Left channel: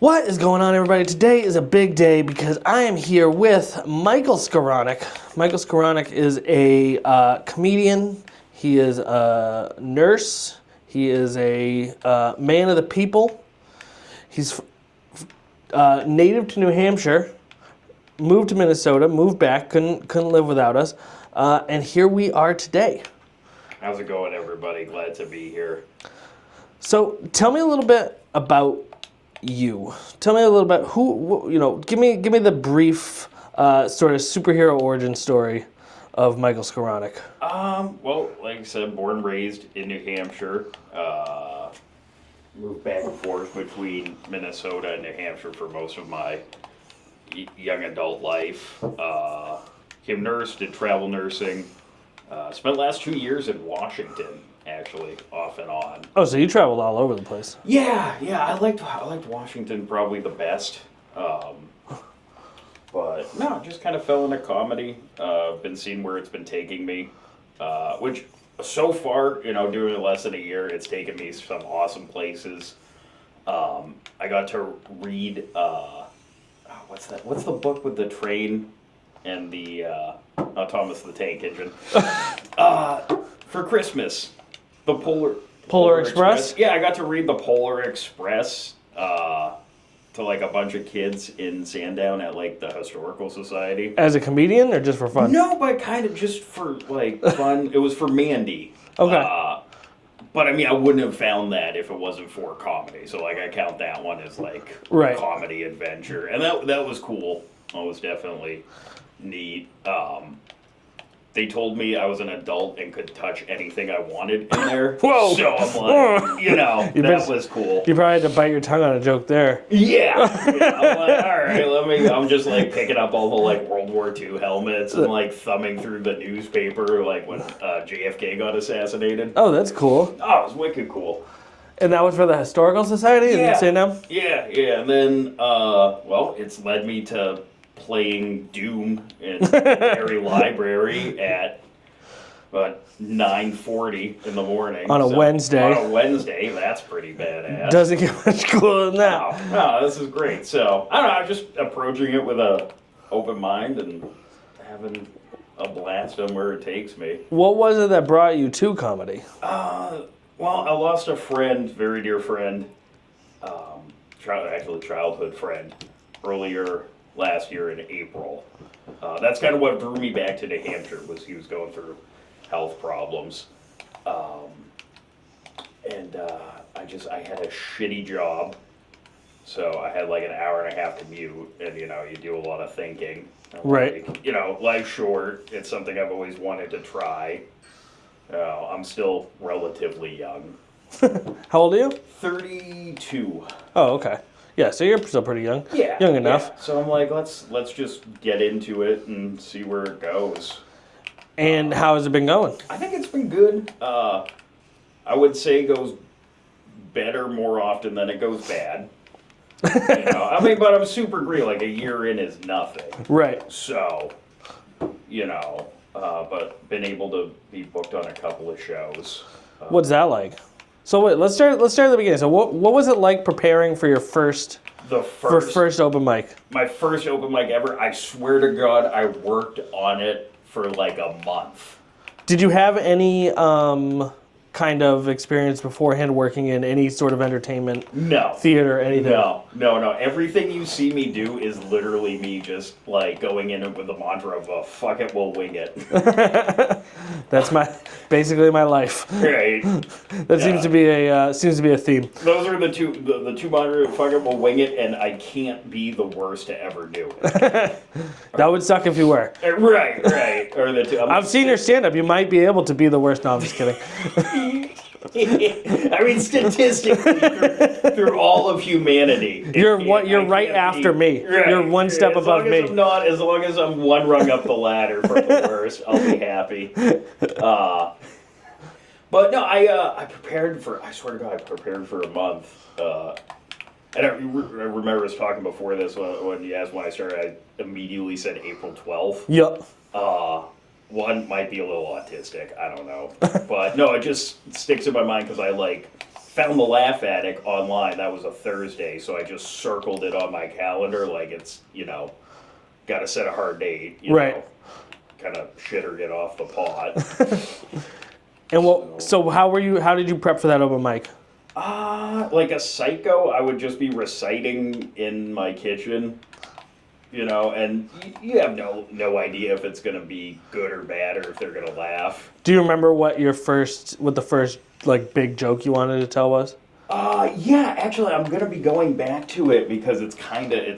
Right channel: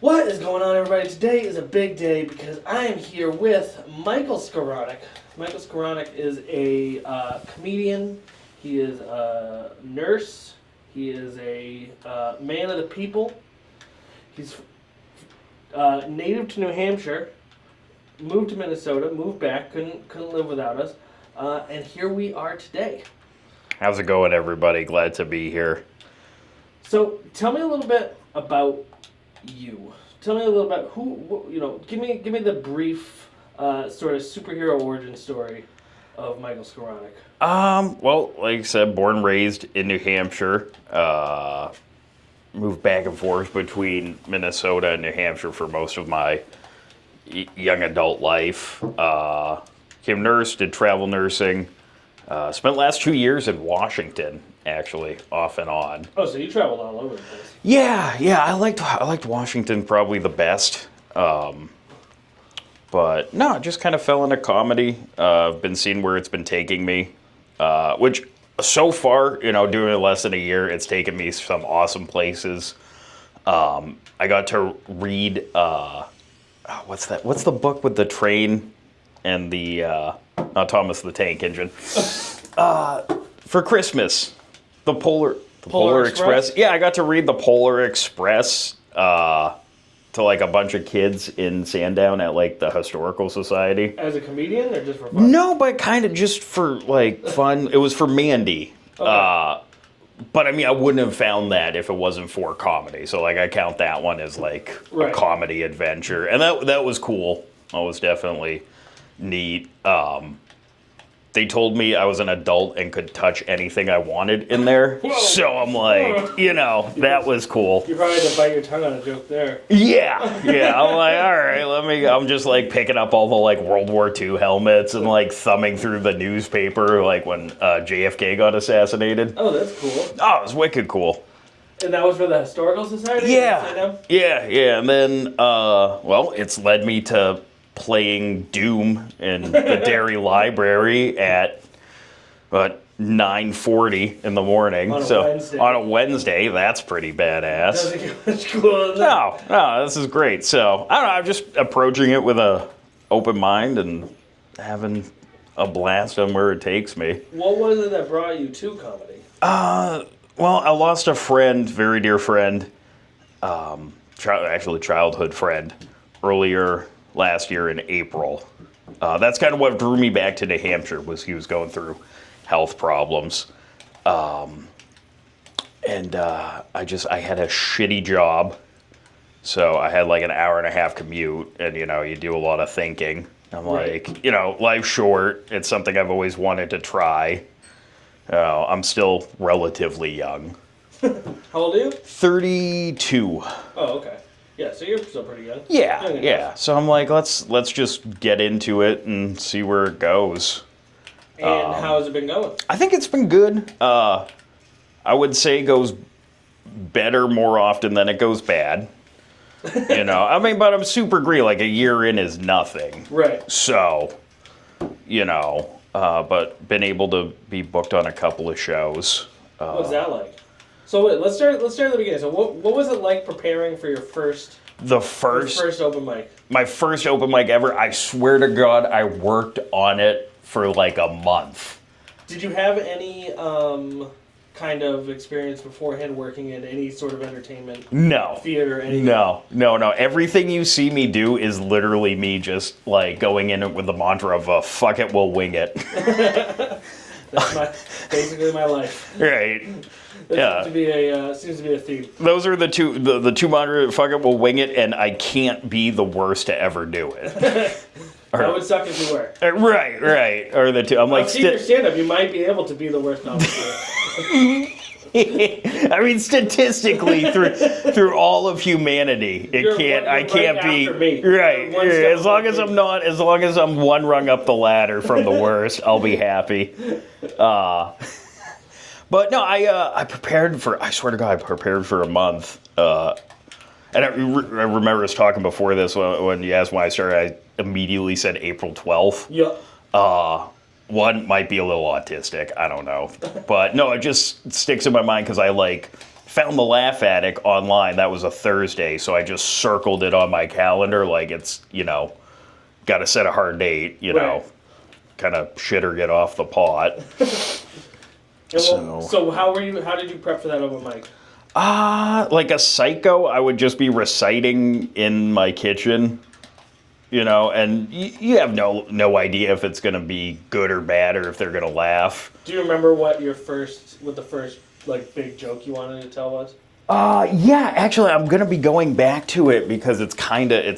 What is going on, everybody? Today is a big day because I am here with Michael Skowronek. Michael Skowronek is a comedian. He is a nurse. He is a man of the people. He's native to New Hampshire, moved to Minnesota, moved back, couldn't live without us, and here we are today. How's it going, everybody? Glad to be here. So, tell me a little bit about you. Tell me a little bit give me the brief sort of superhero origin story of Michael Skowronek. Well, like I said, born and raised in New Hampshire. Moved back and forth between Minnesota and New Hampshire for most of my young adult life. Became a nurse, did travel nursing. Spent the last 2 years in Washington, actually, off and on. Oh, so you traveled all over the place. Yeah, I liked Washington probably the best. But no, just kind of fell into comedy. Been seeing where it's been taking me, which so far, doing it less than a year, it's taken me some awesome places. I got to read, what's that? What's the book with the train and the Thomas the Tank Engine? For Christmas, the Polar Express. Yeah, I got to read the Polar Express to like a bunch of kids in Sandown at like the Historical Society. As a comedian or just for fun? No, but kind of just for like fun. It was for Mandy. Okay. But I mean, I wouldn't have found that if it wasn't for comedy. So like, I count that one as like Right. a comedy adventure, and that was cool. That was definitely neat. They told me I was an adult and could touch anything I wanted in there. Whoa. So I'm like, that was cool. You probably had to bite your tongue on a joke there. Yeah. I'm like, all right, I'm just like picking up all the like World War II helmets and like thumbing through the newspaper like when JFK got assassinated. Oh, that's cool. Oh, it was wicked cool. And that was for the Historical Society? Yeah. In Sandown? Yeah. And then, it's led me to playing Doom in the Derry Library at 9:40 in the morning. On a Wednesday. On a Wednesday, that's pretty badass. Doesn't get much cooler than that. No, this is great. So, I don't know, I'm just approaching it with a open mind and having a blast on where it takes me. What was it that brought you to comedy? Well, I lost a friend, very dear friend, actually childhood friend, earlier last year in April. That's kind of what drew me back to New Hampshire, was he was going through health problems. I had a shitty job. So I had like an hour and a half commute, and you do a lot of thinking. I'm Right. like, life's short. It's something I've always wanted to try. I'm still relatively young. How old are you? 32. Oh, okay. Yeah, so you're still pretty young. Yeah. Young enough. Yeah. So I'm like, let's just get into it and see where it goes. And how has it been going? I think it's been good. I would say it goes better more often than it goes bad. But I'm super green. Like, a year in is nothing. Right. So, but been able to be booked on a couple of shows. What's that like? So wait, let's start at the beginning. So what was it like preparing for your first open mic? My first open mic ever. I swear to God, I worked on it for like a month. Did you have any kind of experience beforehand working in any sort of entertainment? No. Theater, anything? No. Everything you see me do is literally me just like going in with the mantra of fuck it, we'll wing it. That's basically my life. Right. That seems to be a theme. Those are the two mantra, fuck it, we'll wing it, and I can't be the worst to ever do it. That would suck if you were. Right. Or the two. I've seen your stand-up. You might be able to be the worst. No, I'm just kidding. I mean, statistically, through all of humanity, you're right after me. Right, you're one step above me. As long as I'm one rung up the ladder from the worst, I'll be happy. But no, I prepared for. I swear to God, I prepared for a month. And I remember us talking before this when you asked when I started. I immediately said April 12th. Yep. One might be a little autistic. I don't know. But no, it just sticks in my mind because I found the Laugh Attic online. That was a Thursday, so I just circled it on my calendar like it's, got to set a hard date, Right. kind of shit or get off the pot. And so how did you prep for that open mic? Like a psycho, I would just be reciting in my kitchen, and you have no idea if it's going to be good or bad or if they're going to laugh. Do you remember what the first like big joke you wanted to tell was? Yeah, actually, I'm going to be going back to it because it's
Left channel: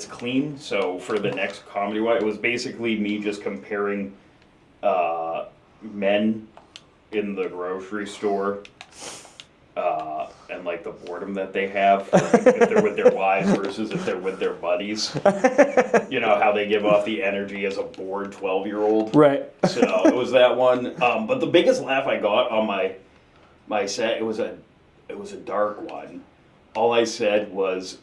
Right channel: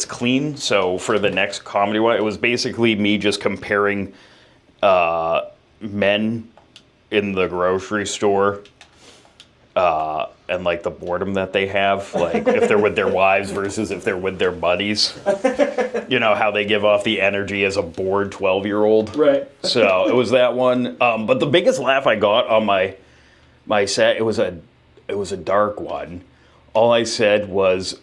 clean. So for the next comedy one, it was basically me just comparing men in the grocery store and like the boredom that they have, like if they're with their wives versus if they're with their buddies. How they give off the energy as a bored 12-year-old. Right. So it was that one. But the biggest laugh I got on my set, it was a dark one. All I said was,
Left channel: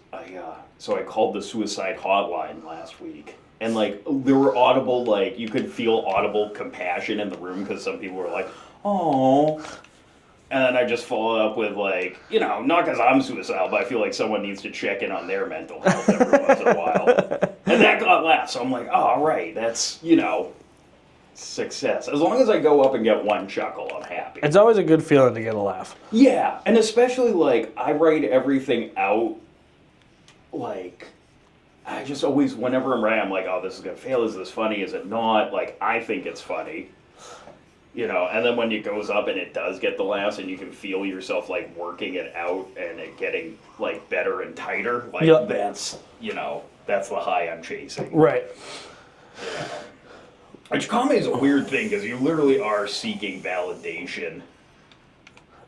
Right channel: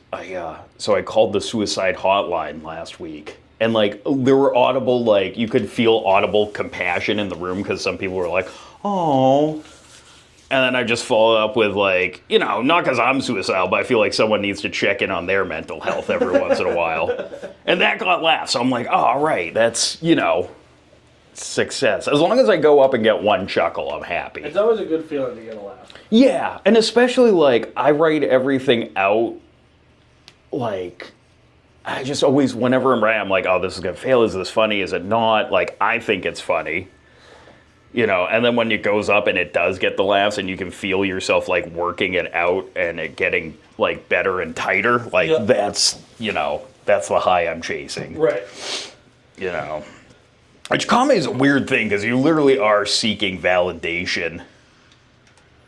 so I called the suicide hotline last week. And, like, there were audible, like, you could feel audible compassion in the room because some people were like, oh. And then I just followed up with, like, not because I'm suicidal, but I feel like someone needs to check in on their mental health every once in a while. And that got laughs. So I'm like, oh, all right, that's, success. As long as I go up and get one chuckle, I'm happy. It's always a good feeling to get a laugh. Yeah, and especially, like, I write everything out, like, I just always, whenever I'm writing, I'm like, oh, this is going to fail. Is this funny? Is it not? Like, I think it's funny. And then when it goes up and it does get the laughs and you can feel yourself, like, working it out and it getting, like, better and tighter, like, that's, that's the high I'm chasing. Right. Which comedy is a weird thing because you literally are seeking validation.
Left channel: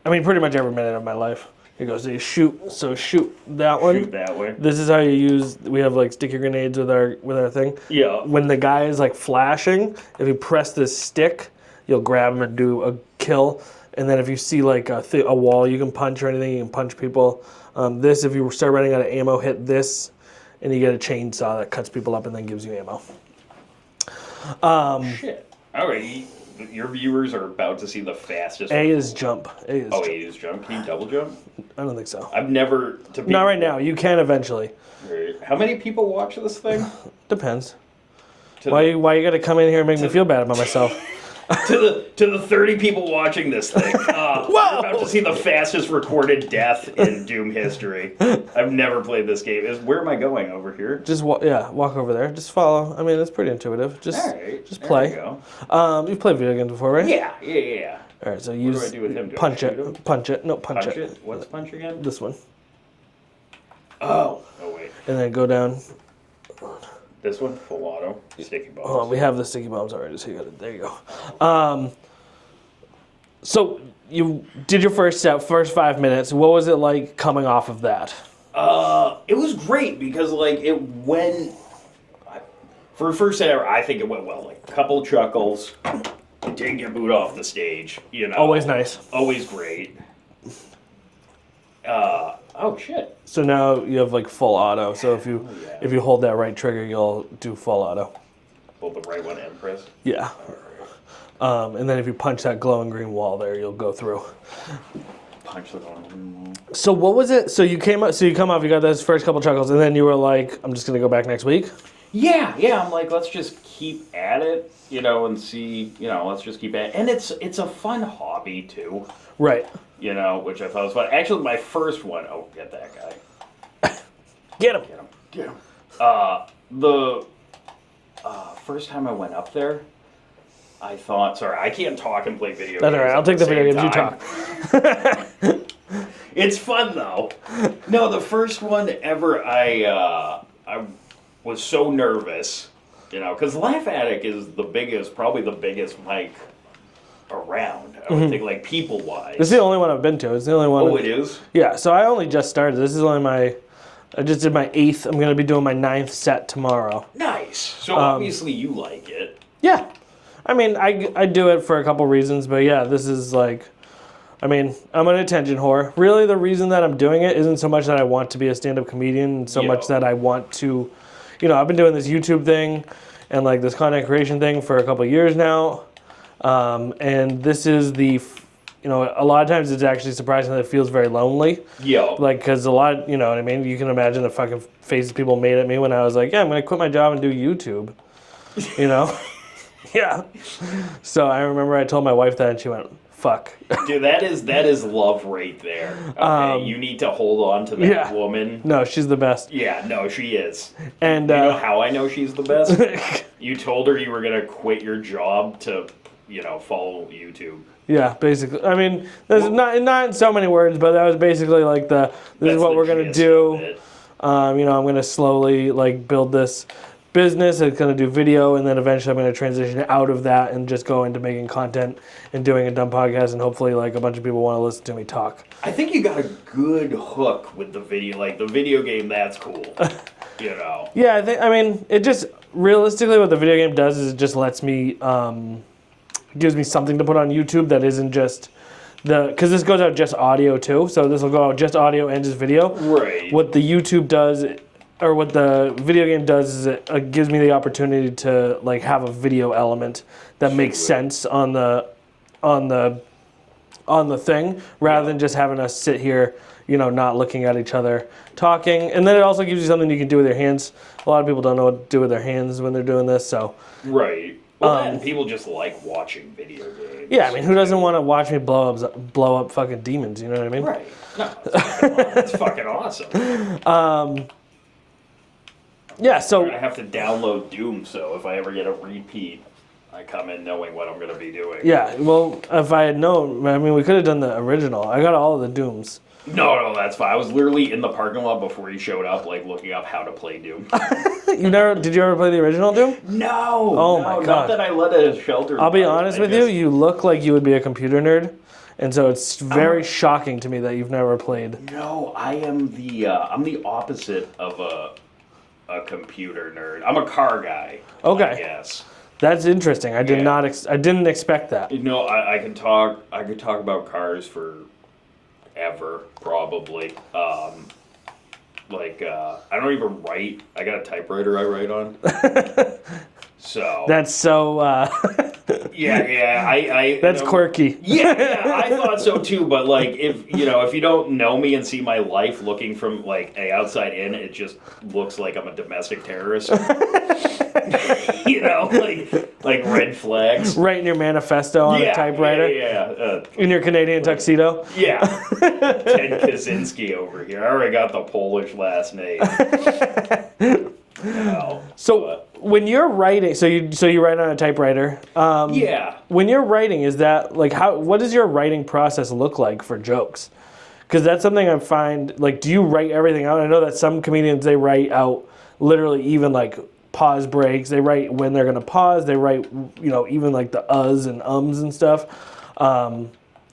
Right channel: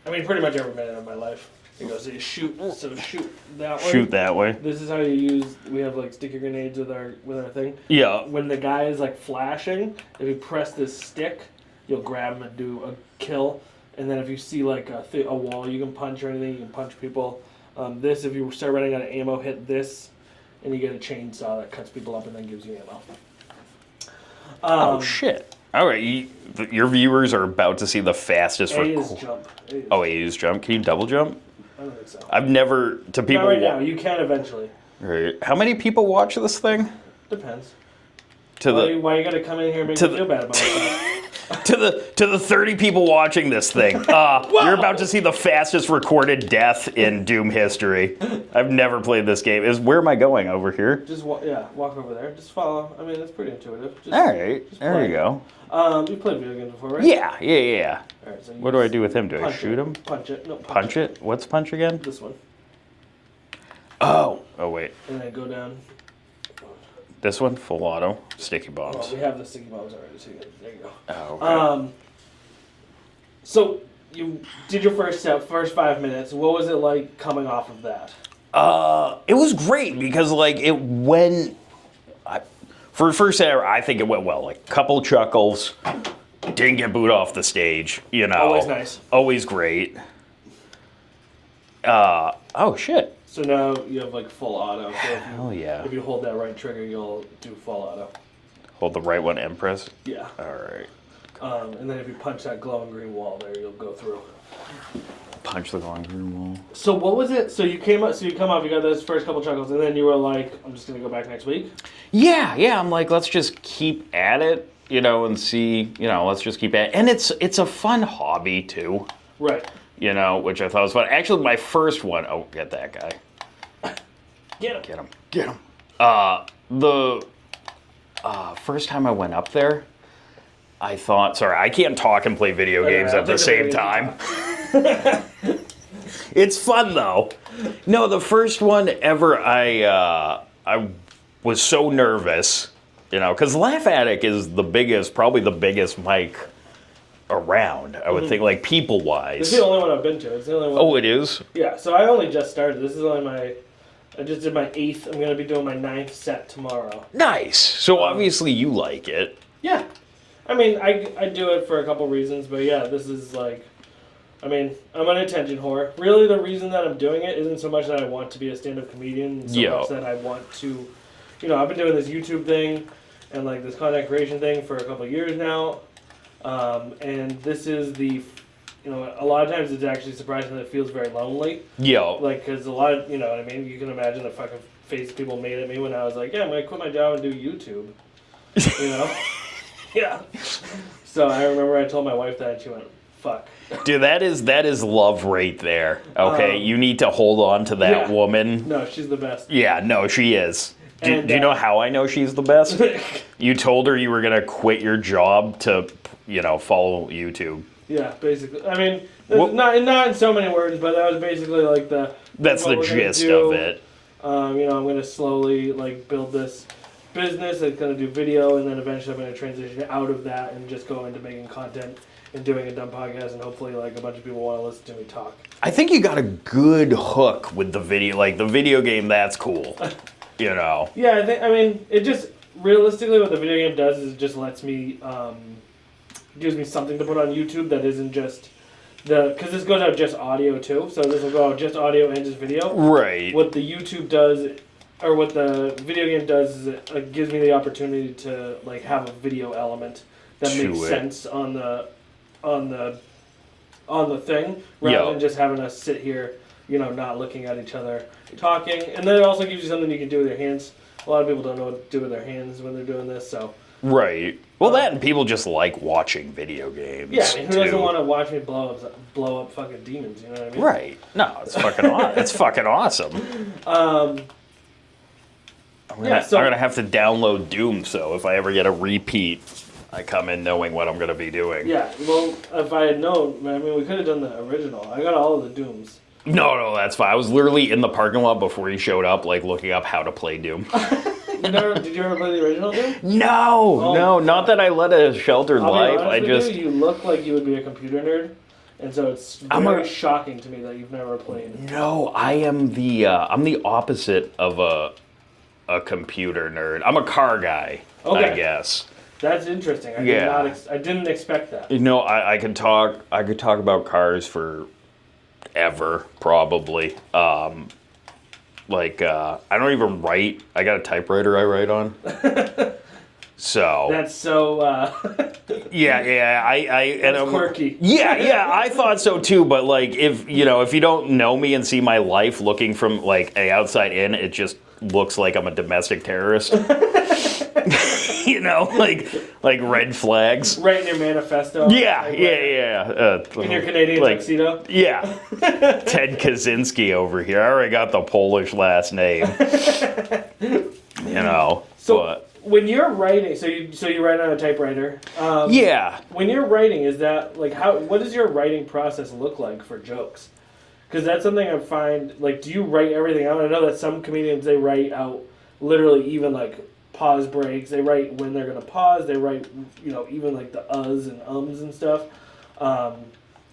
I mean, pretty much every minute of my life. It goes, shoot that one. Shoot that way. This is how you use, we have like sticky grenades with our thing. Yeah. When the guy is like flashing, if you press this stick, you'll grab him and do a kill. And then if you see like a wall you can punch or anything, you can punch people. This, if you start running out of ammo, hit this, and you get a chainsaw that cuts people up and then gives you ammo. Oh, shit. All right. Your viewers are about to see the fastest. A is jump. A is jump. Can you double jump? I don't think so. I've never, to people. Not right now. You can eventually. Right. How many people watch this thing? Depends. Why you gotta come in here and make me feel bad about myself? to the 30 people watching this thing, you're about to see the fastest recorded death in Doom history. I've never played this game. Where am I going? Over here? Just walk over there. Just follow. I mean, it's pretty intuitive. Just, all right. Just play. There you go. You've played video games before, right? Yeah. All right. So what do I do with him? Do I shoot him? Punch it. No, punch it. What's punch again? This one. Oh wait. And then go down. This one, full auto, sticky bombs. Oh, we have the sticky bombs already, so there you go. Oh, okay. So you did your first 5 minutes. What was it like coming off of that? It was great because like it went. For first set ever, I think it went well. Like couple chuckles, didn't get booed off the stage. Always nice. Always great. Oh shit. So now you have like full auto. So if you hold that right trigger, you'll do full auto. Hold the right one and press? Yeah. All right. And then if you punch that glowing green wall there, you'll go through. Punch the glowing green wall. So what was it? So you come off, you got those first couple chuckles, and then you were like, I'm just gonna go back next week? Yeah. I'm like, let's just keep at it, and see, let's just keep at it. And it's a fun hobby too. Right. Which I thought was fun. Actually, my first one, get that guy. Get him. The first time I went up there, I thought, sorry, I can't talk and play video games at the same time. It's fun though. No, the first one ever, I was so nervous, because Laugh Attic is probably the biggest mic around. I would think, like, people-wise. It's the only one I've been to. It's the only one. Oh, it is? Yeah, so I only just started. This is only I just did my 8th. I'm going to be doing my 9th set tomorrow. Nice. So obviously you like it. Yeah. I mean, I do it for a couple reasons, but yeah, this is like, I mean, I'm an attention whore. Really, the reason that I'm doing it isn't so much that I want to be a stand-up comedian, so much that I want to, I've been doing this YouTube thing and like this content creation thing for a couple years now. And this is the a lot of times it's actually surprising that it feels very lonely. Yeah. Like, because a lot, you know what I mean? You can imagine the fucking faces people made at me when I was like, yeah, I'm going to quit my job and do YouTube. You know? Yeah. So I remember I told my wife that, and she went, fuck. Dude, that is love right there. Okay, you need to hold on to that woman. No, she's the best. Yeah, no, she is. Do And, you know how I know she's the best? You told her you were going to quit your job to, follow YouTube. Yeah, basically. I mean, not in so many words, but that was basically like this That's is what the we're going to gist do. of it. I'm going to slowly like build this business. It's going to do video, and then eventually I'm going to transition out of that and just go into making content and doing a dumb podcast, and hopefully like a bunch of people want to listen to me talk. I think you got a good hook with the video. Like the video game, that's cool. Yeah, it just realistically what the video game does is it just lets me, gives me something to put on YouTube that isn't just because this goes out just audio too, so this will go out just audio and just video. Right. What the YouTube does, or what the video game does, is it gives me the opportunity to like have a video element that makes sense on the thing, rather than just having us sit here, not looking at each other, talking. And then it also gives you something you can do with your hands. A lot of people don't know what to do with their hands when they're doing this, so. Right. Well, that and people just like watching video games. Yeah, I mean, who doesn't want to watch me blow up fucking demons? You know what I mean? Right. No, it's fucking it's fucking awesome. So I'm gonna have to download Doom, so if I ever get a repeat, I come in knowing what I'm gonna be doing. Yeah, well, if I had known, I mean, we could have done the original. I got all of the Dooms. No, that's fine. I was literally in the parking lot before he showed up, like looking up how to play Doom. Did you ever play the original Doom? No, not that I led a sheltered life. I'll be honest with you, you look like you would be a computer nerd, and so it's very shocking to me that you've never played. No, I am I'm the opposite of a computer nerd. I'm a car guy, I guess. That's interesting. I didn't expect that. I could talk about cars for ever, probably. I don't even write. I got a typewriter I write on. So that's so. That's quirky. Yeah, I thought so too. But like, if you don't know me and see my life looking from like a outside in, it just looks like I'm a domestic terrorist. Like red flags. Writing your manifesto on a typewriter. In your Canadian tuxedo. Yeah. Ted Kaczynski over here. I already got the Polish last name. So when you're writing, so you write on a typewriter. When you're writing, is that like what does your writing process look like for jokes? Because that's something I find, like, do you write everything out? I know that some comedians, they write out literally even like pause breaks. They write when they're gonna pause. They write, even like the uhs and ums and stuff.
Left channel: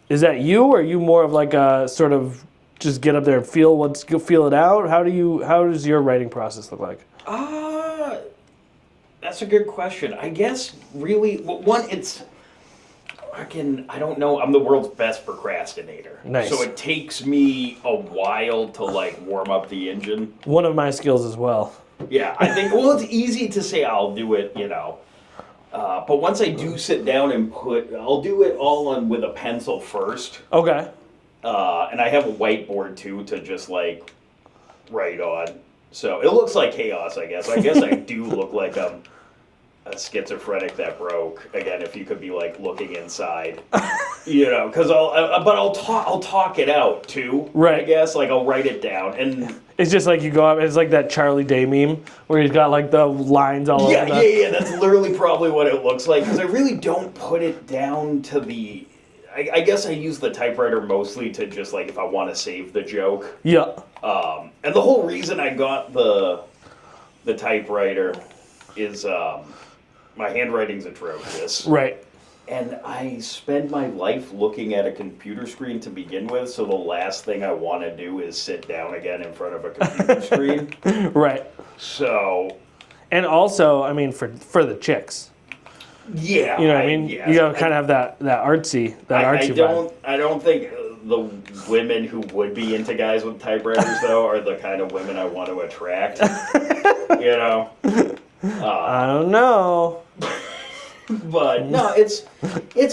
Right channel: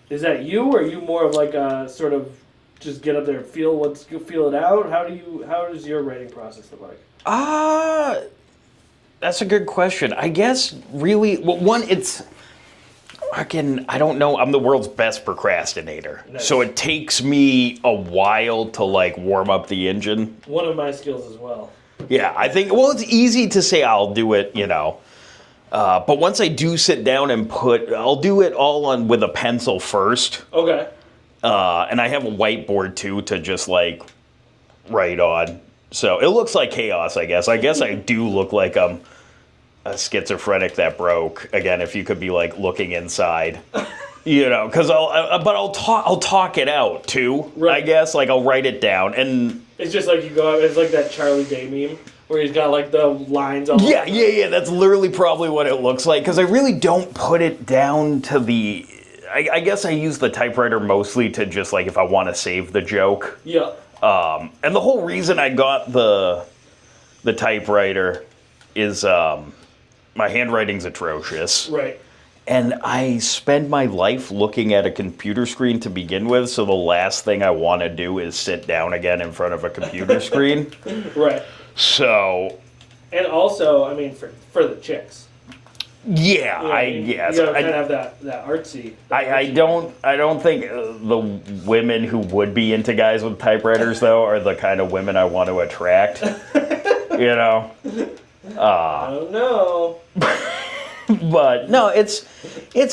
Is that you, or are you more of like a sort of just get up there and feel it out? How does your writing process look like? That's a good question. I guess really, well, I don't know. I'm the world's best procrastinator. Nice. So it takes me a while to like warm up the engine. One of my skills as well. Yeah, I think, it's easy to say I'll do it, but once I do sit down and I'll do it all with a pencil first. Okay. And I have a whiteboard too to just like write on. So it looks like chaos, I guess. I guess I do look like I'm a schizophrenic that broke. Again, if you could be like looking inside, because I'll talk it out too. Right. I guess like I'll write it down, and it's just like you go out. It's like that Charlie Day meme where he's got like the lines all over. Yeah. That's literally probably what it looks like, because I really don't put it down to the. I guess I use the typewriter mostly to just like if I want to save the joke. Yeah. And the whole reason I got the typewriter is my handwriting's atrocious. Right. And I spend my life looking at a computer screen to begin with, so the last thing I want to do is sit down again in front of a computer screen. Right. So. And also, I mean, for the chicks. Yeah, you know what I mean? Yes. You gotta kind of have that artsy. I don't think the women who would be into guys with typewriters though are the kind of women I want to attract. I don't know. But no, it's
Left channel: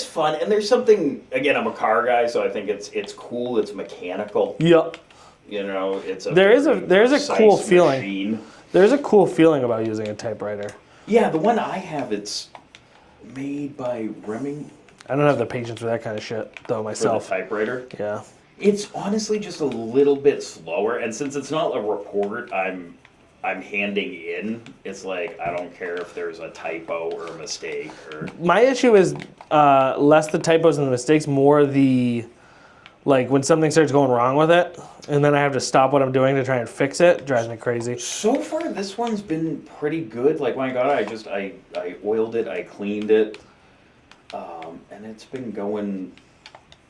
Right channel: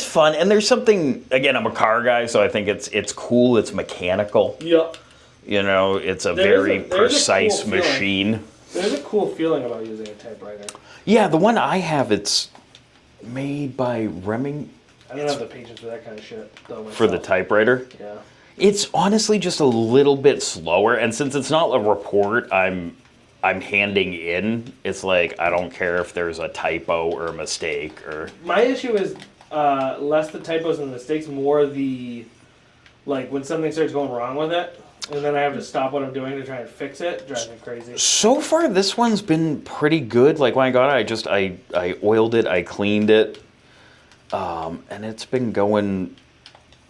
fun, and there's something. Again, I'm a car guy, so I think it's cool. It's mechanical. Yep. You know, it's a There's very a cool precise feeling. machine. There's a cool feeling about using a typewriter. Yeah, the one I have, it's made by Reming I don't have the patience for that kind of shit, though, for myself. the typewriter. Yeah. It's honestly just a little bit slower, and since it's not a report I'm handing in, it's like I don't care if there's a typo or a mistake or. My issue is less the typos and the mistakes, more the, like, when something starts going wrong with it, and then I have to stop what I'm doing to try and fix it, drives me crazy. So far, this one's been pretty good. Like when I got it, I oiled it, I cleaned it, and it's been going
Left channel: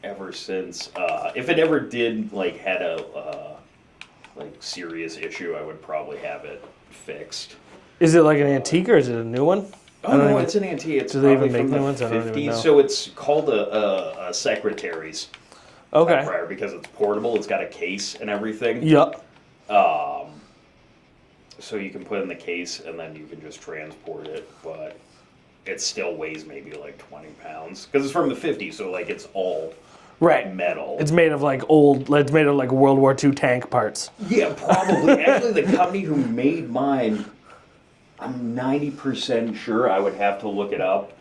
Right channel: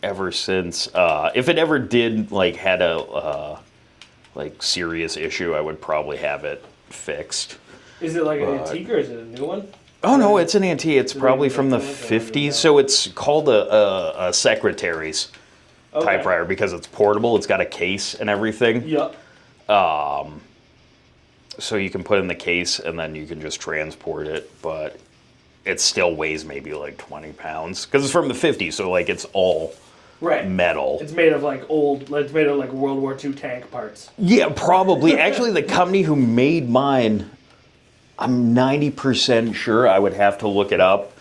ever since. If it ever did like had a like serious issue, I would probably have it fixed. Is it like an antique or is it a new one? Oh no, it's an antique. It's Do they probably even from make the new ones? I don't even know. 50s. So it's called a secretary's Okay. typewriter because it's portable. It's got a case and everything. Yep. So you can put it in the case and then you can just transport it, but it still weighs maybe like 20 pounds because it's from the 50s. So like it's all Right. metal. It's made of like it's made of like World War II tank parts. Yeah, probably. Actually, the company who made mine, I'm 90% sure. I would have to look it up.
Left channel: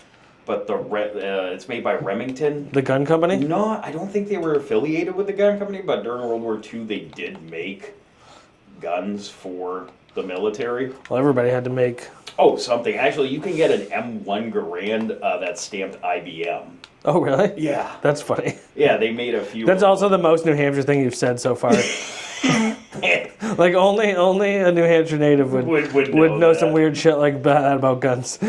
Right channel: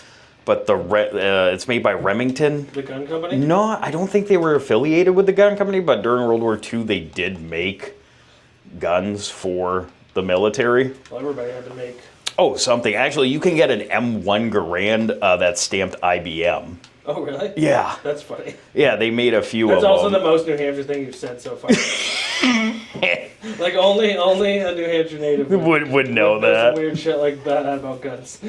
But it's made by Remington. The gun company? No, I don't think they were affiliated with the gun company, but during World War II, they did make guns for the military. Well, everybody had to make. Oh, something. Actually, you can get an M1 Garand that's stamped IBM. Oh, really? Yeah. That's funny. Yeah, they made a few That's of also the them. most New Hampshire thing you've said so far. Like only a New Hampshire native Would know some that. weird shit like that about guns.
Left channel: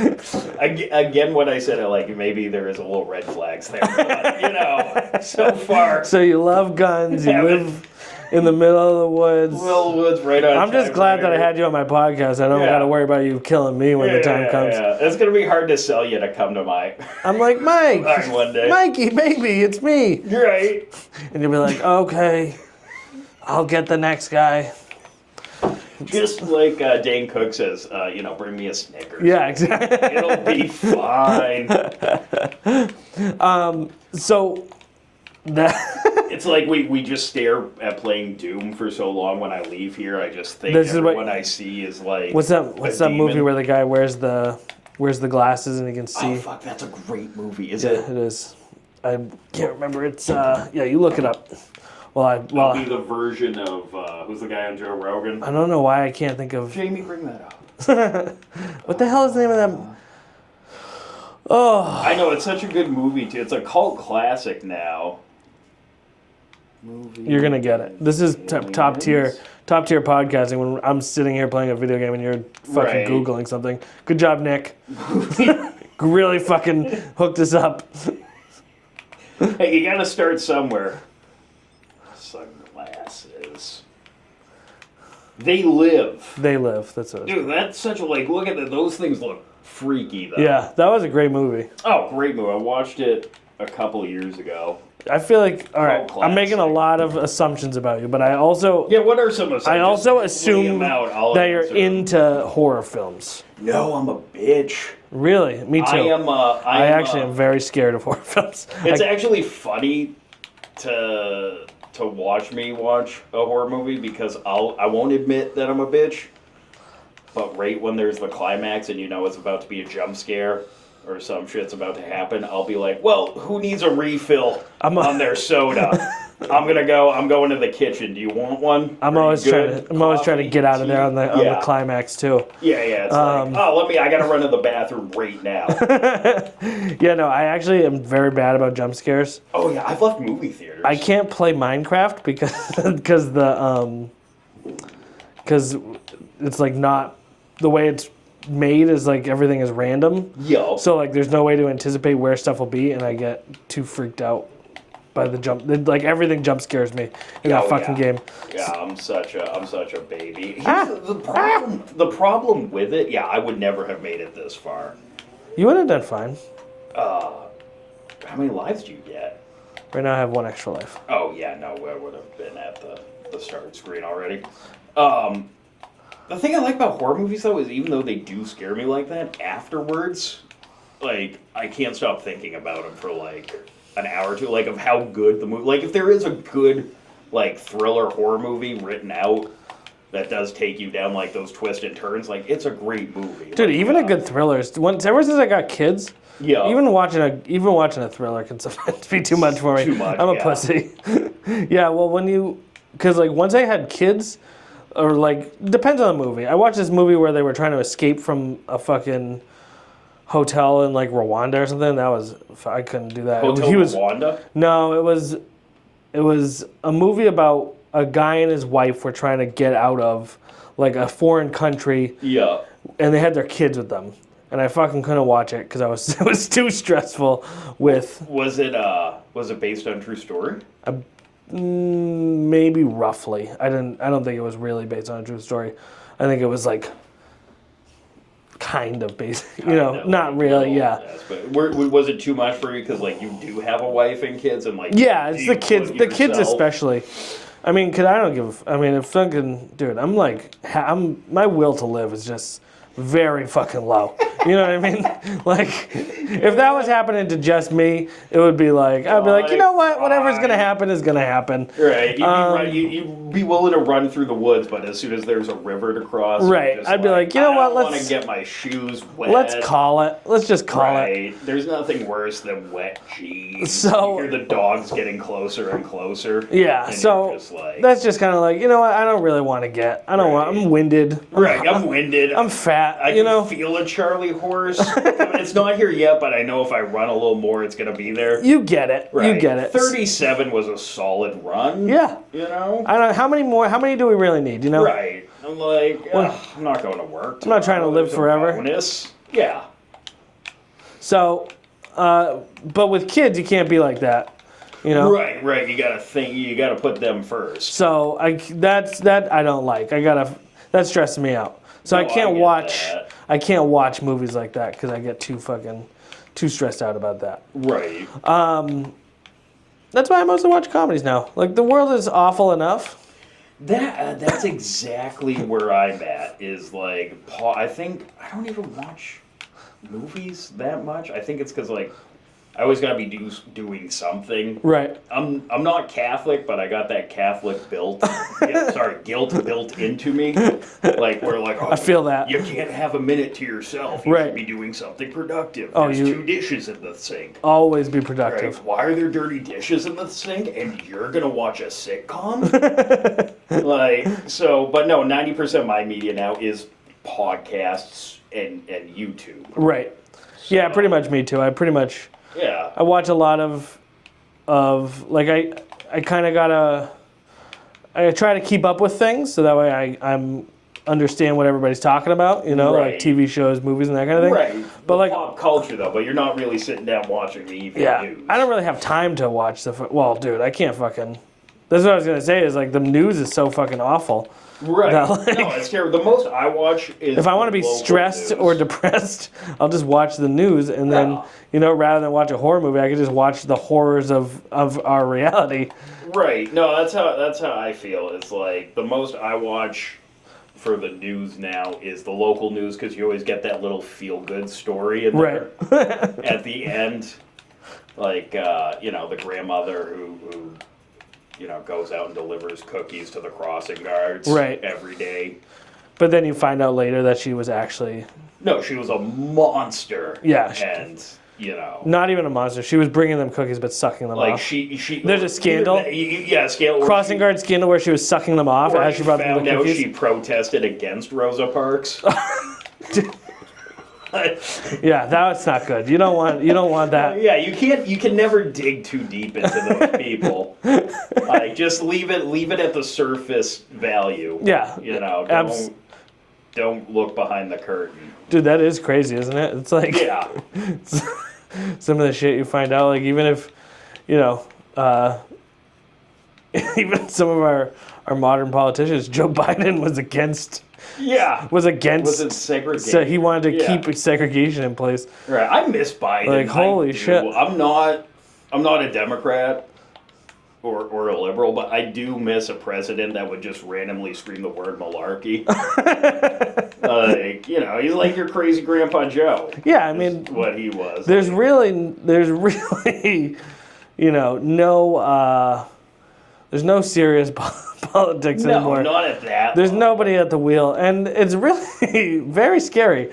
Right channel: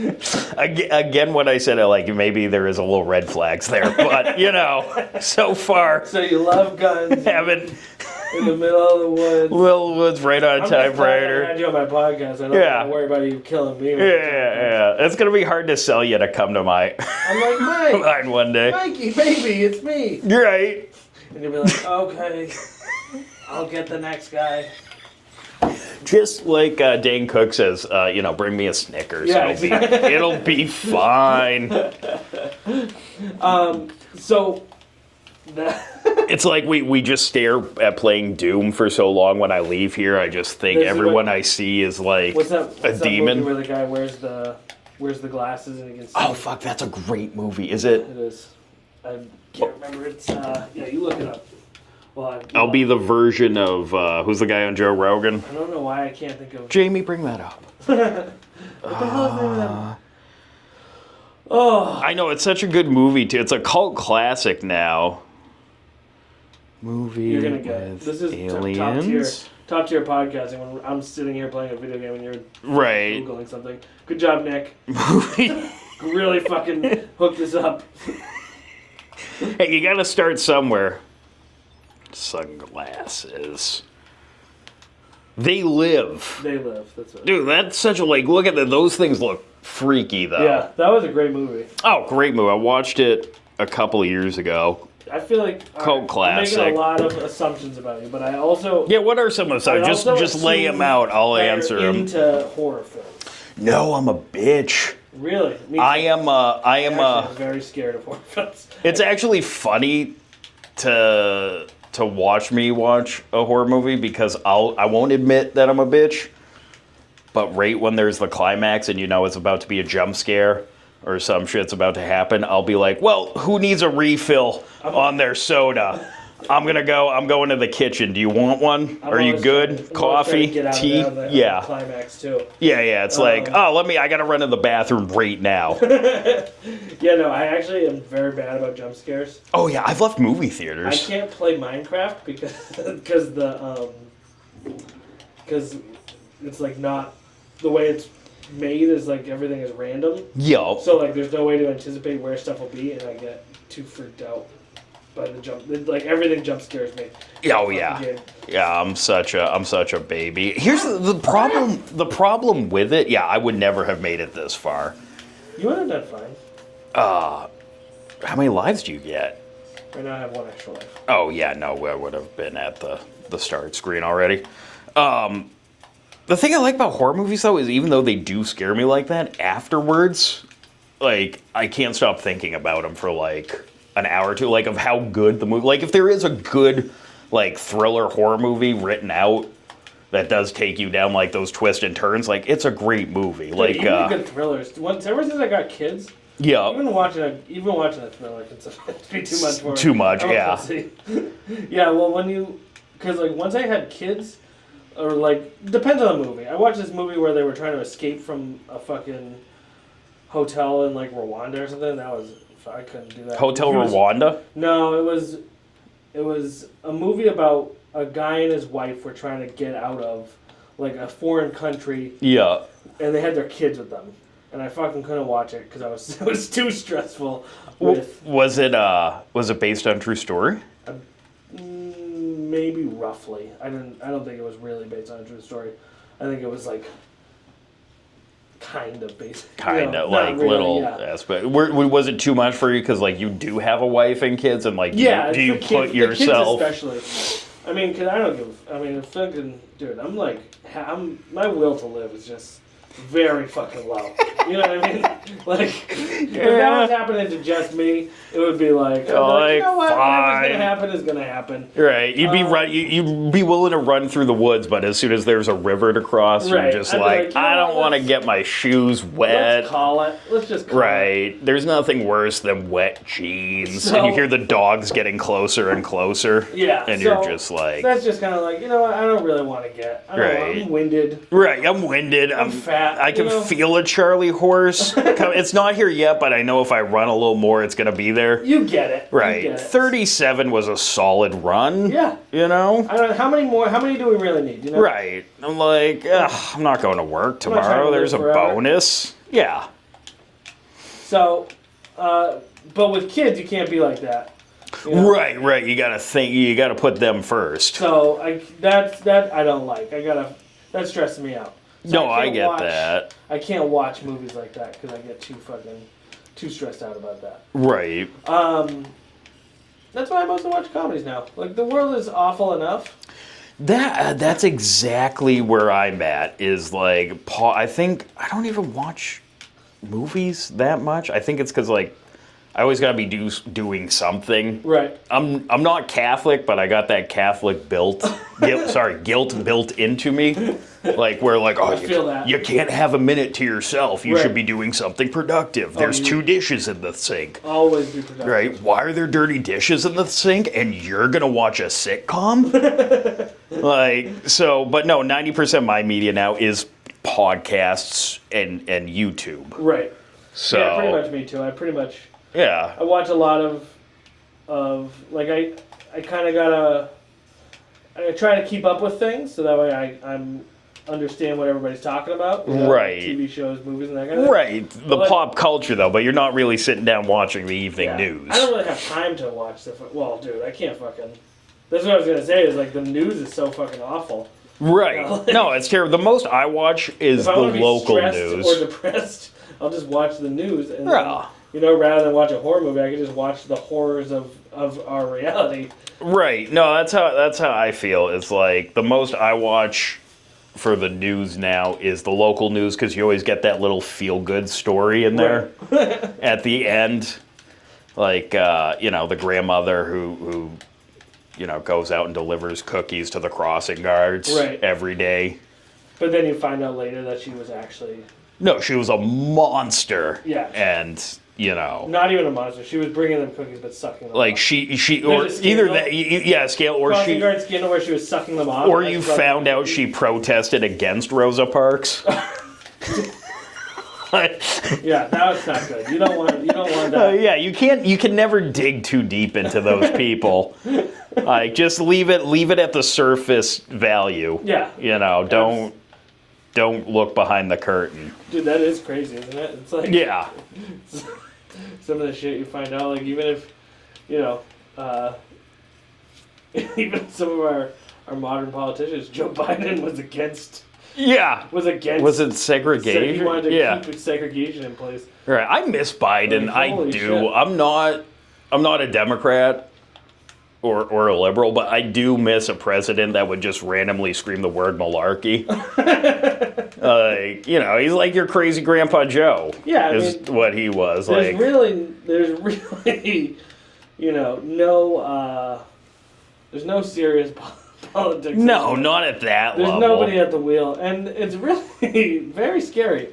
Again, what I said, like maybe there is a little red flags there, but you know, so far, So you love guns. You Haven't- live in the middle of the woods. Lil Wood's right on I'm time. just glad that I had you on my podcast. I don't Yeah. got to worry about you killing me when the time comes. It's gonna be hard to sell you to come to my I'm like, mine Mike, one day. Mikey, baby, it's me. You're right. And you'll be like, okay, I'll get the next guy. Just like Dane Cook says, bring me a Snickers. Yeah, It'll be fine. So that It's like we just stare at playing Doom for so long. When I leave here, I just think This is everyone what- I see is like what's that a movie demon. where the guy wears the glasses and he can see? Oh fuck, that's a great movie. Is it? It is. I can't remember. It's yeah. You look it up. I'll be the version of who's the guy on Joe Rogan? I don't know why I can't think of. Jamie, bring that up. What the hell is the name of them? I know, it's such a good movie too. It's a cult classic now. Movie. You're gonna get it. This is top tier podcasting. When I'm sitting here playing a video game and you're fucking Right. googling something. Good job, Nick. Really fucking hooked us up. Hey, you gotta start somewhere. Sunglasses. They live. They live. That's it. Dude, that's such a look at that. Those things look freaky though. Yeah, that was a great movie. Oh, great movie. I watched it a couple of years ago. I feel like I'm making a classic. lot of assumptions about you, but I also Yeah, what are some of I them? also Just lay assume them out. I'll that answer you're 'em. into horror films. No, I'm a bitch. Really, me too. I am. I actually am very scared of horror films. It's actually funny to watch me watch a horror movie because I won't admit that I'm a bitch, but right when there's the climax and you know it's about to be a jump scare or some shit's about to happen, I'll be like, well, who needs a refill on their soda? I'm going to the kitchen. Do you want one? I'm Are you always good? I'm always trying Coffee? to get out tea? of there on the climax too. Yeah. It's like, I gotta run to the bathroom right now. Yeah, no, I actually am very bad about jump scares. Oh yeah, I've left movie theaters. I can't play Minecraft because it's like not the way it's made is like everything is random. Yo. So like there's no way to anticipate where stuff will be, and I get too freaked out by the jump. Like everything jump scares me in the fucking game. Yeah, I'm such a baby. Here's the problem. The problem with it, yeah, I would never have made it this far. You would have done fine. How many lives do you get? Right now I have one extra life. Oh yeah, no, I would have been at the start screen already. The thing I like about horror movies though is even though they do scare me like that, afterwards, like, I can't stop thinking about him for, like, an hour or two, like, of how good the movie... Like, if there is a good, like, thriller horror movie written out that does take you down, like, those twists and turns, like, it's a great movie. Dude, like, even the good thrillers. Ever since I got kids, yeah. even watching a thriller can sometimes be too much for me. Too much, I'm yeah. a pussy. Yeah, well, because, like, once I had kids, or, like, depends on the movie. I watched this movie where they were trying to escape from a fucking hotel in, like, Rwanda or something. I couldn't do that. Hotel Rwanda? No, it was a movie about a guy and his wife were trying to get out of, like, a foreign country. Yeah. And they had their kids with them. And I fucking couldn't watch it because it was too stressful with... Was it based on true story? Maybe roughly. I don't think it was really based on a true story. I think it was, like, kind of based. Kind of, not like, really, little yeah. aspect. Was it too much for you? Because, like, you do have a wife and kids, and, like, Yeah, do it's you the kids. put yourself... The kids especially. I mean, because I don't give... I mean, if fucking... Dude, I'm like... my will to live is just very fucking low. You know what I mean? Like, if that was happening to just me, it would be like... I'd be like, you know what? Fine. Whatever's going to happen is going to happen. Right. You'd be willing to run through the woods, but as soon as there's a river to cross, Right. you're just I'd be like, you know I don't what, want to get my shoes wet. Let's call it. Let's just call it. Right. There's nothing worse than wet jeans. So- and you hear the dogs getting closer and closer. Yeah, And so you're just like... that's just kind of like, you know what? I don't really want to get... I'm winded. Right, I'm winded. I'm fat, I you can know? feel a Charlie horse. It's not here yet, but I know if I run a little more, it's going to be there. You get it. Right. You get it. 37 was a solid run. Yeah. You know? I don't. How many do we really need? You know. Right. I'm like, I'm not going to work tomorrow. not trying to live There's forever. a bonus. Yeah. So, but with kids, you can't be like that. You know? Right. You gotta think. You gotta put them first. So that I don't like. That stresses me out. So No, I can't I get watch. that. I can't watch movies like that because I get too stressed out about that. Right. That's why I mostly watch comedies now. Like, the world is awful enough. That's exactly where I'm at. Is like, I think I don't even watch movies that much. I think it's because, like, I always gotta be doing something. Right. I'm not Catholic, but I got that Catholic guilt built into me. Like, where, like, oh, I feel that. You can't have a minute to yourself. You Right. should be doing something productive. There's you- 2 dishes in the sink. Always be Right? productive. Why are there dirty dishes in the sink and you're gonna watch a sitcom? Like, so, but no, 90% of my media now is podcasts and YouTube. Right. So, Yeah, pretty much me too. Yeah. I watch a lot of like I kind of I try to keep up with things so that way I'm understand what everybody's talking about, you know, Right. like TV shows, movies, and that kind of thing. Right. But The like, pop culture, though, but you're not really sitting down watching the evening yeah, news. I don't really have time to watch well, dude, I can't fucking. That's what I was gonna say. Is like the news is so fucking awful. Right. That, like, No, it's terrible. The most I watch is if I want to be local stressed news. or depressed, I'll just watch the news and then. Yeah. You know, rather than watch a horror movie, I could just watch the horrors of our reality. Right. No, that's how I feel. It's like the most I watch for the news now is the local news because you always get that little feel-good story in there at the end. Like, you know, the grandmother who, you know, goes out and delivers cookies to the crossing guards every day. But then you find out later that she was actually... No, she was a monster. Yeah. And... You know, not even a monster. She was bringing them cookies, but sucking them like off. she There's or a scandal. Either that, yeah, scandal. Crossing guard scandal where she was sucking them off. Or as you she brought them found the out cookies. she protested against Rosa Parks. Yeah, that's not good. You don't want that. Yeah, you can never dig too deep into those people. Like, just leave it at the surface value. Yeah. You know, don't look behind the curtain. Dude, that is crazy, isn't it? It's like Yeah. some of the shit you find out, like even if, you know, even some of our modern politicians, Joe Biden was against. Yeah. Was it segregation? So he wanted to keep segregation in place. Right. I miss Biden. Like, holy I do. shit. I'm not a Democrat or a liberal, but I do miss a president that would just randomly scream the word malarkey. Like, you know, he's like your crazy Grandpa Joe. Yeah, I is mean, what he was. There's like, really, you know, no, there's no serious politics no, anymore. not at that There's level. nobody at the wheel, and it's really very scary.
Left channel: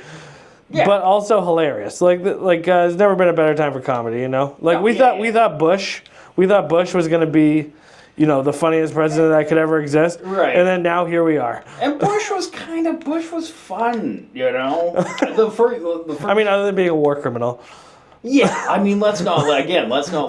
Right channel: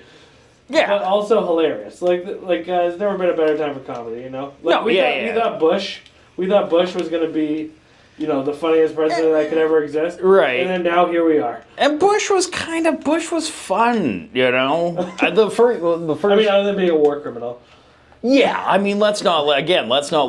Yeah. But also hilarious. There's never been a better time for comedy, you know? Like No, we yeah. thought Bush was gonna be, you know, the funniest president that could ever exist. Right. And then now here we are. And Bush was fun, you know? The first, I mean, other than being a war criminal. yeah, I mean, let's not look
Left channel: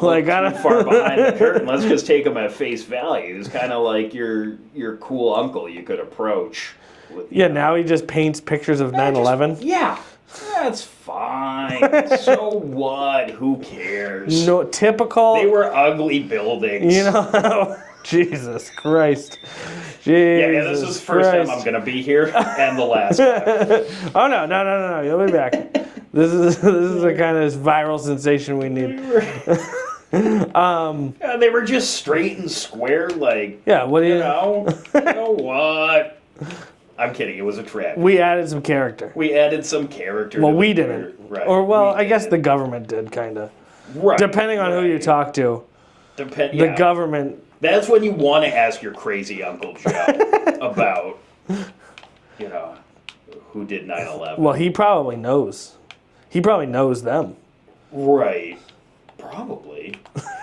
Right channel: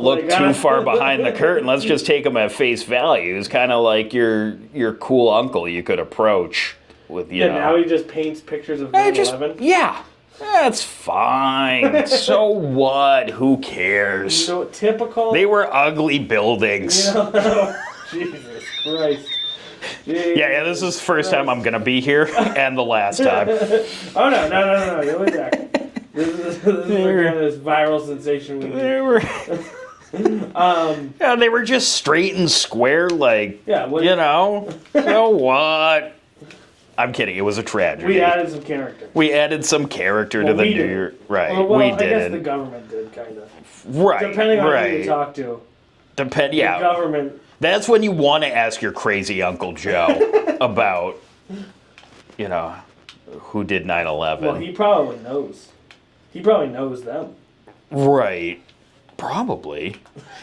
Like, too far behind the curtain. Let's just take him at face value. He's kind of like your cool uncle you could approach with, you know. Now he just paints pictures of I just- 9/11. Yeah. That's fine. So what? Who cares? No, typical. They were ugly buildings. You know, Jesus Christ. Yeah, this is the first time I'm going to be here and the last time. Oh, no. You'll be back. This is the kind of viral sensation we need. Yeah, they were just straight and square, like, Yeah, what do you you- know? So what? I'm kidding. It was a tragedy. We added some character. We added some character Well, to the we new did. Right. Or, well, we I guess did. the government did, kind of. Right. Depending on who you right. talk to. Yeah. The government. That's when you want to ask your crazy Uncle Joe about, you know, who did 9/11. Well, he probably knows. He probably knows them. Right. Probably.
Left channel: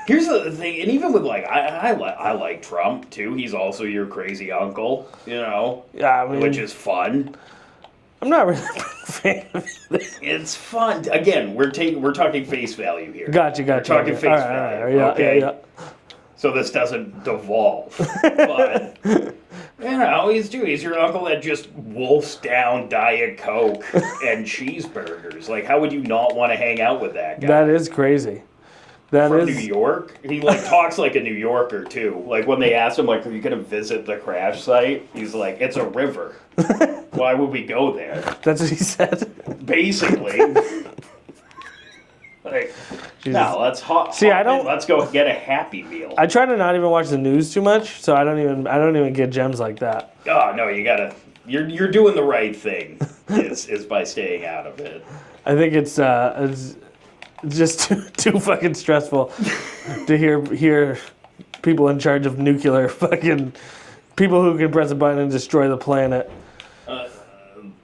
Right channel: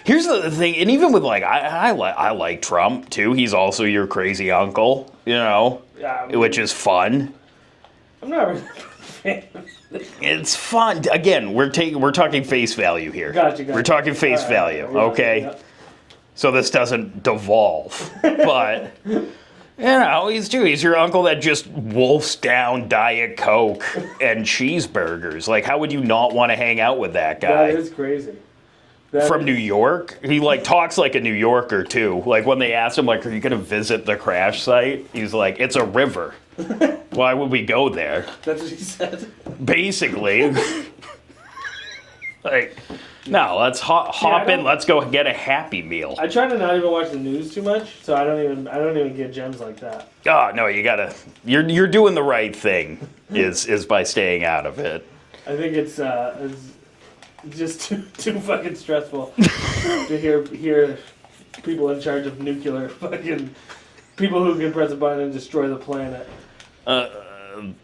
Here's the thing, and even with like I like Trump too. He's also your crazy uncle, you know, Yeah, I mean- which is fun. I'm not really a fan of it. It's fun. Again, we're talking face value here. Gotcha. We're talking face All right, value, yeah, okay? yeah. So this doesn't devolve, but. You know, he's your uncle that just wolfs down Diet Coke and cheeseburgers. Like, how would you not want to hang out with that guy? That is crazy. From New York. He like talks like a New Yorker too. Like when they asked him, like, "Are you gonna visit the crash site?" He's like, "It's a river. Why would we go there?" That's what he said. Basically. Like, no, let's hop I in. don't- Let's go get a Happy Meal. I try to not even watch the news too much, so I don't even get gems like that. Oh no, you gotta. You're doing the right thing. Is by staying out of it. I think it's just too fucking stressful to hear people in charge of nuclear fucking people who can press a button and destroy the planet.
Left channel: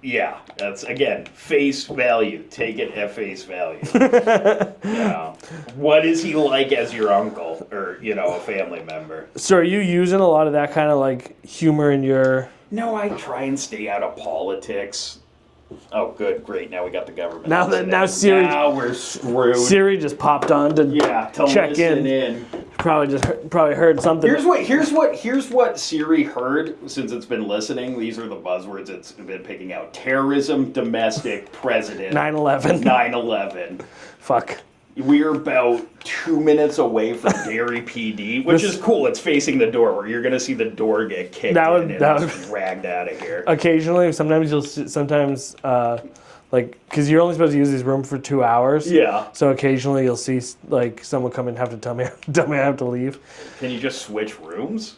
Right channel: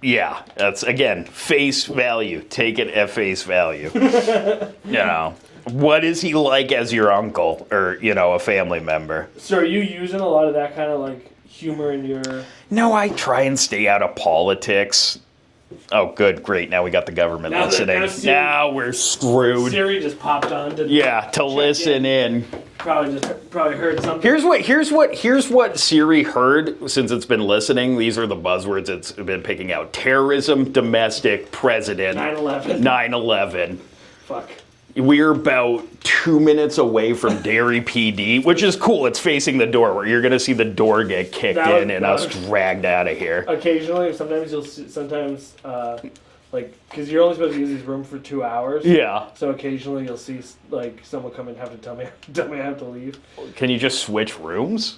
Yeah, that's again face value. Take it at face value. You know, what is he like as your uncle or a family member? So are you using a lot of that kind of like humor in your? No, I try and stay out of politics. Oh, good, great. Now we got the government listening. Now we're screwed. Siri just popped on to to check listen in. Probably heard something. Here's what Siri heard since it's been listening. These are the buzzwords it's been picking out: terrorism, domestic, president, 9/11. 9/11. Fuck. We're about 2 minutes away from Derry PD, which is cool. It's facing the door, where you're gonna see the door get kicked in and us dragged out of here. Occasionally, sometimes because you're only supposed to use this room for 2 hours. Yeah. So occasionally you'll see like someone come and have to tell me I have to leave. Can you just switch rooms?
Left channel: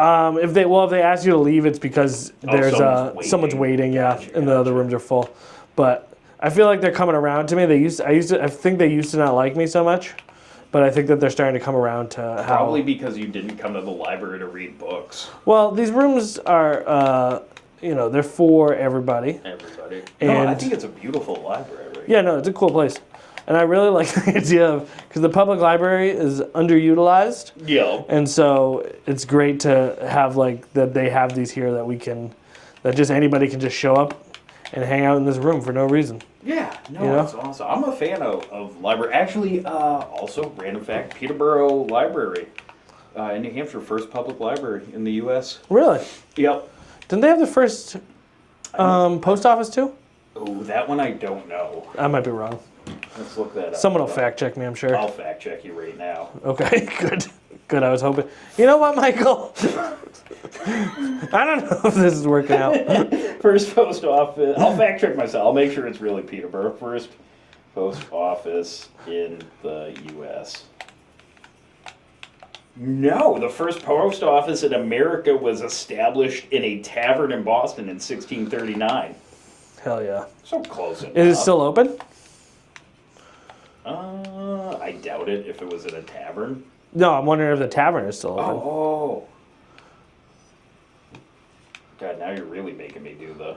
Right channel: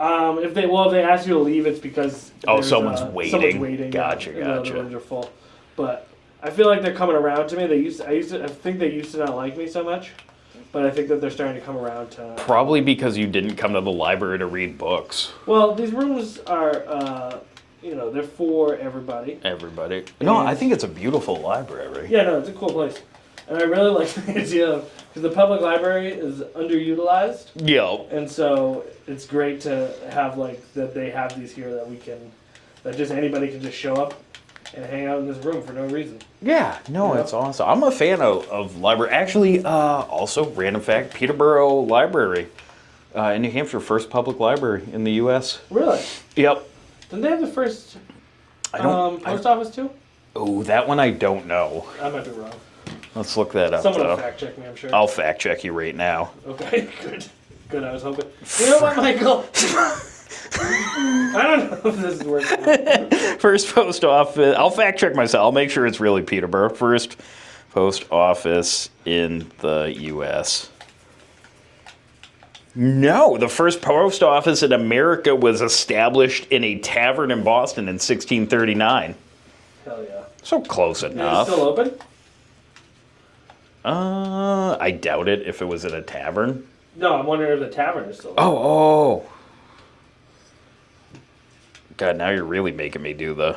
If they ask you to leave, it's because there's someone's waiting. Gotcha, and the other rooms are full. But I feel like they're coming around to me. I think they used to not like me so much, but I think that they're starting to come around to Probably because you didn't come to the library to read books. Well, these rooms are they're for everybody. Everybody. And- No, I think it's a beautiful library. Yeah, no, it's a cool place. And I really like the idea of, because the public library is underutilized. Yeah. And so it's great to have that they have these here that just anybody can just show up and hang out in this room for no reason. Yeah, no, that's awesome. I'm a fan of library. Actually, also, random fact, Peterborough Library in New Hampshire, first public library in the U.S. Really? Yep. Didn't they have the first post office too? Oh, that one I don't know. I might be wrong. Let's look that up. Someone will fact check me, I'm sure. I'll fact check you right now. Okay, good. Good, I was hoping. You know what, Michael? I don't know if this is working out. First post office. I'll fact check myself. I'll make sure it's really Peterborough. First post office in the U.S. No, the first post office in America was established in a tavern in Boston in 1639. Hell yeah. So close enough. Is it still open? I doubt it if it was in a tavern. No, I'm wondering if the tavern is still open. Oh. God, now you're really making me do the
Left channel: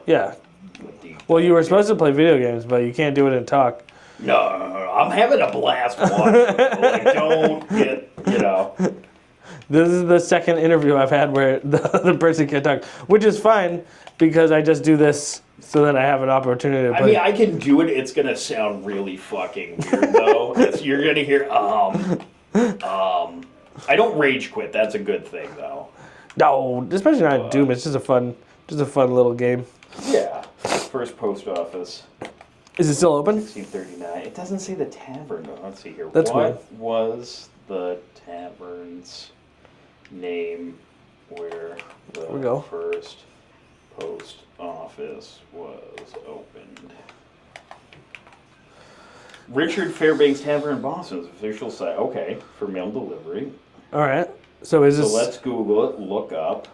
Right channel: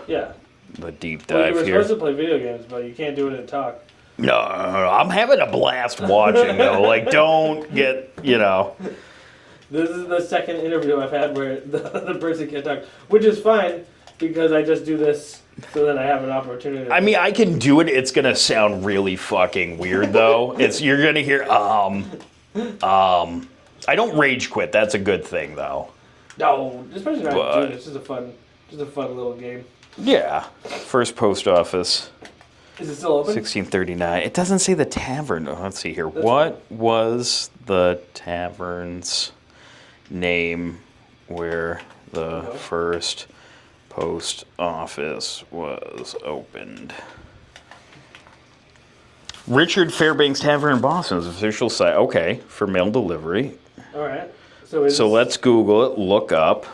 deep dive Well, you were here. supposed to play video games, but you can't do it and talk. No, I'm having a blast watching, though. Like, don't get, This is the second interview I've had where the other person can't talk, which is fine because I just do this so that I have an opportunity to play. I can do it. It's going to sound really fucking weird, though. You're going to hear, I don't rage quit. That's a good thing, though. No, especially not Doom. It's just a fun little game. Yeah. First post office. Is it still open? 1639. It doesn't say the tavern. Oh, let's see here. That's what was the tavern's name where the first post office was opened? Richard Fairbanks Tavern in Boston's official site. Okay, for mail delivery. All right. So let's Google it. Look up.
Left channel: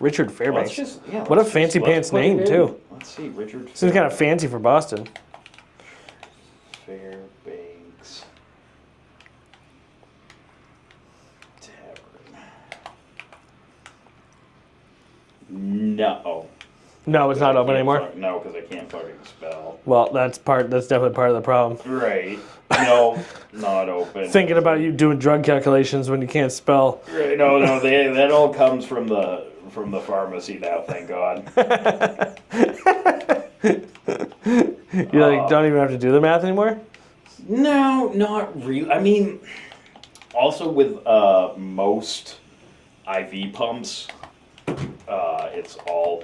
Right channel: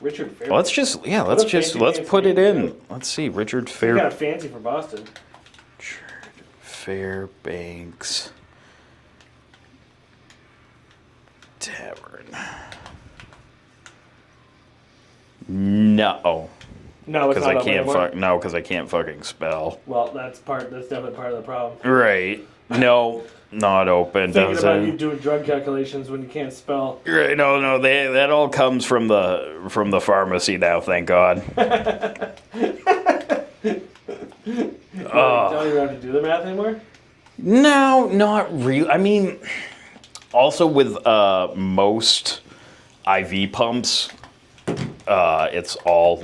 Richard Fairbanks. Let's put name, it in. too. Let's see, Richard He's kind of fancy for Boston. Fairbanks Tavern. No. No, it's not open anymore. No, because I can't fucking spell. Well, that's definitely part of the problem. Right. No, not open. Thinking about you doing drug calculations when you can't spell. Right. No, that all comes from the pharmacy now. Thank God. You don't even have to do the math anymore? No, not really. I mean, also with most IV pumps, it's all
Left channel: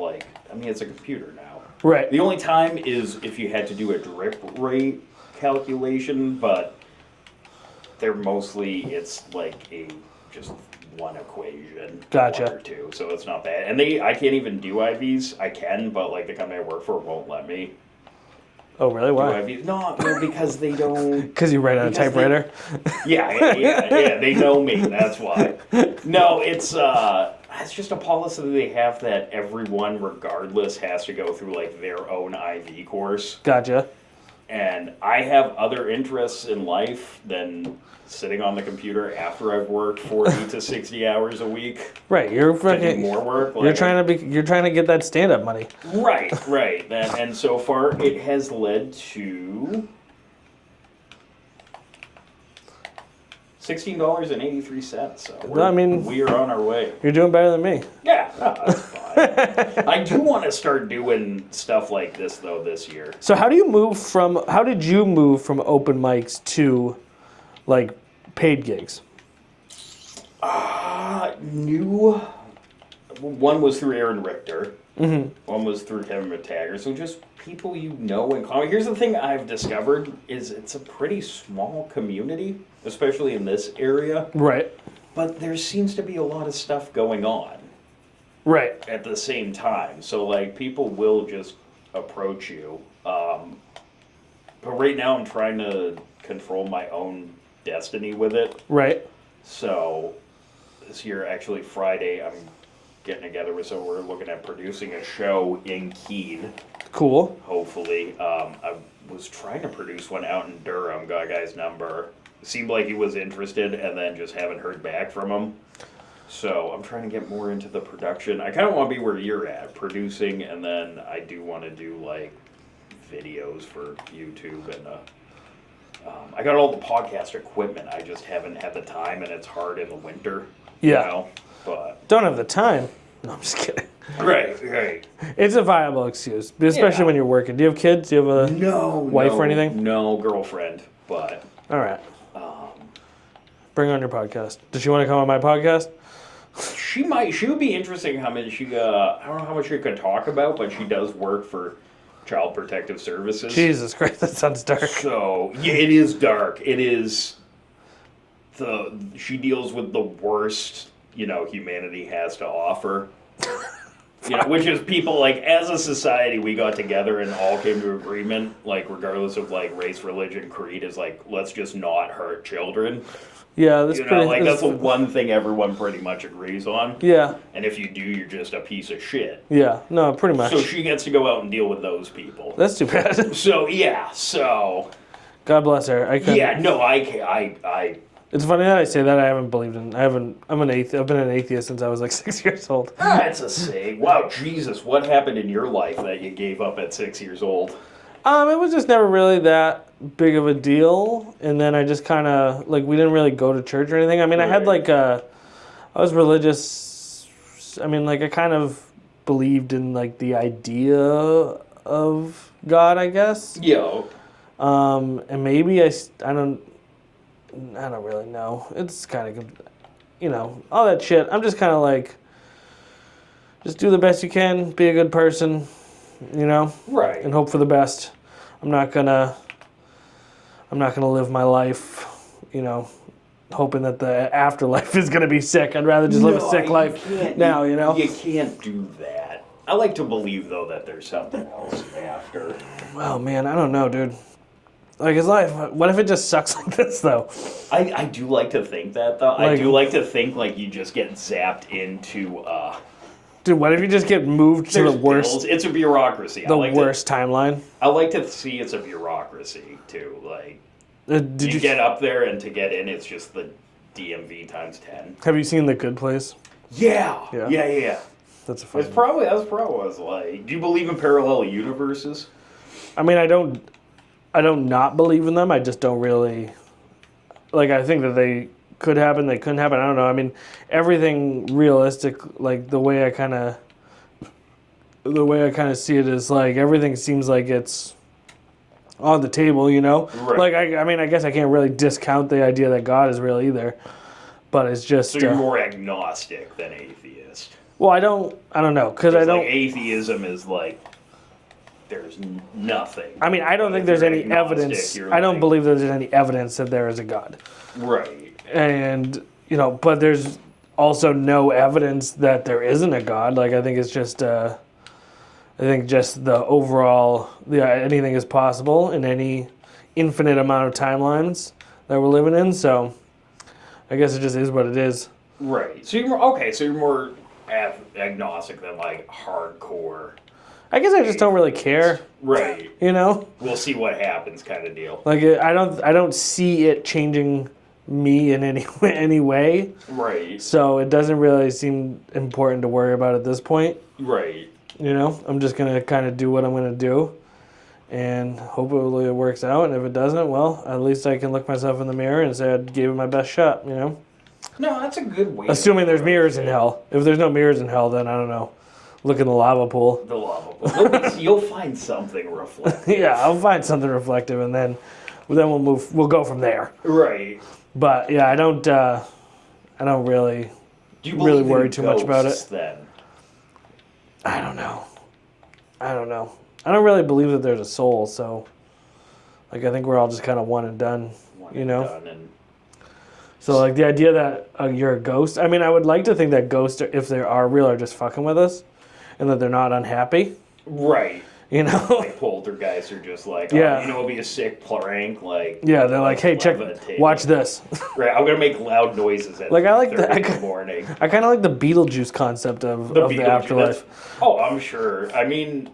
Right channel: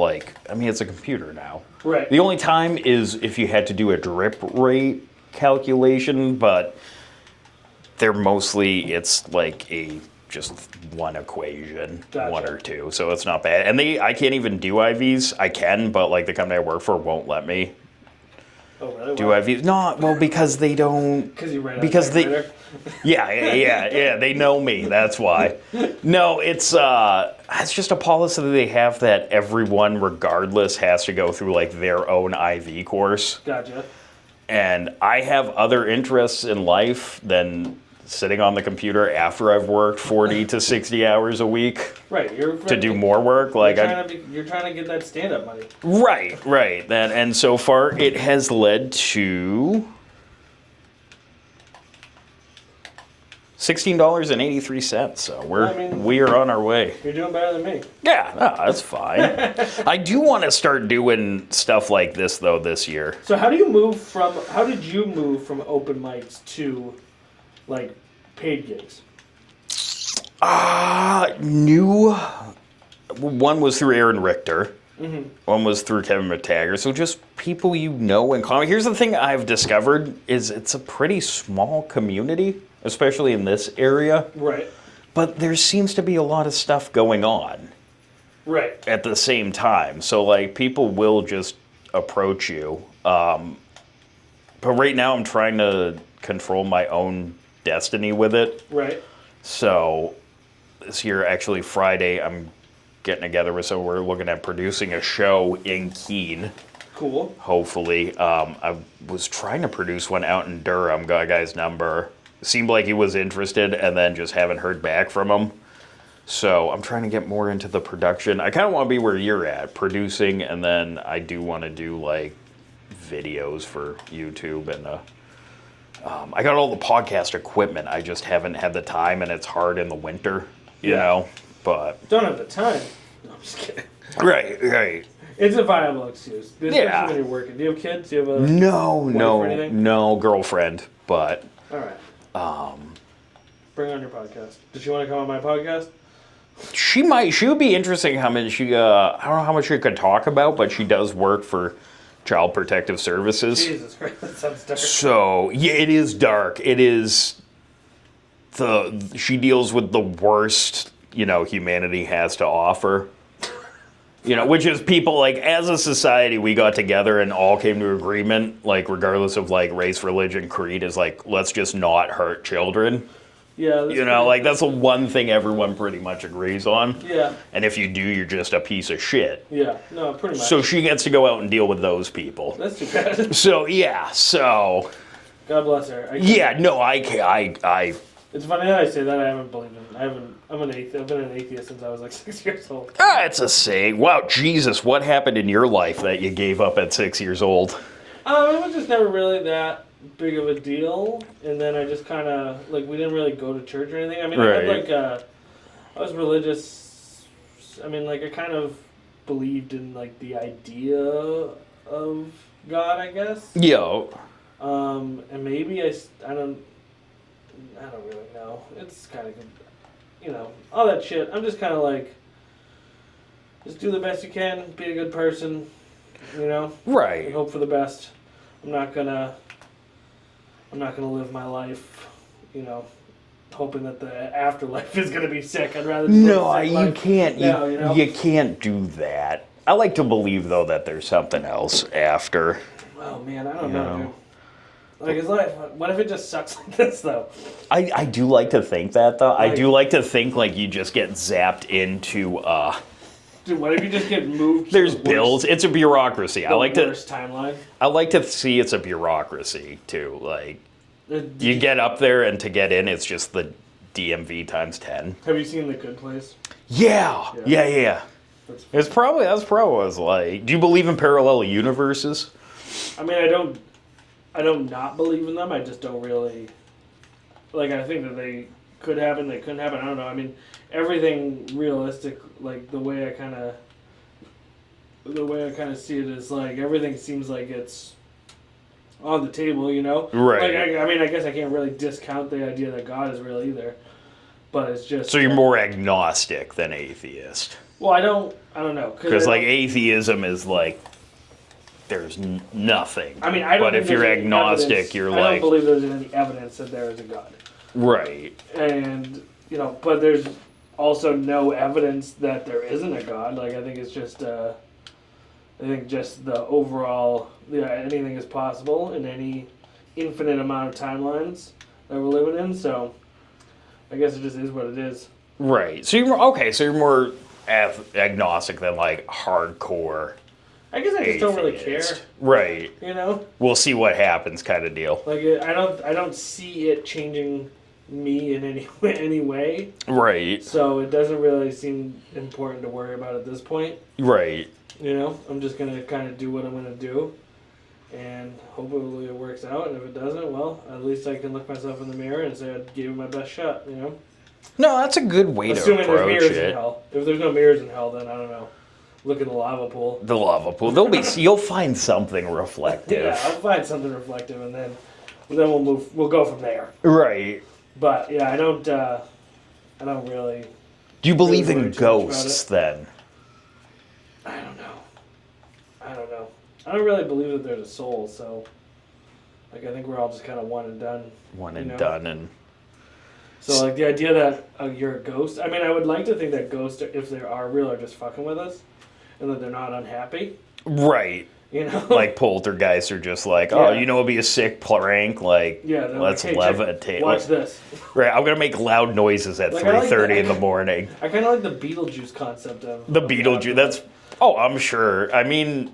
it's a computer now. Right. The only time is if you had to do a drip rate calculation, but they're mostly, it's like just one equation. Gotcha. One or two, so it's not bad. And I can't even do IVs. I can, but the company I work for won't let me. Oh, really? Why? Do IVs? No, well, because they don't. Because you write on a typewriter? Yeah, they know me, that's why. No, it's just a policy that they have that everyone, regardless, has to go through their own IV course. Gotcha. And I have other interests in life than sitting on the computer after I've worked 40 to 60 hours a week. Right, to do more work. You're trying to get that stand-up money. Right. And so far, it has led to $16.83. So we are on our way. You're doing better than me. Yeah, that's fine. I do want to start doing stuff like this though this year. So how did you move from open mics to paid gigs? One was through Aaron Richter. Mm-hmm. One was through Kevin McTaggart. So just people in comedy. Here's the thing I've discovered is it's a pretty small community, especially in this area. Right. But there seems to be a lot of stuff going on. Right. At the same time. So people will just approach you. But right now I'm trying to control my own destiny with it. Right. So this year, actually Friday, I'm getting together with someone. We're looking at producing a show in Keene. Cool. Hopefully. I was trying to produce one out in Durham. Got a guy's number. Seemed like he was interested, and then just haven't heard back from him. So I'm trying to get more into the production. I kind of want to be where you're at, producing, and then I do want to do videos for YouTube and I got all the podcast equipment. I just haven't had the time, and it's hard in the winter. You know, but don't have the time. No, I'm just kidding. Right. It's a viable excuse, especially when you're working. Do you have kids? Do you have a wife or anything? No, girlfriend. But all right. Bring on your podcast. Does she want to come on my podcast? She might. She would be interesting. How much I don't know how much she could talk about, but she does work for Child Protective Services. Jesus Christ, that sounds dark. So yeah, it is dark. It is she deals with the worst humanity has to offer. You know, which is people, like, as a society, we got together and all came to agreement, like, regardless of, like, race, religion, creed, is like, let's just not hurt children. Yeah, that's You know, pretty, like, that's the one thing everyone pretty much agrees on. Yeah. And if you do, you're just a piece of shit. Yeah, no, pretty much. So she gets to go out and deal with those people. That's too bad. So, yeah, so... God bless her. Yeah, no, I It's funny that I say that. I haven't believed in. I'm an atheist. I've been an atheist since I was like 6 years old. That's a saying. Wow, Jesus, what happened in your life that you gave up at 6 years old? It was just never really that big of a deal, and then I just kind of like we didn't really go to church or anything. I mean, I had Right. like I was religious. I mean, like I kind of believed in like the idea of God, I guess. Yo. And maybe I don't really know. It's kind of, you know, all that shit. I'm just kind of like, just do the best you can, be a good person, you know, Right. and hope for the best. I'm not gonna live my life, you know, hoping that the afterlife is gonna be sick. I'd rather just live a sick life. You can't. now, you know. You can't do that. I like to believe though that there's something else after. Well, man, I don't know, dude. Like his life. What if it just sucks like this, though? I do like to think that though. I Like- do like to think like you just get zapped into Dude, what if you just get moved to there's the worst, bills. It's a bureaucracy. the worst timeline? I like to see it's a bureaucracy too. Like Did you get up there and to get in, it's just the DMV times 10. Have you seen The Good Place? Yeah. Yeah. That's a That's probably what it's like. Do you believe in parallel universes? I mean, I don't not believe in them. I just don't really like. I think that they could happen. They couldn't happen. I don't know. I mean, everything realistic. Like the way I kind of see it is like everything seems like it's on the table. You know, Right. Like I mean, I guess I can't really discount the idea that God is real either. But it's just So you're more agnostic than atheist. well. I don't know Because like atheism is like there's nothing. I mean, I don't But think if there's you're any agnostic, evidence. you're I don't like believe there's any evidence that there is a God. right. And, you know, but there's also no evidence that there isn't a God. Like, I think it's just, I think just the overall, anything is possible in any infinite amount of timelines that we're living in. So I guess it just is what it is. Right. So you're more agnostic than like hardcore. I guess I just don't really care, atheist. Right. you know? We'll see what happens kind of deal. Like, I don't see it changing me in any way. Right. So it doesn't really seem important to worry about at this point. Right. You know, I'm just going to kind of do what I'm going to do and hopefully it works out. And if it doesn't, well, at least I can look myself in the mirror and say I gave it my best shot, you know? No, that's a good way Assuming to there's approach mirrors it. in hell. If there's no mirrors in hell, then I don't know. Look in the lava pool. The lava pool. You'll find something reflective. Yeah, I'll find something reflective and then we'll move. We'll go from there. Right. But yeah, I don't really. Do you believe worry in too much about ghosts then? I don't know. I don't really believe that there's a soul, so like I think we're all just kind of one and done. Done and So like the idea that you're a ghost. I mean, I would like to think that ghosts, if they are real, are just fucking with us, and that they're not unhappy. right. You know, Like poltergeists are just like, Yeah. oh, you know, it'd be a sick prank. Like, yeah, they're like, let's hey, check, levitate. watch this. Right, I'm gonna make loud noises at Like, I like 3:30 that. in the morning. I kind of like the Beetlejuice concept of The of Beetlejuice. afterlife. That's. Oh, I'm sure. I mean,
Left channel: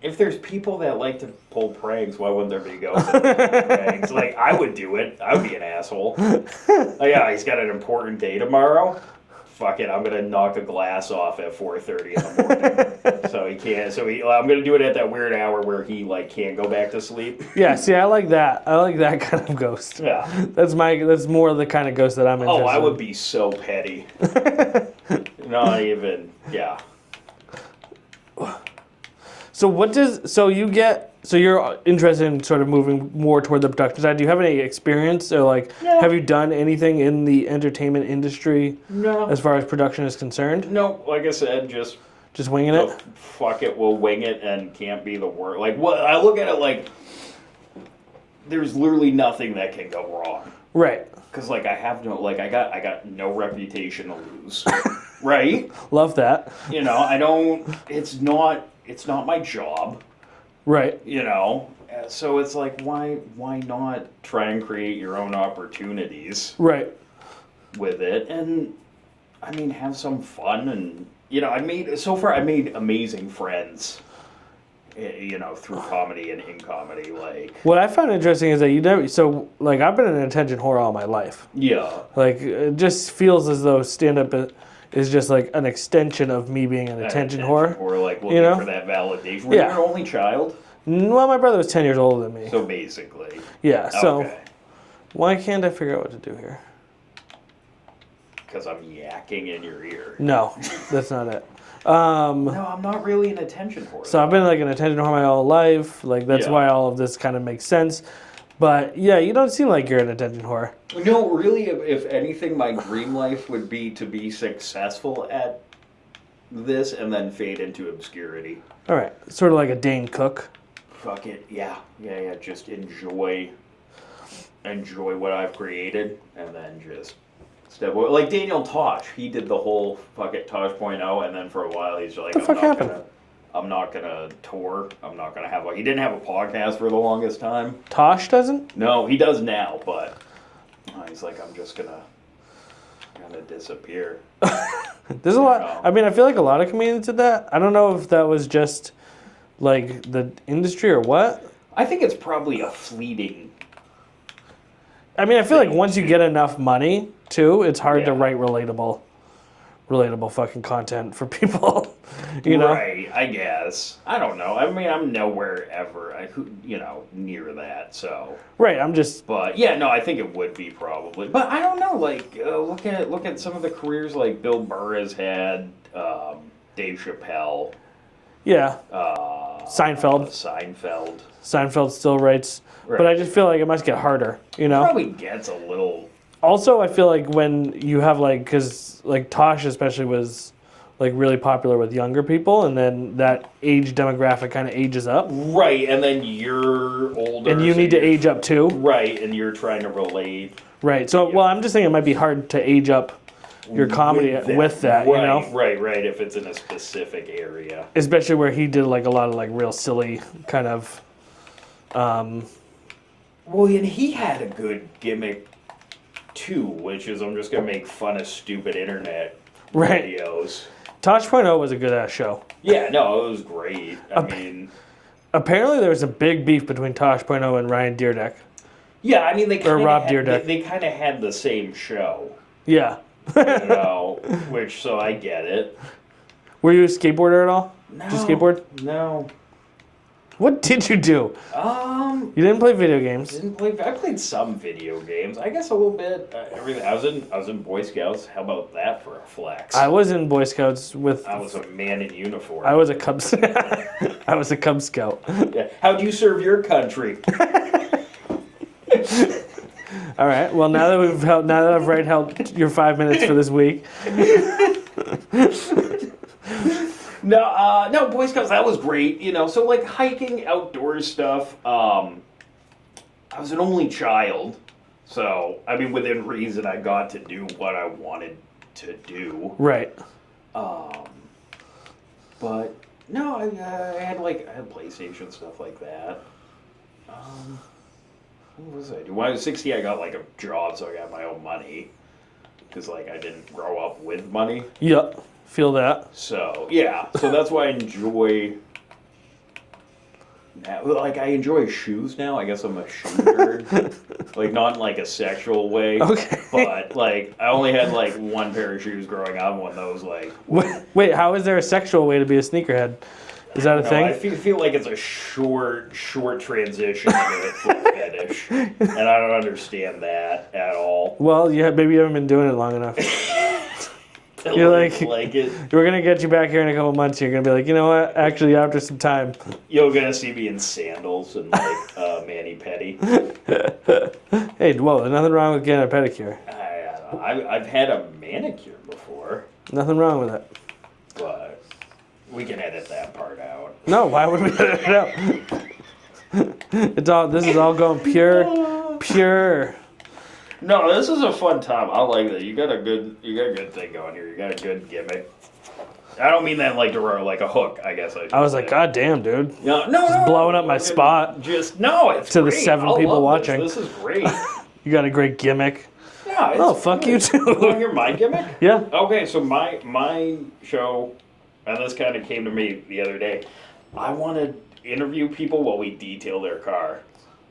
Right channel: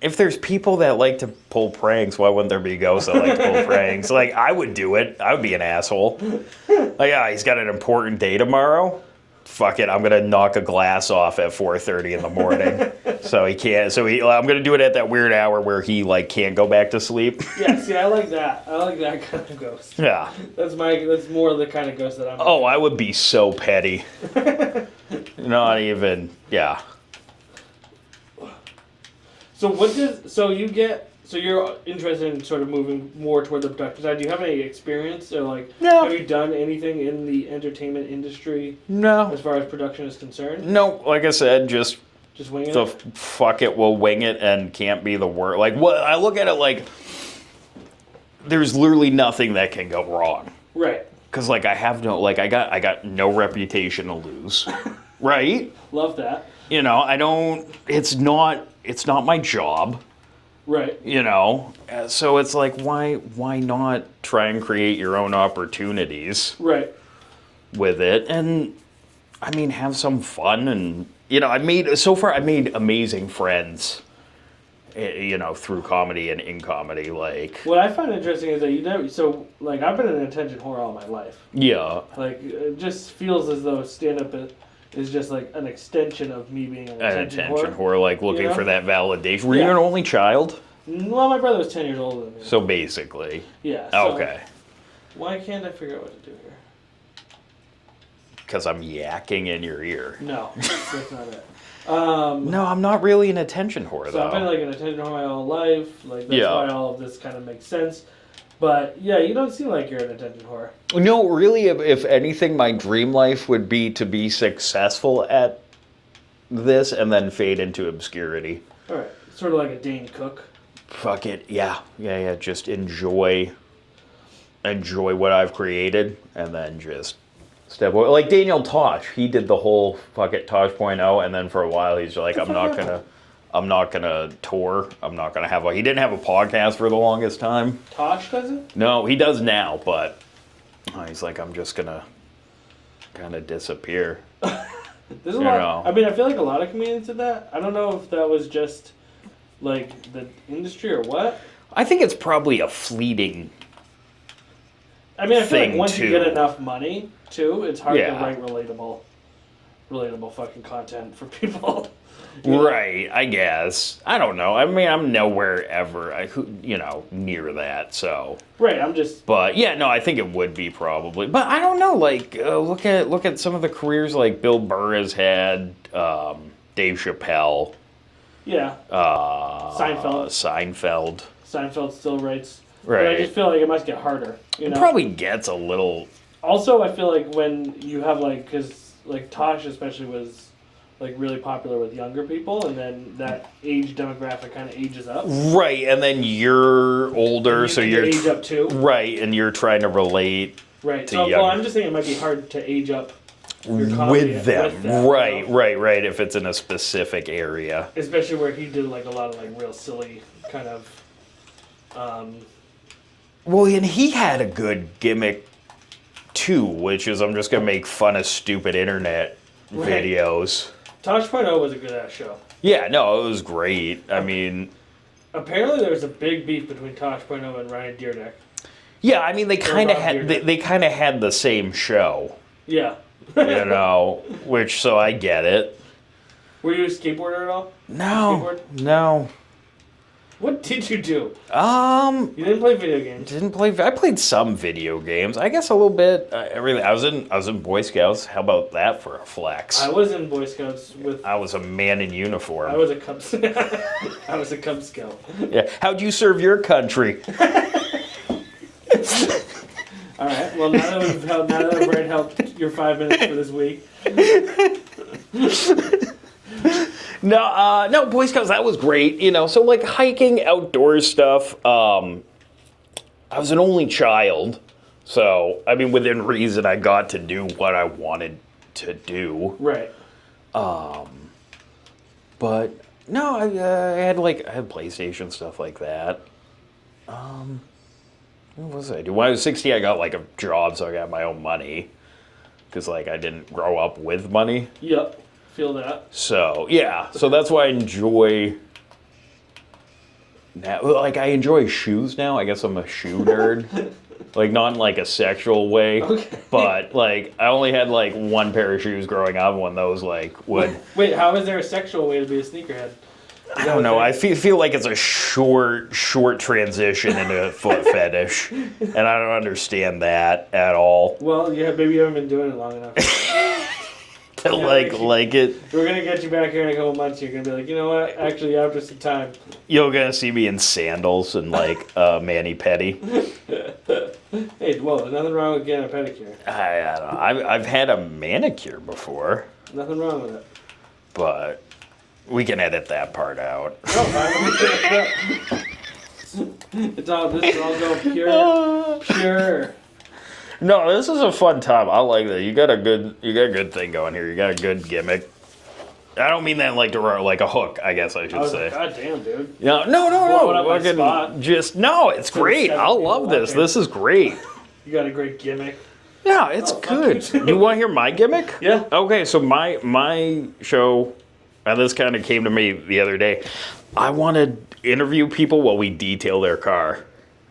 if there's people that like to pull pranks, why wouldn't there be ghosts that like to pull pranks? Like, I would do it. I would be an asshole. Like, yeah, he's got an important day tomorrow. Fuck it, I'm gonna knock a glass off at 4:30 in the morning. So he can't. I'm gonna do it at that weird hour where he like can't go back to sleep. Yeah, see, I like that. I like that kind of ghost. Yeah. That's more the kind of ghost that I'm. Oh, interested I in. would be so petty. Not even. Yeah. So you're interested in sort of moving more toward the production side. Do you have any experience or like No. have you done anything in the entertainment industry No. as far as production is concerned? No. Like I said, just. Just winging The it? fuck it, we'll wing it and can't be the word. Like, what I look at it like, there's literally nothing that can go wrong. Right. Cause like I got no reputation to lose. right? Love that. You know, I don't. It's not my job. Right. You know, so it's like, why not try and create your own opportunities Right. with it, and I mean, have some fun, and you know, I made amazing friends, you know, through comedy and in comedy, like. What I find interesting is that you never. So, like, I've been an attention whore all my life. Yeah. Like, it just feels as though stand-up is just like an extension of me being an attention whore. Like looking you know? for that validation. Were Yeah. you an only child? Well, my brother was 10 years older than me. So basically. Yeah. So Okay. why can't I figure out what to do here? Because I'm yakking in your ear. No, that's not it. No, I'm not really an attention whore. So I've been like an attention whore my whole life. Like that's Yeah. why all of this kind of makes sense. But yeah, you don't seem like you're an attention whore. No, really, if anything, my dream life would be to be successful at this and then fade into obscurity. All right, sort of like a Dane Cook. Fuck it, yeah. Just enjoy what I've created, and then just step away. Like Daniel Tosh, he did the whole fuck it Tosh.0, and then for a while he's like, I'm not gonna tour. I'm not gonna have he didn't have a podcast for the longest time. Tosh doesn't? No, he does now, but he's like, I'm just gonna kind of disappear. There's a lot. I mean, I feel like a lot of comedians did that. I don't know if that was just like the industry or what. I think it's probably a fleeting. I mean, I feel like once you too. get enough money, too, it's hard to Yeah. write relatable fucking content for people. You know? Right, I guess. I don't know. I mean, I'm nowhere ever, near that. So. Right. I'm just. But yeah, no, I think it would be probably. But I don't know. Like, look at some of the careers like Bill Burr has had, Dave Chappelle. Yeah. Seinfeld. Seinfeld still writes. Right. But I just feel like it must get harder. You know. It probably gets a little. Also, I feel like when you have because Tosh especially was like really popular with younger people, and then that age demographic kind of ages up. Right, and then you're older, and you so need you're to age up too. Right, and you're trying to relate. Right. So, well, I'm just saying it might be hard to age up your comedy with that. Right, you know? right. If it's in a specific area, especially where he did like a lot of like real silly kind of. Well, and he had a good gimmick too, which is I'm just gonna make fun of stupid internet videos. Tosh.0 was a good ass show. Yeah, no, it was great. I mean, apparently there was a big beef between Tosh.0 and Ryan Deerdeck. Yeah, I mean they kind of had they kind of had the same show. Yeah. Which so I get it. Were you a skateboarder at all? No. Did you skateboard? No. What did you do? You didn't play video games. I played some video games. I guess a little bit. I was in Boy Scouts. How about that for a flex? I was in Boy Scouts with. I was a man in uniform. I was a Cub. I was a Cub Scout. Yeah. How'd you serve your country? All right. Well, now that I've helped your 5 minutes for this week. No, Boy Scouts, that was great. So like hiking, outdoor stuff. I was an only child, so I mean, within reason, I got to do what I wanted to do. Right. But no, I had PlayStation stuff like that. What was I doing? When I was 16, I got like a job, so I got my own money because I didn't grow up with money. Yep. Feel that. So yeah, so that's why I enjoy. I enjoy shoes now. I guess I'm a shoe nerd. Not in a sexual way. Okay. But I only had one pair of shoes growing up, and when those would. Wait, how is there a sexual way to be a sneakerhead? Is that I don't know. I feel like it's a short transition into a foot fetish, and I don't understand that at all. Well, yeah, maybe you haven't been doing it long enough. You're like it. We're gonna get you back here in a couple months. You're gonna be like, you know what? Actually, after some time, you're gonna see me in sandals and mani pedi. Hey, well, there's nothing wrong with getting a pedicure. I don't know. I've had a manicure before. Nothing wrong with it. But we can edit that part out. No, why would we edit it out? This is all going pure. No, this is a fun time. I like that. You got a good thing going here. You got a good gimmick. I don't mean that like a hook, I guess I should say. I was like, God damn, dude. No. Blowing up my spot. No, it's To the great. 7 I people love this. watching. This is great. You got a great gimmick. Yeah, it's fuck good. you too. You want to hear my gimmick? Yeah. Okay, so my show, and this kind of came to me the other day. I want to interview people while we detail their car.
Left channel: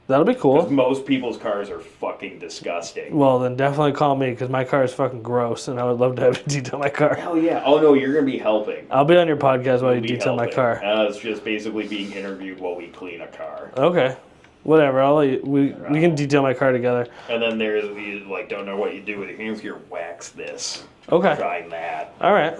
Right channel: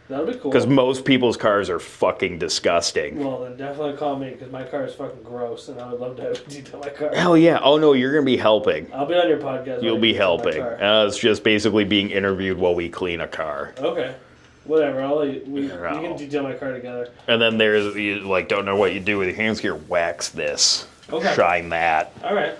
That'll be cool. Because most people's cars are fucking disgusting. Well, then definitely call me because my car is fucking gross, and I would love to have you detail my car. Hell yeah. Oh, no, you're going to be helping. I'll be on your podcast while You'll you be detail helping. my car. It's just basically being interviewed while we clean a car. Okay. Whatever. We can detail my car together. And then there's, you like, don't know what you do with your hands here. Wax this. Okay. Shine that. All right.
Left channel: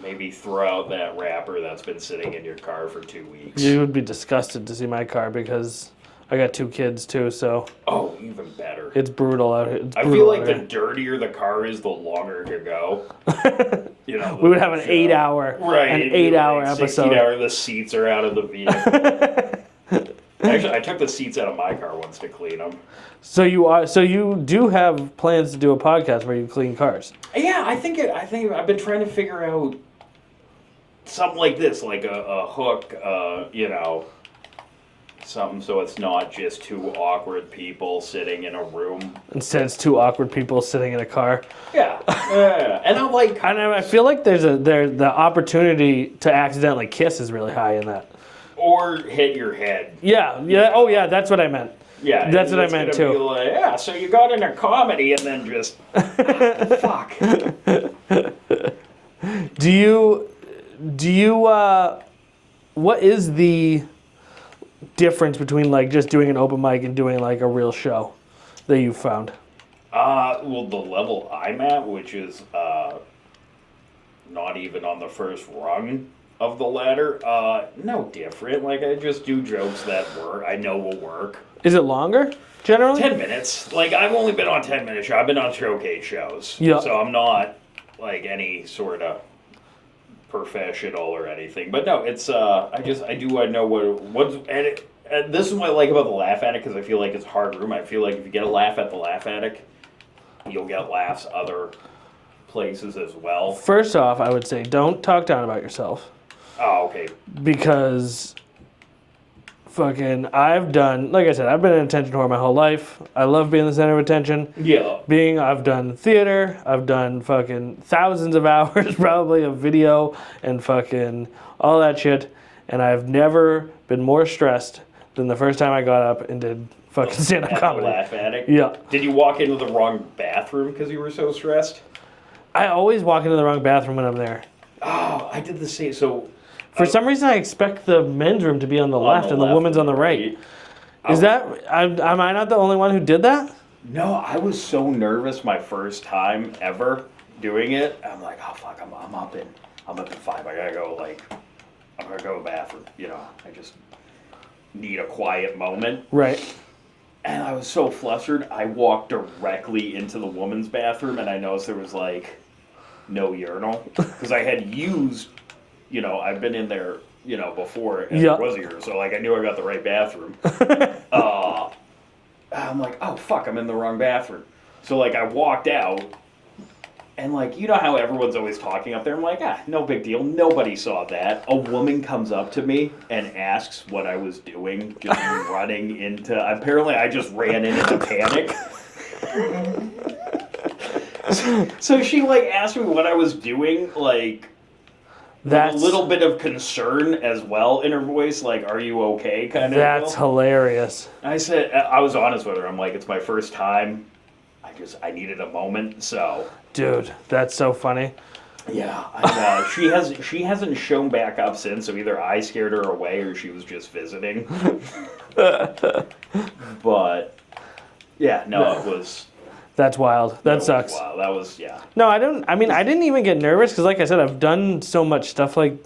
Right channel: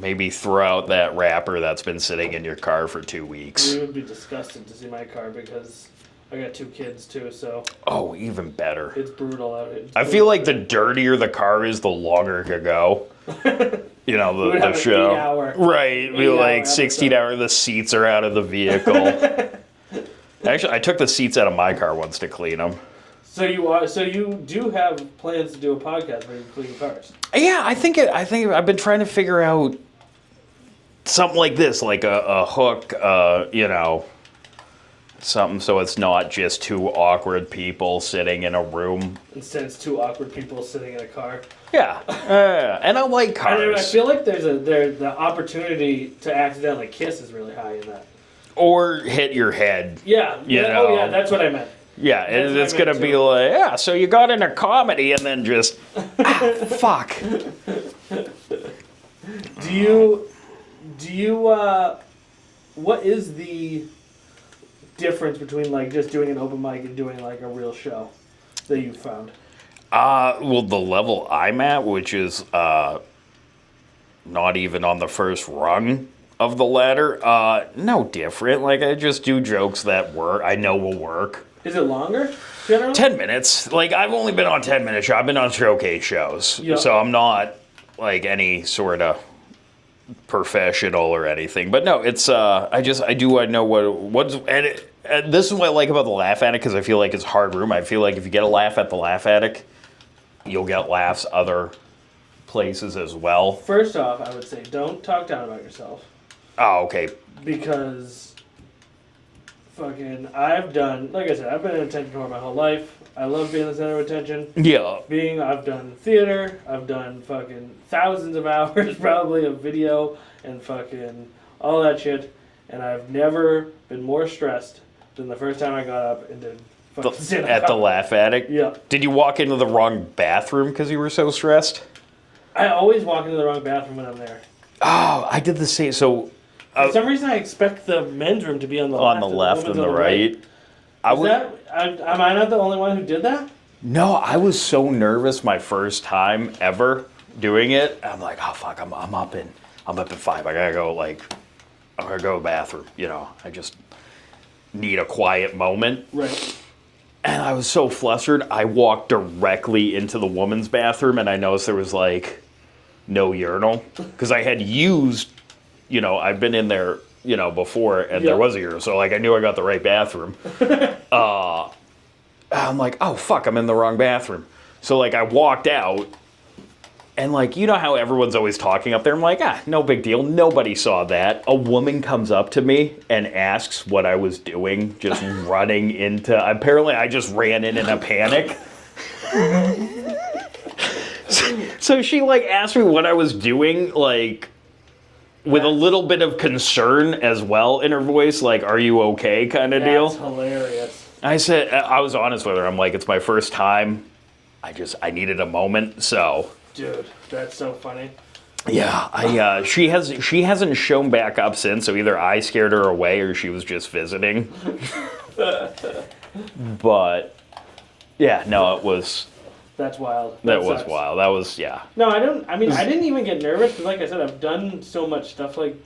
Maybe throw out that wrapper that's been sitting in your car for 2 weeks. You would be disgusted to see my car because I got 2 kids too, so Oh, even better. it's brutal out here. I feel like the dirtier the car is, the longer it could go. You know, we would the have show. an 8-hour. Right, an it'd be 8-hour like 16 episode. hours, the seats are out of the vehicle. Actually, I took the seats out of my car once to clean them. So you do have plans to do a podcast where you clean cars. Yeah, I think I've been trying to figure out something like this, like a hook, you know, something so it's not just 2 awkward people sitting in a room. Instead, it's 2 awkward people sitting in a car. Yeah, and I like cars. I feel like the opportunity to accidentally kiss is really high in that. Or hit your head. Yeah. You Oh, know. yeah. That's what I meant. Yeah, That's what I it's meant gonna be too. like, yeah. So you got into comedy and then just fuck. Do you what is the difference between like just doing an open mic and doing like a real show that you found? Well, the level I'm at, which is not even on the first rung of the ladder, no different. Like I just do jokes that I know will work. Is it longer generally? 10 minutes. Like I've only been on 10-minute shows. I've been on showcase shows. Yeah. So I'm not like any sort of professional or anything. But no, it's I know what's and this is what I like about the Laugh Attic, because I feel like it's hard room. I feel like if you get a laugh at the Laugh Attic, you'll get laughs other places as well. First off, I would say don't talk down about yourself Oh, okay. because fucking I've done, like I said, I've been an attention whore my whole life. I love being the center of attention. Yeah. I've done theater, I've done fucking thousands of hours probably of video and fucking all that shit, and I've never been more stressed than the first time I got up and did fucking stand-up At the comedy. Laugh Attic? Yeah. Did you walk into the wrong bathroom because you were so stressed? I always walk into the wrong bathroom when I'm there. Oh, I did the same. So For some reason, I expect the men's room to be on the left and the women's on the right. Am I not the only one who did that? No, I was so nervous my first time ever doing it. I'm like, oh fuck, I'm up at 5. I gotta go to the bathroom. You know, I just need a quiet moment. Right. And I was so flustered, I walked directly into the woman's bathroom, and I noticed there was like no urinal because I had used, you know, I've been in there, you know, before, and there was a urinal, so like I knew I got the right bathroom. I'm like, oh fuck, I'm in the wrong bathroom. So like I walked out, and like, you know how everyone's always talking up there? I'm like, no big deal. Nobody saw that. A woman comes up to me and asks what I was doing, just running into, apparently I just ran in a panic. So she like asked me what I was doing, like with a little bit of concern as well in her voice, like, are you okay kind of deal. That's hilarious. I said, I was honest with her. I'm like, it's my first time. I needed a moment, so. Dude, that's so funny. Yeah, she hasn't shown back up since, so either I scared her away or she was just visiting. But yeah, no, it was. That's wild. That sucks. Was wild. That was, yeah. No, I didn't even get nervous because, like I said, I've done so much stuff like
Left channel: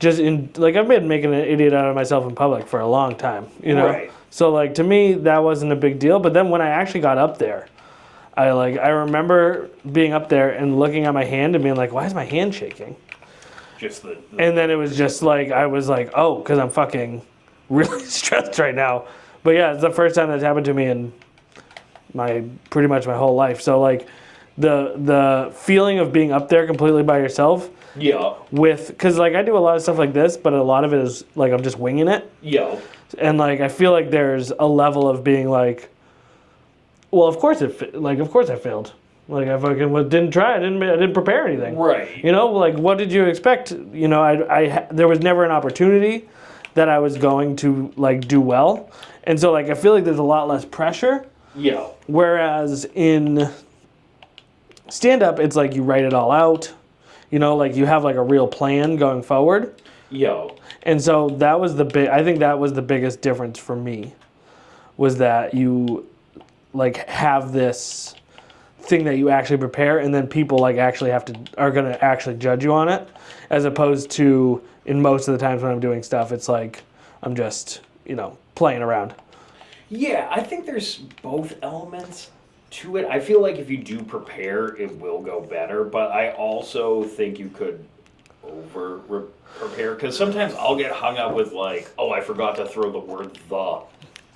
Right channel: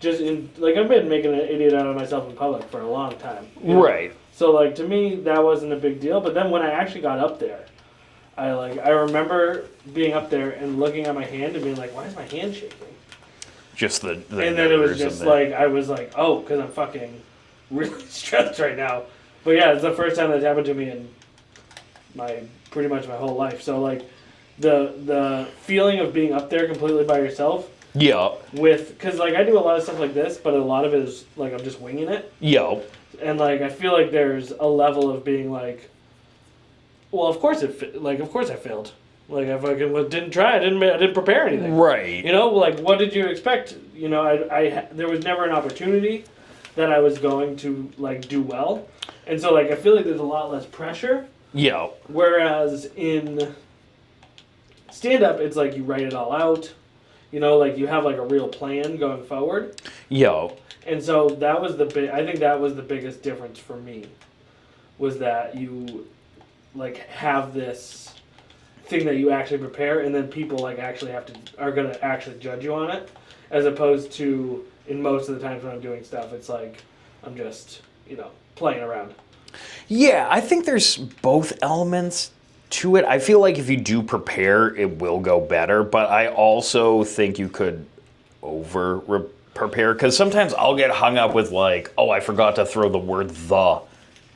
I've been making an idiot out of myself in public for a long time. You know? Right. So like to me that wasn't a big deal. But then when I actually got up there, I remember being up there and looking at my hand and being like, why is my hand shaking? Just the and then it was just like, I was like, oh, because I'm fucking really stressed right now. But yeah, it's the first time that's happened to me in pretty much my whole life. So like the feeling of being up there completely by yourself Yeah. because like I do a lot of stuff like this, but a lot of it is like I'm just winging it. Yeah. And like I feel like there's a level of being like, well, of course I failed. Like I fucking didn't try. I didn't prepare anything. Right. You know, like what did you expect? You know, there was never an opportunity that I was going to like do well, and so like I feel like there's a lot less pressure. Yeah. Whereas in stand up, it's like you write it all out. You know, like you have like a real plan going forward. Yeah. And so that was I think that was the biggest difference for me, was that you like have this thing that you actually prepare, and then people like actually are going to actually judge you on it, as opposed to in most of the times when I'm doing stuff, it's like I'm just, you know, playing around. Yeah, I think there's both elements to it. I feel like if you do prepare, it will go better, but I also think you could prepare, because sometimes I'll get hung up with like, oh, I forgot to throw the word "the"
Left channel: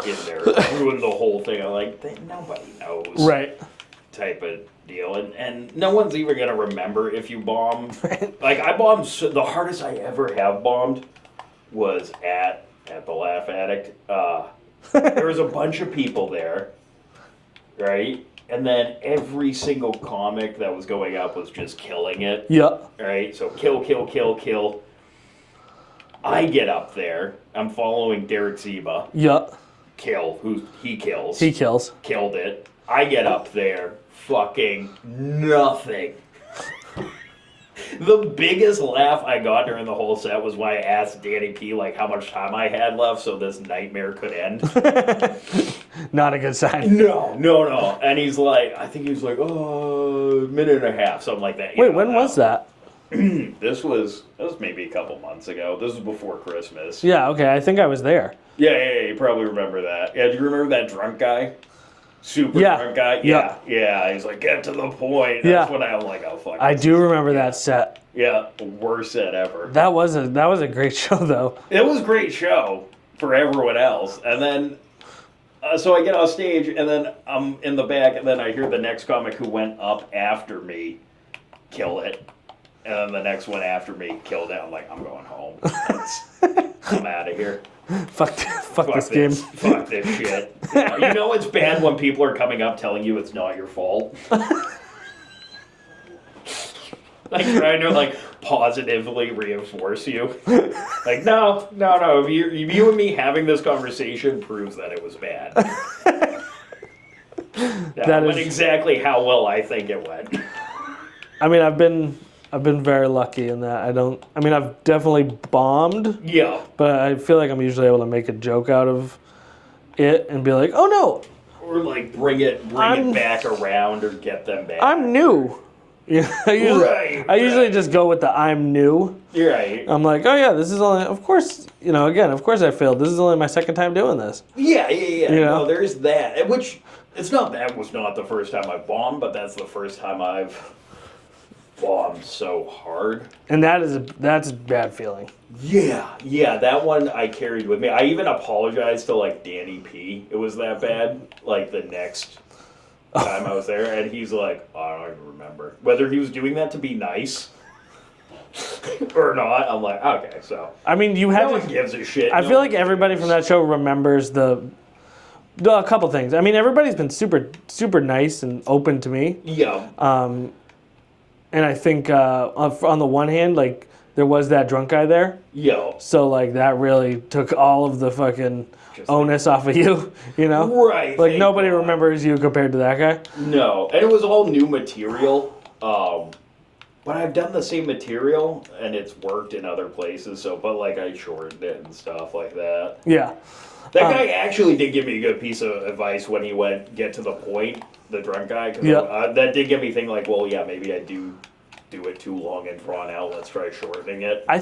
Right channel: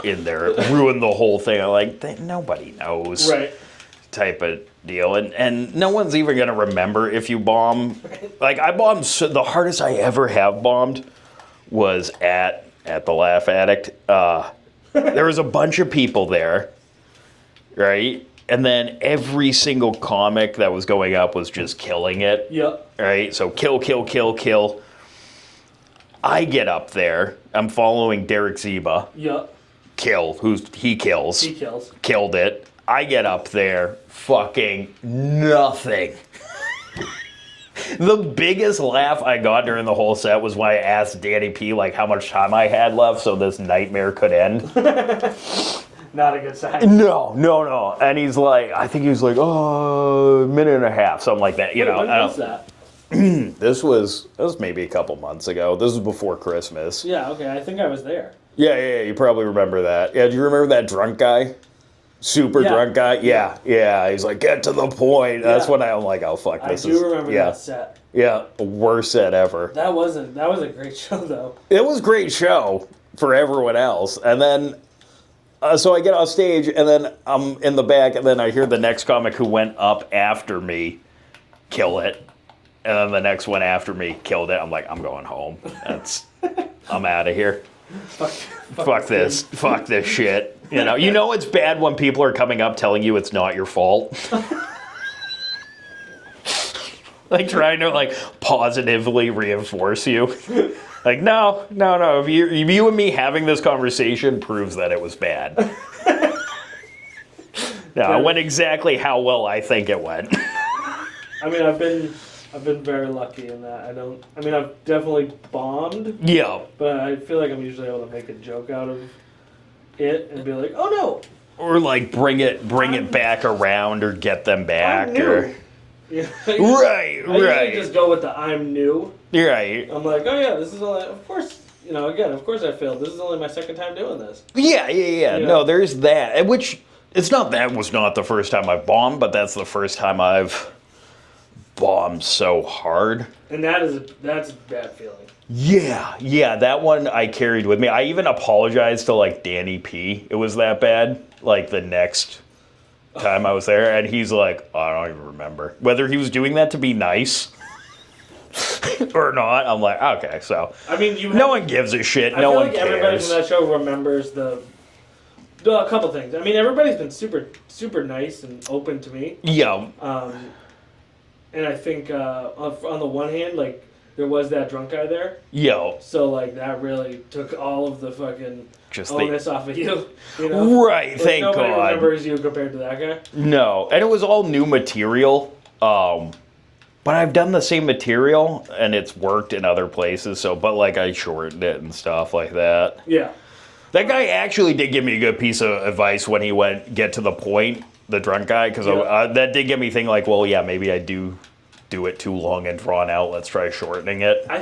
in there, ruin the whole thing. I'm like, nobody knows, Right. type of deal, and no one's even gonna remember if you bomb. Like I bombed, the hardest I ever have bombed was at the Laugh Addict. There was a bunch of people there, right? And then every single comic that was going up was just killing it. Yeah. Right? So kill, kill, kill, kill. I get up there. I'm following Derek Ziba. Yeah. Kill. He kills. He kills. Killed it. I get up there. Fucking nothing. The biggest laugh I got during the whole set was when I asked Danny P like how much time I had left so this nightmare could end. Not a good sign. No. And he's like, I think he was like, oh, a minute and a half, something like that. You Wait, know, when was that? This was maybe a couple months ago. This was before Christmas. Yeah, okay, I think I was there. Yeah, you probably remember that. Yeah, do you remember that drunk guy? Super drunk guy? Yeah. He's like, get to the point. That's when I'm like, oh, fuck. I do remember that set. Yeah, worst set ever. That was a great show, though. It was a great show for everyone else. And then, so I get off stage, and then I'm in the back, and then I hear the next comic who went up after me kill it. And then the next one after me killed it. I'm like, I'm going home. I'm out of here. Fuck this. Fuck this shit. You know it's bad when people are coming up telling you it's not your fault. Like trying to like positively reinforce you. Like no. You and me having this conversation proves that it was bad. No, it went exactly how well I think it went. I mean, I've been very lucky in that. I've definitely bombed. Yeah. But I feel like I'm usually able to make a joke out of it and be like, oh no. Or like bring it back around or get them back. I'm new. Yeah, I usually just go with the I'm new. You're right. I'm like, oh yeah, this is only, of course I failed. This is only my second time doing this. Yeah. No, there's that. Which, it's not that was not the first time I've bombed, but that's the first time I've bombed so hard. And that's a bad feeling. Yeah, that one I carried with me. I even apologized to like Danny P. It was that bad. Like the next time I was there, and he's like, I don't even remember whether he was doing that to be nice or not. I'm like, okay, so I mean, no one gives a shit. I feel like everybody from that show remembers a couple things. I mean, everybody's been super super nice and open to me. Yeah. And I think on the one hand, like there was that drunk guy there. Yo. So like that really took all of the fucking onus off of you, you know? Right. Like nobody remembers you compared to that guy. No, and it was all new material. But I've done the same material and it's worked in other places. So, but like I shortened it and stuff like that. Yeah. That guy actually did give me a good piece of advice when he went get to the point. The drunk guy, because that did get me thinking like, well, yeah, maybe I do it too long and drawn out. Let's try shortening it. I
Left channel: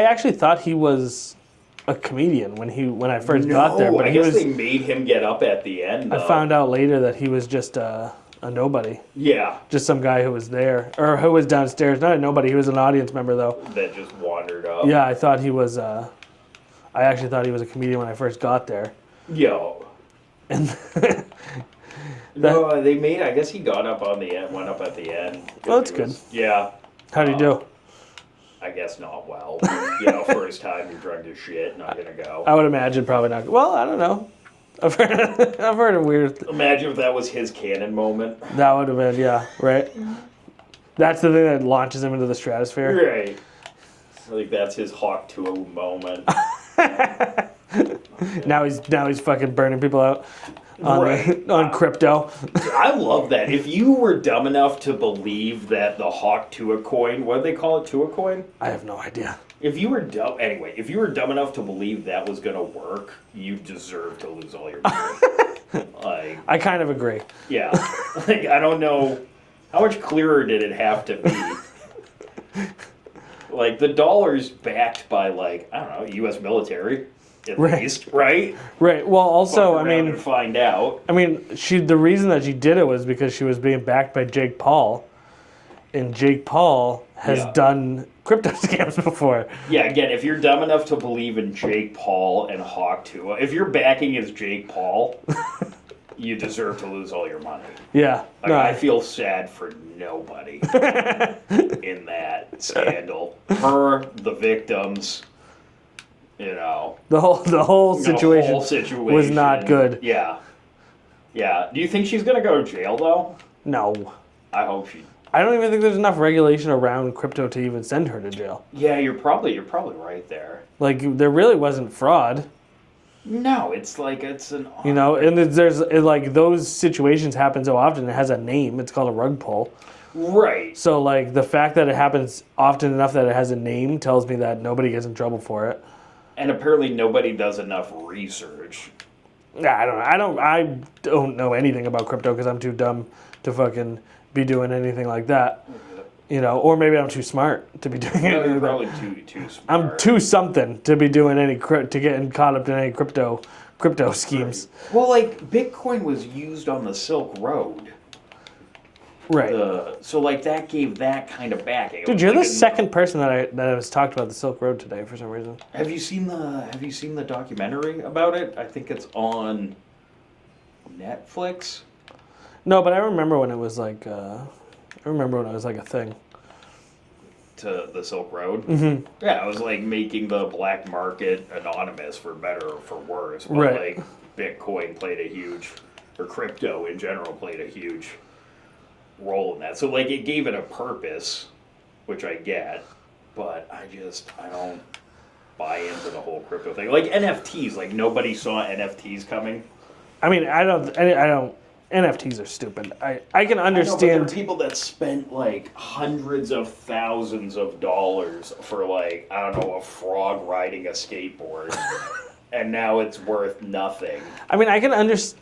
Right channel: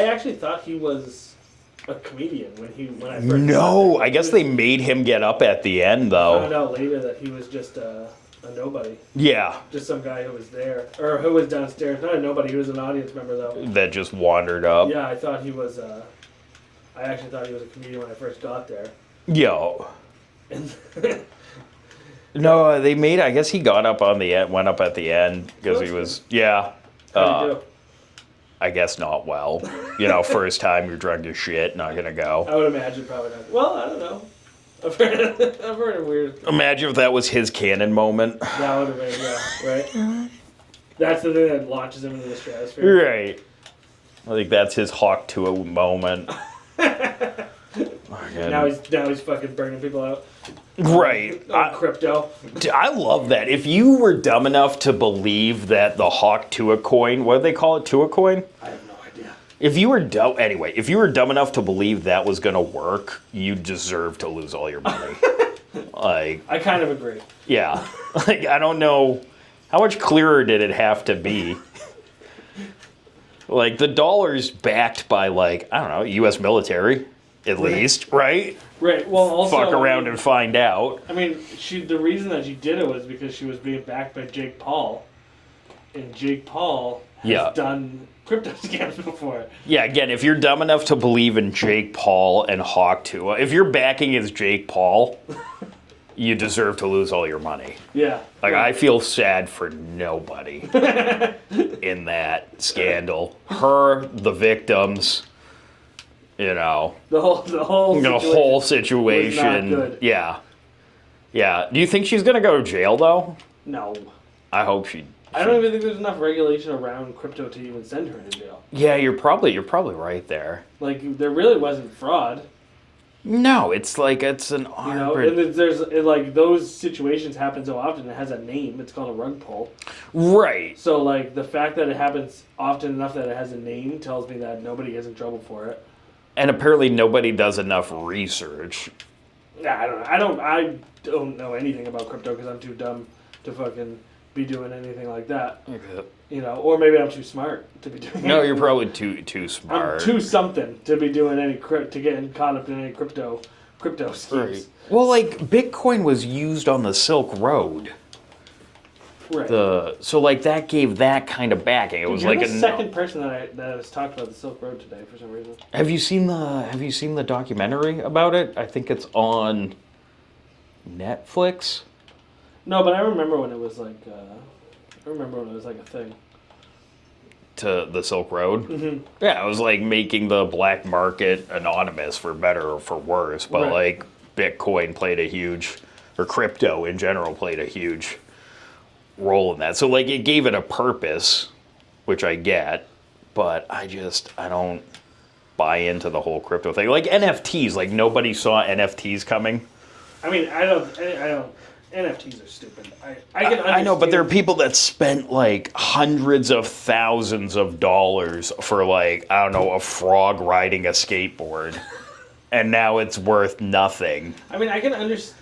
actually thought he was a comedian when I first got there. No, I guess they made him get up at the end, though. I found out later that he was just a nobody. Yeah. Just some guy who was there, or who was downstairs. Not a nobody, he was an audience member, though. That just wandered up. Yeah, I thought he was, I actually thought he was a comedian when I first got there. Yo. And No, they made. I guess he got up on the end, went up at the end because That's he was. good. Yeah. How'd he do? I guess not well. First time you're drunk as shit, not gonna go. I would imagine probably not. Well, I don't know. I've heard of weird. Imagine if that was his canon moment. That would have been, yeah, right. That's the thing that launches him into the stratosphere. Right. I think that's his Hawk to a moment. Now he's fucking burning people out. Right. On crypto. Dude, I love that. If you were dumb enough to believe that the Hawk to a coin, what do they call it, to a coin? I have no idea. If you were dumb enough to believe that was gonna work, you deserve to lose all your money. I kind of agree. Yeah. I don't know how much clearer did it have to be. The dollar's backed by I don't know, U.S. military. At least, right? Right. Well, also, fuck around and find out. I mean, the reason that she did it was because she was being backed by Jake Paul, and Jake Paul has done crypto scams before. Yeah. Again, if you're dumb enough to believe in Jake Paul and Hawk Tua, if your backing is Jake Paul, you deserve to lose all your money. Yeah. I feel sad for nobody in that scandal. Her, the victims. The whole situation was not good. Yeah. Yeah. Do you think she's going to go to jail, though? No. I hope she... I don't even think there's enough regulation around crypto to even send her to jail. Yeah, you're probably right there. There really wasn't fraud. No, it's an... and there's those situations happen so often. It has a name. It's called a rug pull. Right. So, the fact that it happens often enough that it has a name tells me that nobody gets in trouble for it. And apparently nobody does enough research. Yeah, I don't know anything about crypto because I'm too dumb to fucking be doing anything like that. Or maybe I'm too smart to be doing it. No, you're probably too smart. I'm too something to be doing to getting caught up in any crypto schemes. Right. Well, Bitcoin was used on the Silk Road. Right. So that gave that kind of backing. Dude, you're the second person that has talked about the Silk Road today for some reason. Have you seen the documentary about it? I think it's on Netflix. No, but I remember when it was a thing. To the Silk Road. Mm-hmm. Yeah, it was making the black market anonymous for better or for worse. But right. Bitcoin or crypto in general played a huge role in that. So it gave it a purpose, which I get, but I don't buy into the whole crypto thing. NFTs, nobody saw NFTs coming. I mean, I don't. NFTs are stupid. I can understand. I know, but there are people that spent hundreds of thousands of dollars for I don't know, a frog riding a skateboard, and now it's worth nothing. I mean, I can understand.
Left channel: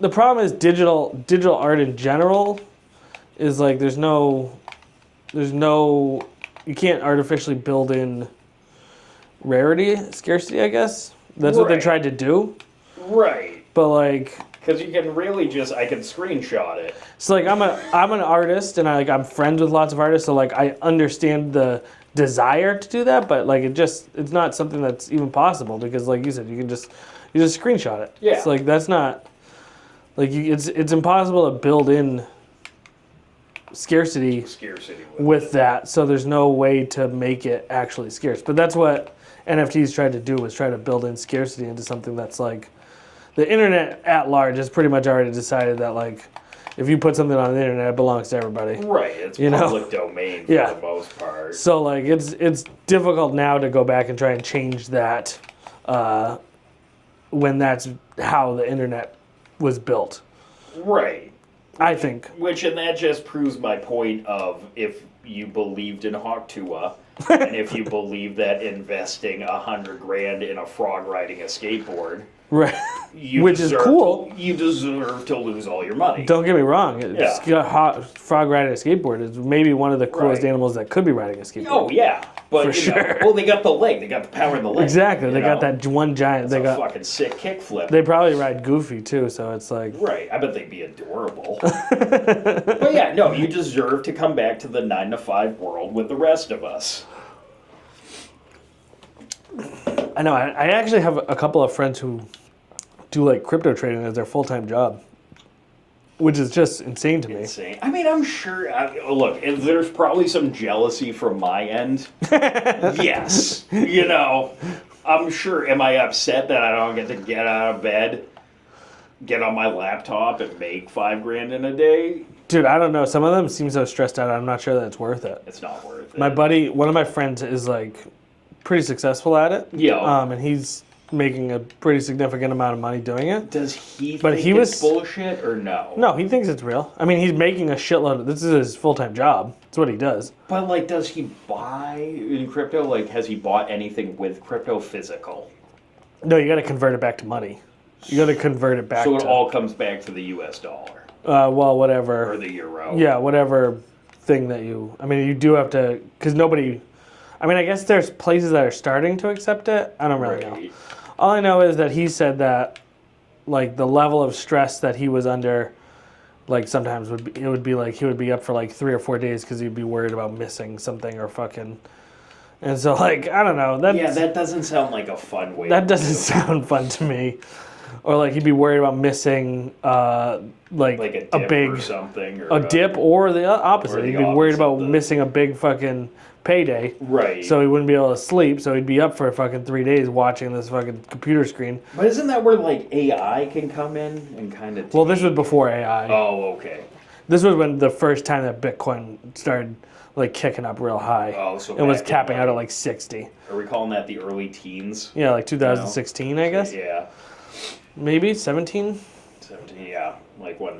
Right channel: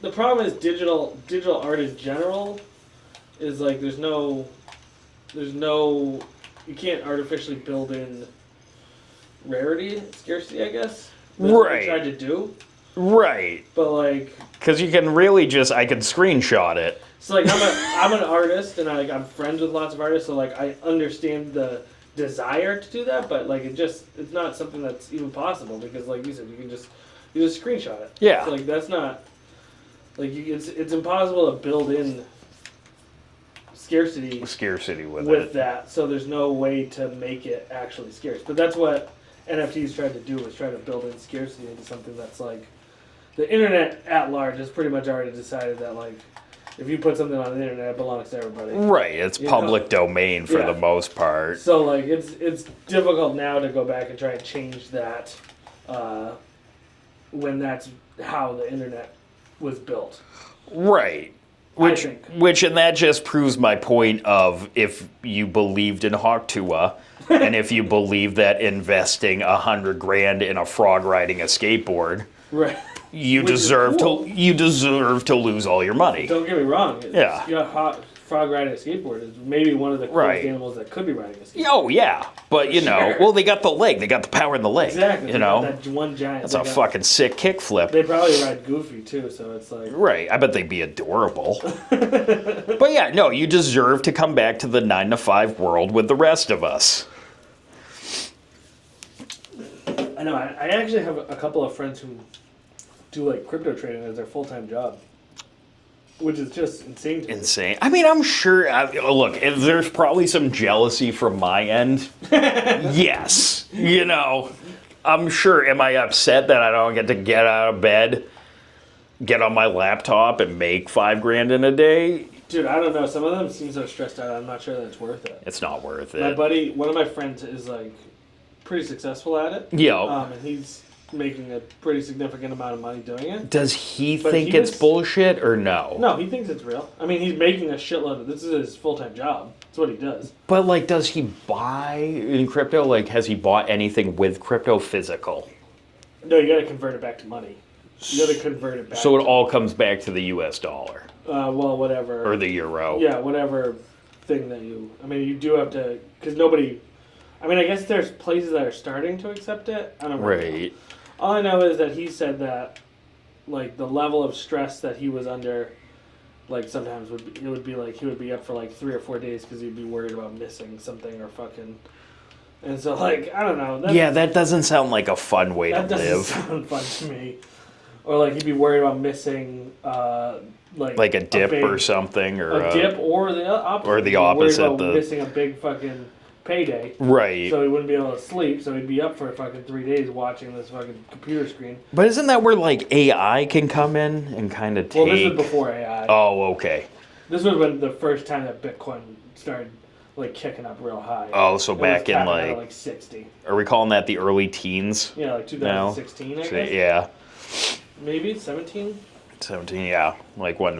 The problem is digital art in general is there's no you can't artificially build in scarcity, I guess. That's what they tried to do. Right. But because you can really I can screenshot it. So I'm an artist and I'm friends with lots of artists, so I understand the desire to do that, but it's not something that's even possible because you said you just screenshot it. Yeah. It's that's not it's impossible to build in scarcity with that, so there's no way to make it actually scarce. But that's what NFTs tried to do, was try to build in scarcity into something that's the internet at large has pretty much already decided that if you put something on the internet, it belongs to everybody. Right, it's public domain for the most part. So it's difficult now to go back and try and change that when that's how the internet was built. Right. I think. And that just proves my point of if you believed in Hawk Tua, and if you believe that investing $100,000 in a frog riding a skateboard, right, you deserve to lose all your money. Don't get me wrong. Frog riding a skateboard is maybe one of the coolest animals that could be riding a skateboard. Oh yeah, but they got the leg, they got the power in the leg. Exactly, they got that one giant. That's a fucking sick kickflip. They probably ride Goofy too, so it's right. I bet they'd be adorable. But yeah, no, you deserve to come back to the 9-to-5 world with the rest of us. I know. I actually have a couple of friends who do crypto trading as their full-time job. which is just insane to me. Insane. I mean, I'm sure. Look, if there's probably some jealousy from my end. Yes. You know, I'm sure. Am I upset that I don't get to get out of bed, get on my laptop, and make $5,000 in a day? Dude, I don't know. Some of them seem so stressed out. I'm not sure that it's worth it. It's not worth it. My buddy, one of my friends, is like pretty successful at it. Yeah. And he's making a pretty significant amount of money doing it. Does he But think he it's was- bullshit or no? No, he thinks it's real. I mean, he's making a shitload. This is his full-time job. That's what he does. But like, does he buy in crypto? Like, has he bought anything with crypto physical? No, you got to convert it back to money. You got to convert it back. So it to, all comes back to the U.S. dollar well, whatever. or the euro. Yeah, whatever thing that you. I mean, you do have to, because nobody. I mean, I guess there's places that are starting to accept it. I don't really know. Right. All I know is that he said that, like, the level of stress that he was under, like, sometimes it would be like he would be up for like 3 or 4 days because he'd be worried about missing something or fucking. And so, like, I don't know. That doesn't sound like a fun way to That live. doesn't sound fun to me. Or like he'd be worried about missing, Like a dip big, or something, or a dip, or the opposite. or the He'd be worried opposite, about the- missing a big fucking payday. Right. So he wouldn't be able to sleep. So he'd be up for fucking 3 days watching this fucking computer screen. But isn't that where like AI can come in and kind of take? Well, this was before AI. Oh, okay. This was when the first time that Bitcoin started like kicking up real high. Oh, so it was back in capping out at like, like 60. are we calling that the early teens? Yeah, like 2016, I guess. Yeah. Maybe 17. 17, yeah. Like when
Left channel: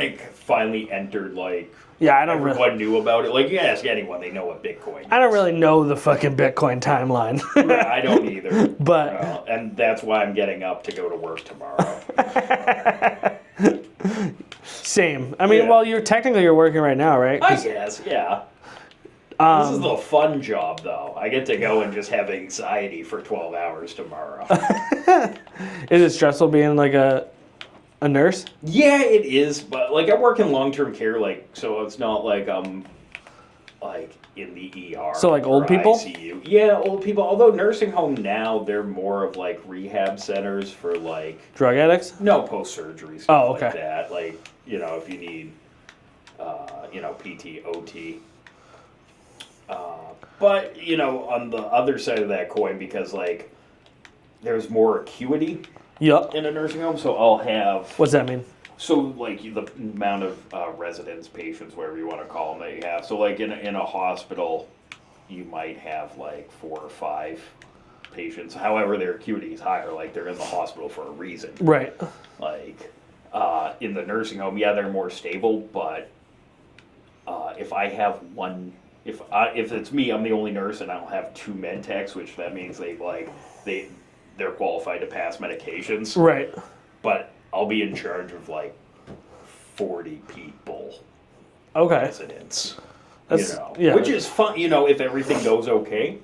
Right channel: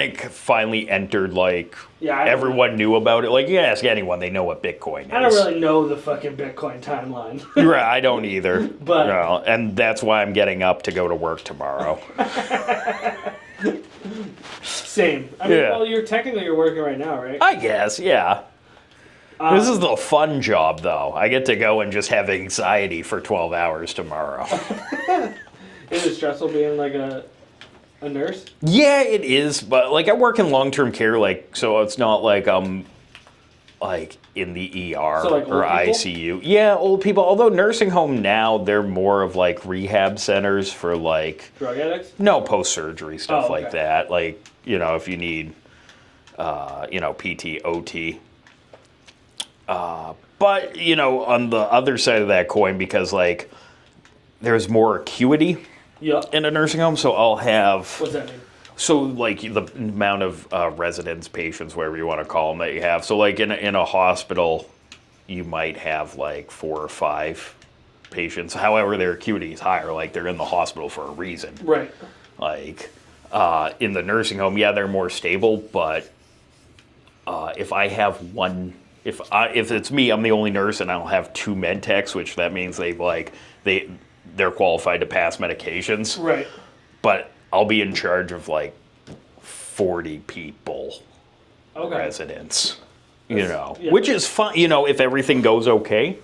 it finally entered, like, Yeah, I don't everyone knew about it. Like, you ask anyone, they know what Bitcoin is. I don't really know the fucking Bitcoin timeline. Right, I don't either. But- no, and that's why I'm getting up to go to work tomorrow. Same. I mean, Yeah. well, you're working right now, right? I guess, yeah. This is the fun job, though. I get to go and just have anxiety for 12 hours tomorrow. Is it stressful being like a nurse? Yeah, it is, but like I work in long-term care, like, so it's not like I'm like in the ER So, like, or old people? ICU. Yeah, old people. Although nursing home now, they're more of like rehab centers for like Drug addicts? no post-surgery stuff Oh, like okay. that. Like, you know, if you need PT, OT. But, you know, on the other side of that coin, because like there's more acuity Yup. in a nursing home, so I'll have What's that mean? so like the amount of residents, patients, whatever you want to call them, that you have. So like in a hospital, you might have like 4 or 5 patients. However, their acuity is higher. Like they're in the hospital for a reason. Right. Like in the nursing home, yeah, they're more stable. But if I have one, if it's me, I'm the only nurse, and I'll have 2 med techs, which that means they're qualified to pass medications. Right. But I'll be in charge of like 40 people, Okay. residents, yeah. which is fun, if everything goes okay.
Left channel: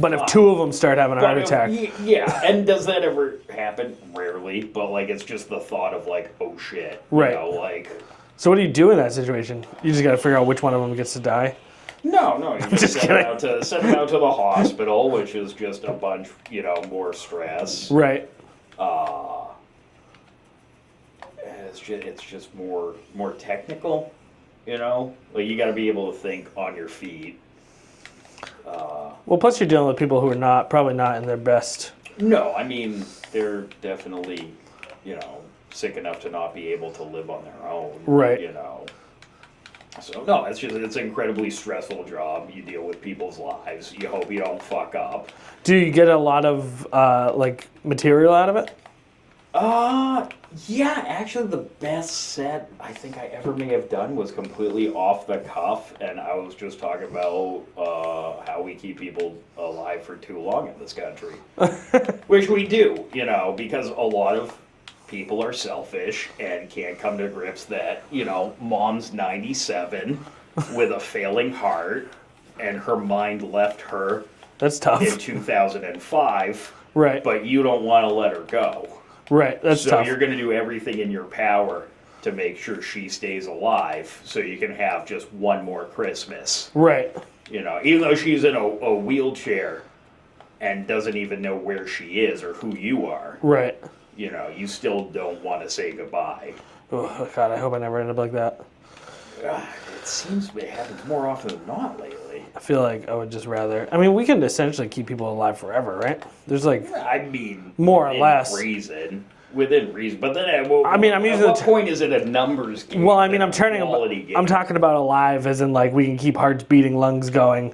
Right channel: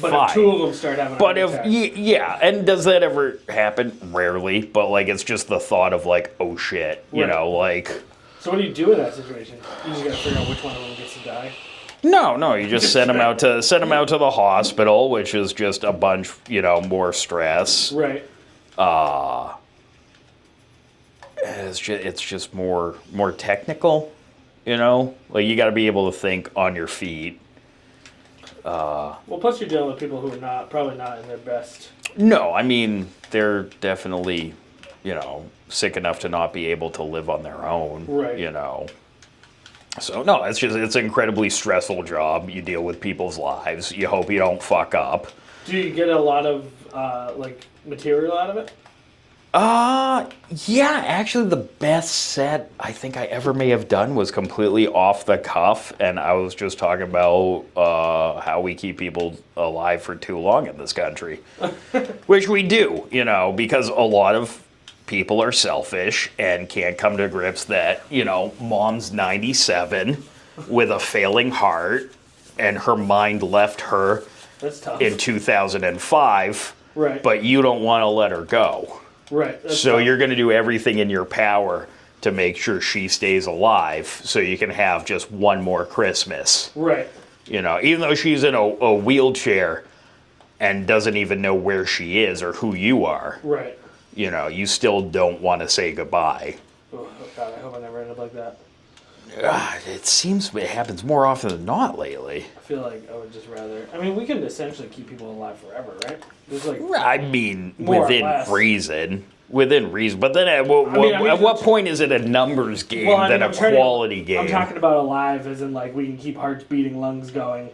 But fine. if 2 of them start having a But heart attack. yeah, and does that ever happen? Rarely, but like it's just the thought of like, oh shit, Right. like. So what do you do in that situation? You just got to figure out which one of them gets to die. No, you just send them out to the hospital, which is just a bunch, more stress. Right. It's just more technical, like you got to be able to think on your feet. Well, plus you're dealing with people who are probably not in their best. No, I mean they're definitely, sick enough to not be able to live on their own. Right. So no, it's an incredibly stressful job. You deal with people's lives. You hope you don't fuck up. Do you get a lot of like material out of it? Yeah, actually the best set I think I ever may have done was completely off the cuff, and I was just talking about how we keep people alive for too long in this country. Which we do, because a lot of people are selfish and can't come to grips that, mom's 97 with a failing heart and her mind left her That's tough. in 2005. Right. But you don't want to let her go. Right. That's So tough. you're going to do everything in your power to make sure she stays alive so you can have just one more Christmas. Right. Even though she's in a wheelchair and doesn't even know where she is or who you are, Right. you still don't want to say goodbye. Oh, God, I hope I never end up like that. It seems it happens more often than not lately. I feel like I would just rather. I mean, we can essentially keep people alive forever, right? There's like I mean, more within or less. reason. Within reason. But then at what, I mean, I'm at using what the point is it a numbers game well, I mean, than I'm a turning. quality game? I'm talking about alive, as in like we can keep hearts beating, lungs going,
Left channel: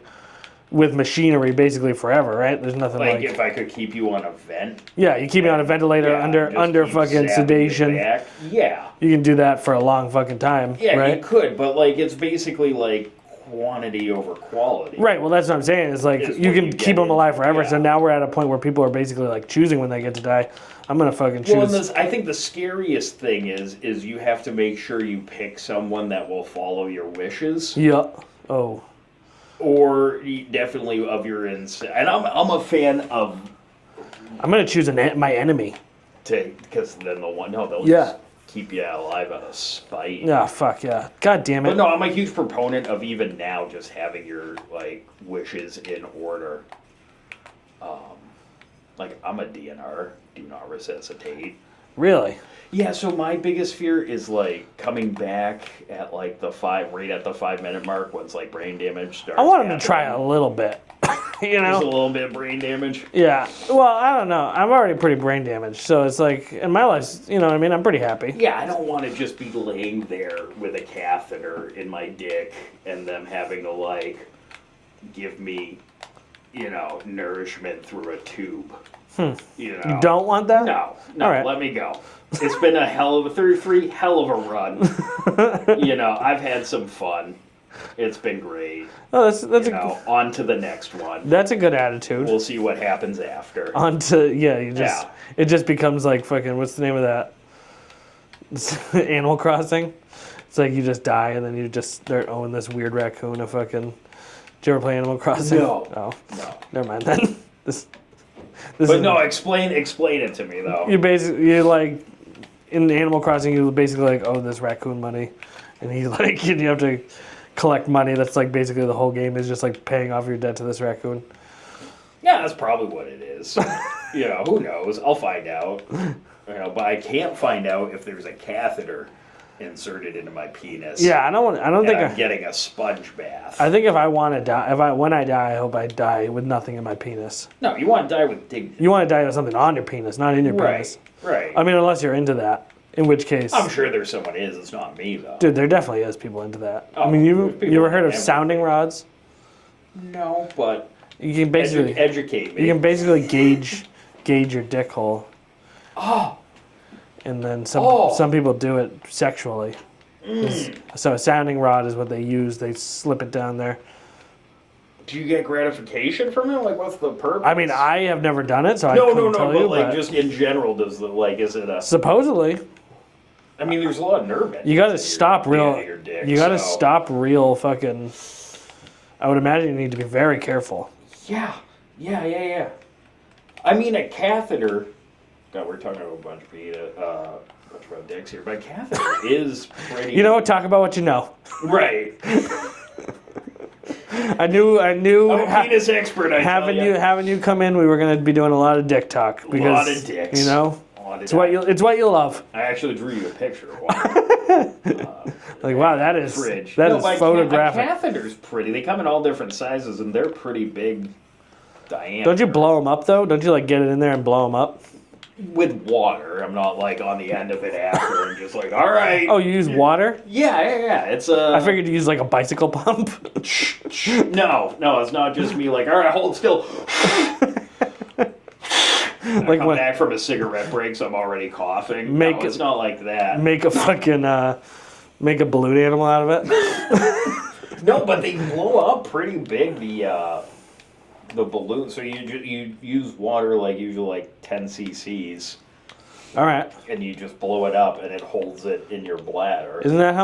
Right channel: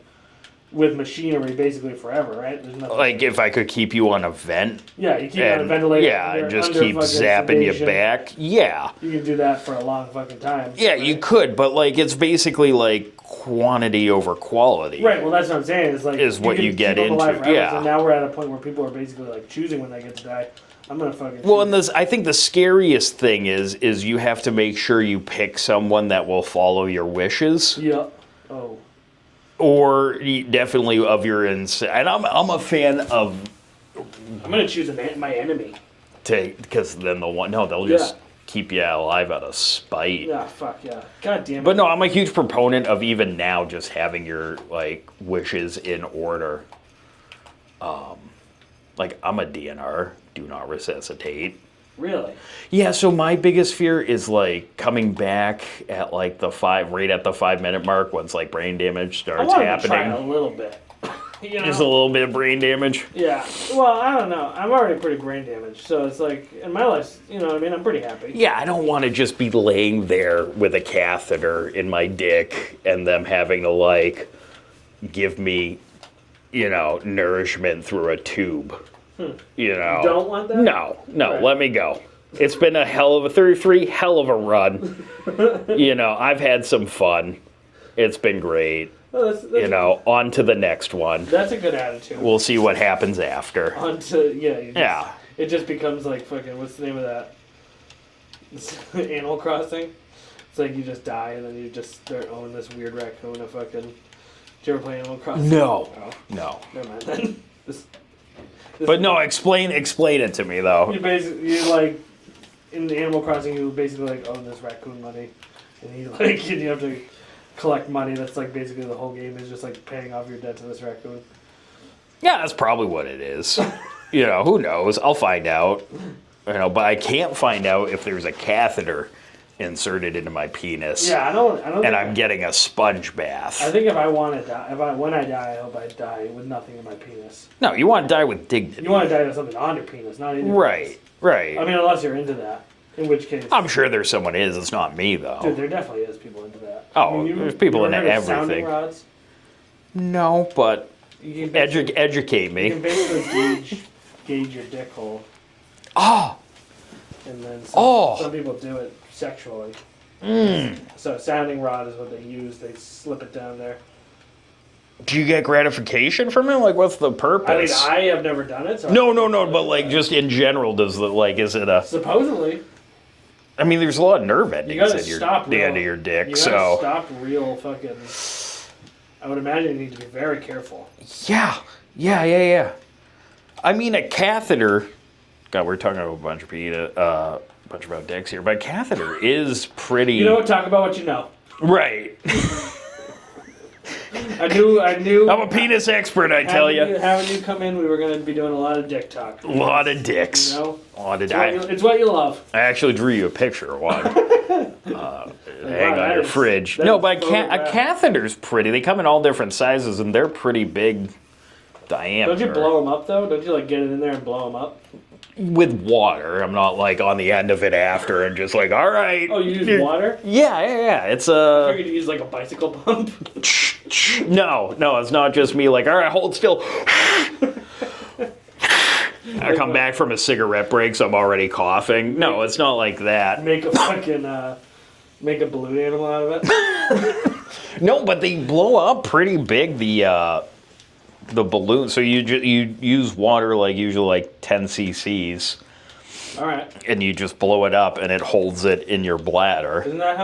with machinery basically forever, right? There's nothing like if I could keep you on a vent. yeah, you keep it on a and, ventilator yeah, under just under keep fucking zapping sedation. you back. Yeah. You can do that for a long fucking time. Yeah, right? you could, but like it's basically like quantity over quality. Right. Well, that's what I'm saying. Is like Is you what can you keep get them alive into, forever. yeah. So now we're at a point where people are basically like choosing when they get to die. I'm gonna fucking choose. Well, and I think the scariest thing is you have to make sure you pick someone that will follow your wishes. Yeah. Oh. Or definitely of your insane. And I'm a fan of I'm gonna choose my enemy. because then they'll Yeah. just keep you alive out of spite. Yeah. Fuck yeah. God damn it. But no, I'm a huge proponent of even now just having your like wishes in order. Like I'm a DNR, do not resuscitate. Really? Yeah, so my biggest fear is like coming back at like right at the 5 minute mark once like brain damage starts I want happening. to try a little bit. You know? Just a little bit of brain damage. Yeah. Well, I don't know. I'm already pretty brain damaged, so it's like in my life, you know what I mean? I'm pretty happy. Yeah, I don't want to just be laying there with a catheter in my dick and them having to like give me, nourishment through a tube. You know. Don't want that? No, All right. let me go. It's been a hell of a 33, hell of a run. I've had some fun. It's been great. Oh, that's On to the next one. that's a good attitude. We'll see what happens after. Yeah. It just becomes like fucking, what's the name of that? Animal Crossing. It's like you just die and then you just start owning this weird raccoon. A fucking. Did you ever play Animal Crossing? No. Oh, No. never mind then. This But is- no, explain it to me though. you like in Animal Crossing you basically like owe this raccoon money, and he like and you have to collect money. That's like basically the whole game is just like paying off your debt to this raccoon. Yeah, that's probably what it is. Who knows? I'll find out. But I can't find out if there's a catheter inserted into my penis. Yeah, I don't And think I'm getting a sponge bath. I think if I want to die, when I die, I hope I die with nothing in my penis. No, you want to die with dignity. You want to die with something on your penis, not in your penis. Right. I mean, unless you're into that, in which case, I'm sure there's someone is. It's not me though. dude, there definitely is people into that. Oh, I mean, there's people you ever into heard of sounding everything. rods? No, but You can basically educate me. you can basically gauge your dick hole. Oh. And then Oh. some people do it sexually. So a sounding rod is what they use. They slip it down there. Do you get gratification from it? Like, what's the purpose? I mean, I have never done it, so No, I couldn't tell but you, like just in general, is it a? supposedly I mean, there's a lot of nerve endings you got to at stop the real. end of your dick. You got to so. stop real fucking. I would imagine you need to be very careful. Yeah. I mean, a catheter. God, we're talking about a bunch about dicks here, but a catheter is pretty. You know what? Talk about what you know. Right. I knew. I'm a penis expert, I tell you. Having you come in, we were going to be doing a lot of dick talk. A lot of dicks. You know, A lot of it's what you love. I actually drew you a picture of one. Like wow, that your is fridge. that No, is but a photographic. catheter's pretty. They come in all different sizes, and they're pretty big diameter. Don't you blow them up though? Don't you like get it in there and blow them up? With water. I'm not like on the end of it after and just like, all right. Oh, you use water? Yeah. It's I figured you use like a bicycle pump. No, it's not just me. Like, all right, hold still. I come back from a cigarette break, so I'm already coughing. No, it's not like that. Make a fucking make a balloon animal out of it. No, but they blow up pretty big. The balloon. So you use water like usually like 10 cc's. All right. And you just blow it up, and it holds it in your bladder. Isn't that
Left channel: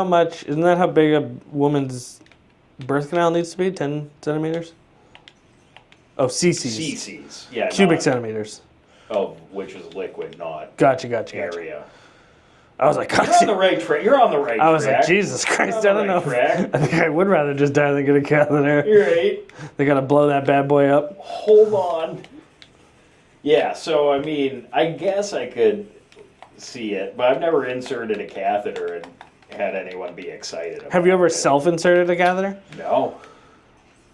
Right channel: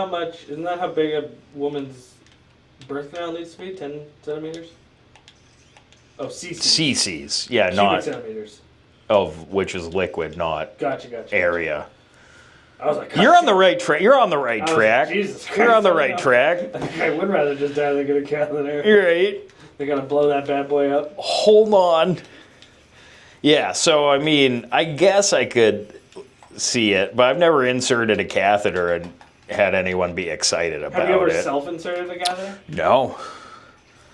how big a woman's birth canal needs to be? 10 centimeters. Oh, cc's. cc's. Yeah, Cubic centimeters. Of which is liquid, not Gotcha. area. I was like, You're on the right track. You're on the right I was track. like, Jesus Christ. You're on the I don't right know. track. I think I would rather just die than get a catheter. You're right. They gotta blow that bad boy up. Hold on. Yeah, so I mean, I guess I could see it, but I've never inserted a catheter and had anyone be excited about it. Have you ever self-inserted a catheter? No.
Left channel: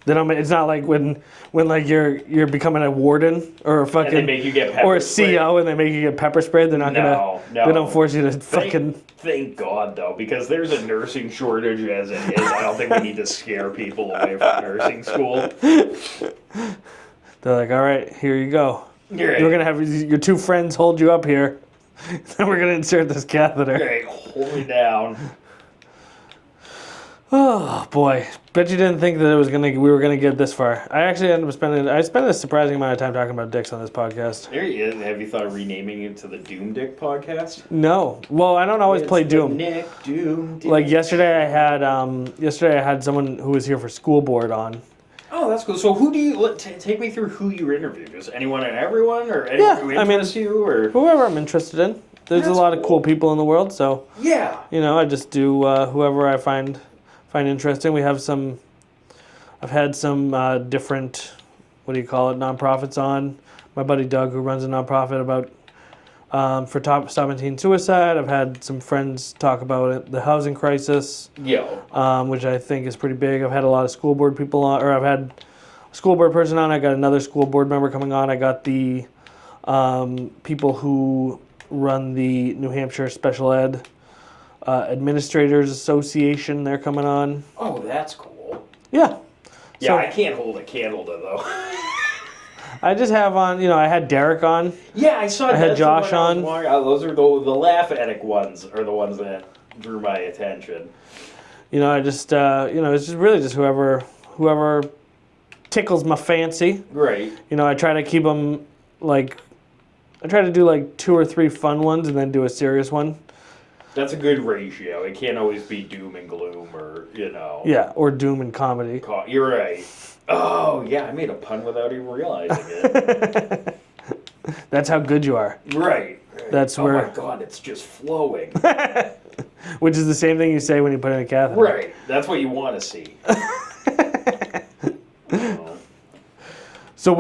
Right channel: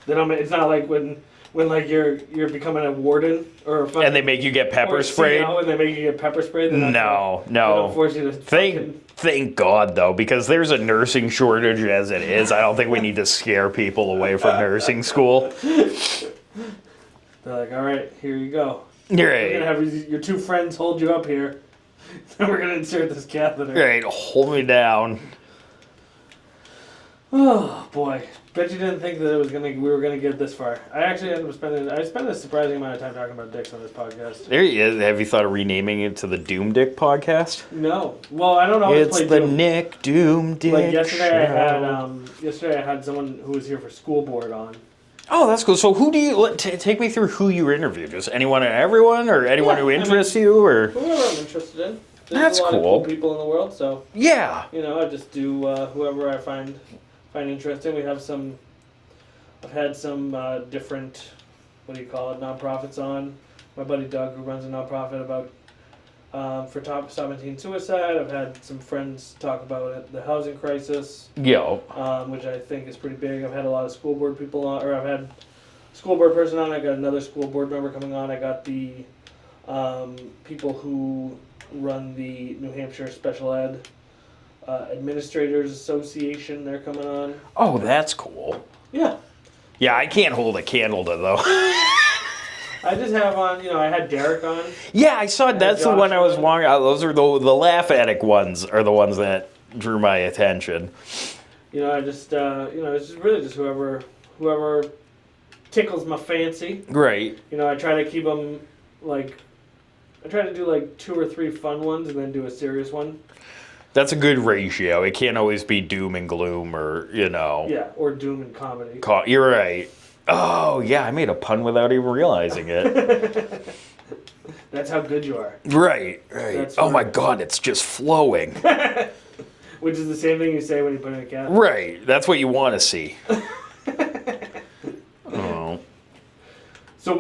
Then it's not like when like you're becoming a warden or a fucking And they make you get pepper or a sprayed? CEO and they make you get pepper sprayed. They're not No. they don't force you to fucking. Thank God, though, because there's a nursing shortage as it is. I don't think we need to scare people away from nursing school. They're like, all right, here you go. Right. You're gonna have your two friends hold you up here, then we're gonna insert this catheter. Right, hold me down. Oh boy, bet you didn't think that we were gonna get this far. I actually ended up I spent a surprising amount of time talking about dicks on this podcast. There he is. Have you thought of renaming it to the Doom Dick podcast? No, well I don't always play the Doom. Nick Doom Dick Like yesterday, show. I had someone who was here for school board on. Oh, that's cool. So who do you take me through who you interviewed? Just anyone and everyone, or anyone who interests you, or whoever I'm interested in. There's That's a lot of cool. cool people in the world, so yeah. I just do whoever I find interesting. I've had some different, nonprofits on. My buddy Doug, who runs a nonprofit about stopping teen suicide. I've had some friends talk about it, the housing crisis, which I think is pretty big. I've had a lot of school board people on, or I've had a school board person on. I got another school board member coming on. I got the people who run the New Hampshire Special Ed Administrators Association. They're coming on. Oh, that's cool. Yeah. Yeah, So- I can't hold a candle to though. I just have on, I had Derek on. Yeah, I saw had that's the Josh one I was on. watching. Those are the laugh addict ones are the ones that drew my attention. I just, it's just really just whoever tickles my fancy. Great. I try to keep them I try to do like 2 or 3 fun ones and then do a serious one. That's a good ratio. It can't always be doom and gloom or, Yeah, or doom and comedy. You're right. Oh, yeah, I made a pun without even realizing it. That's how good you are. Right. That's oh, where- my God, it's just flowing. Which is the same thing you say when you put in a catheter. Right. That's what you want to see. Oh. So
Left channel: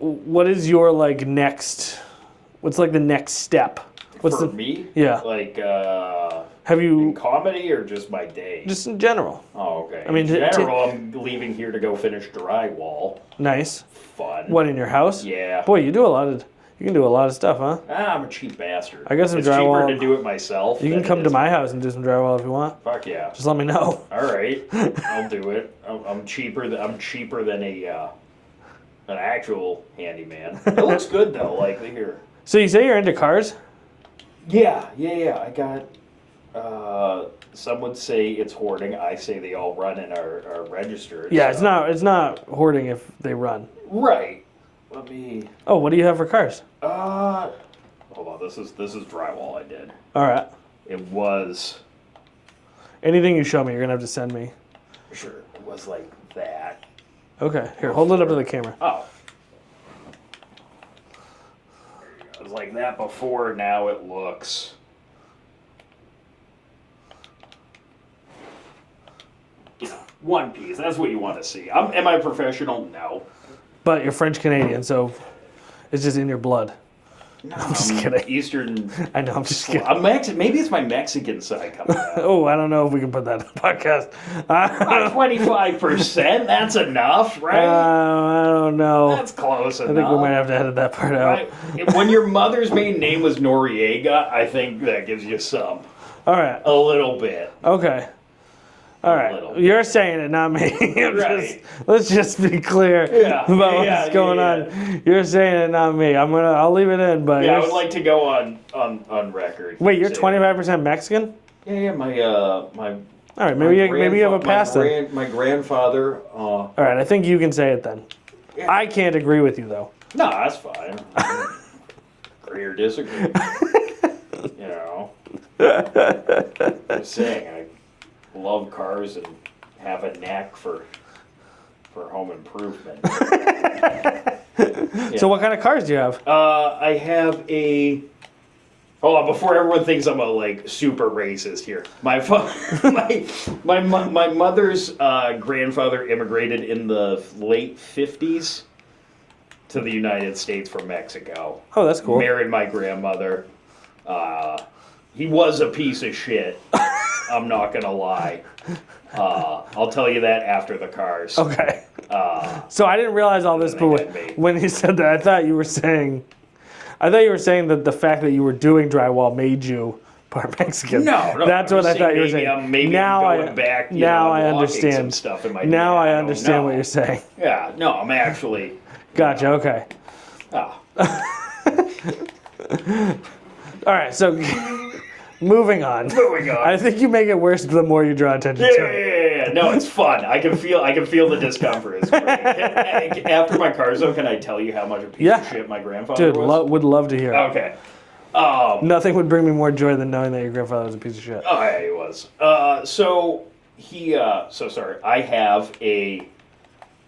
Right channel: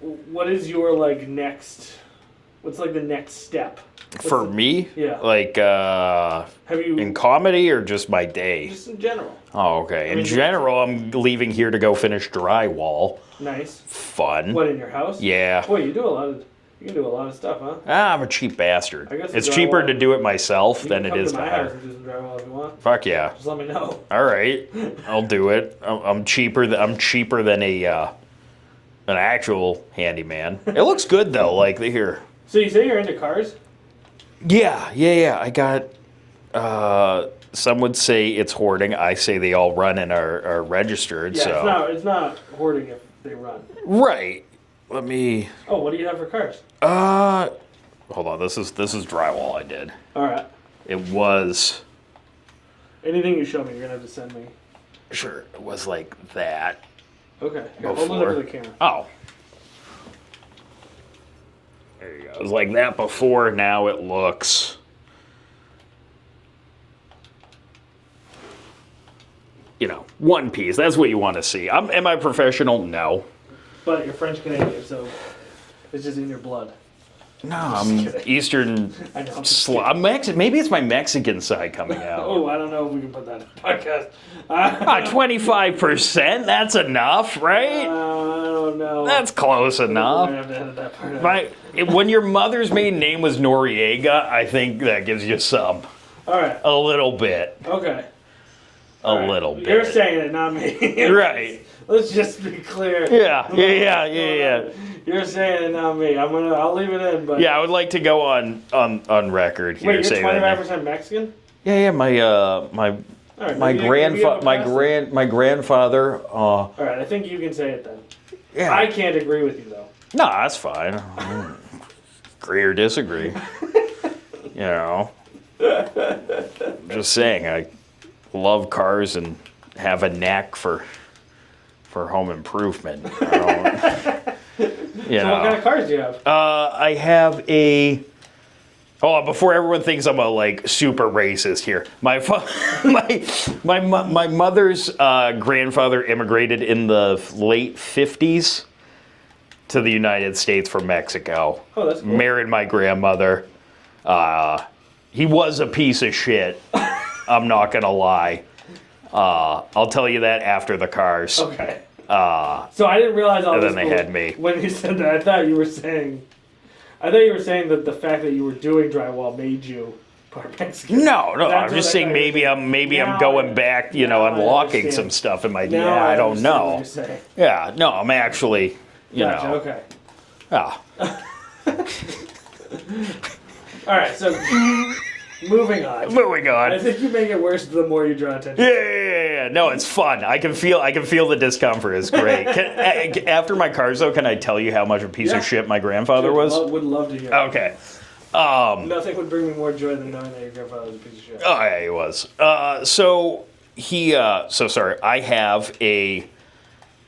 what is your next, what's the next step? For me? Yeah. Have you, In comedy or just my day? just in general? Oh, okay. I mean, in general, I'm leaving here to go finish drywall. Nice. Fun. What, in your house? Yeah. Boy, you can do a lot of stuff, huh? I'm a cheap bastard. I guess it's in cheaper drywall- to do it myself You than can come it to is my hire. house and do some drywall if you want. Fuck yeah. Just let me know. All right. I'll do it. I'm cheaper than an actual handyman. It looks good though. Here. So you say you're into cars? Yeah. I got. Some would say it's hoarding. I say they all run and are registered. Yeah, so. it's not hoarding if they run. Right. Let me. Oh, what do you have for cars? Hold on. This is drywall I did. All right. It was. Anything you show me, you're gonna have to send me. Sure. It was like that. Okay. Here, hold it up to the camera. Oh. There you go. It was like that before. Now it looks. One piece. That's what you want to see. Am I professional? No. But you're French Canadian, so it's just in your blood. No, I'm just kidding. Eastern. I know. I'm just kidding. I'm Maybe it's my Mexican side coming out. Oh, I don't know if we can put that in the podcast. 25%. That's enough, right? I don't know. That's close I think we enough. might have to edit that part out. When your mother's maiden name was Noriega, I think that gives you some. All right. A little bit. Okay. All right. Little bit. You're saying it, not me. Right. Let's just be clear. Yeah, about yeah, what's going on. You're saying it, not me. I'll leave it in, but Yeah, I would like to go on record here. Wait, you're saying that- 25% Mexican? Yeah, my All right, maybe you have a pass then. my grandfather. All right, I think you can say it then. Yeah. I can't agree with you though. No, that's fine. Agree or disagree. Just saying, I love cars and have a knack for home improvement. So what kind of cars do you have? I have a. Hold on, before everyone thinks I'm super racist here. My mother's grandfather immigrated in the late 50s to the United States from Mexico. Oh, that's cool. Married my grandmother. He was a piece of shit. I'm not gonna lie. I'll tell you that after the cars. Okay. So I didn't realize all And this then they but had me. when you said that. I thought you were saying that the fact that you were doing drywall made you part Mexican. No, That's I'm what just I saying thought you were maybe saying. I'm going back, you now know, and I locking understand. some stuff in my DNA. Now I don't understand know. what you're saying. Yeah, no, I'm actually. You Gotcha. know, Okay. ah. All right. So moving on. Moving on. I think you make it worse the more you draw attention Yeah, to it. yeah. No, it's fun. I can feel the discomfort. It's great. After my cars, though, can I tell you how much a piece of shit my grandfather Dude, was? would love to hear. Okay. Nothing would bring me more joy than knowing that your grandfather was a piece of shit. Oh, yeah, he was. So sorry. I have a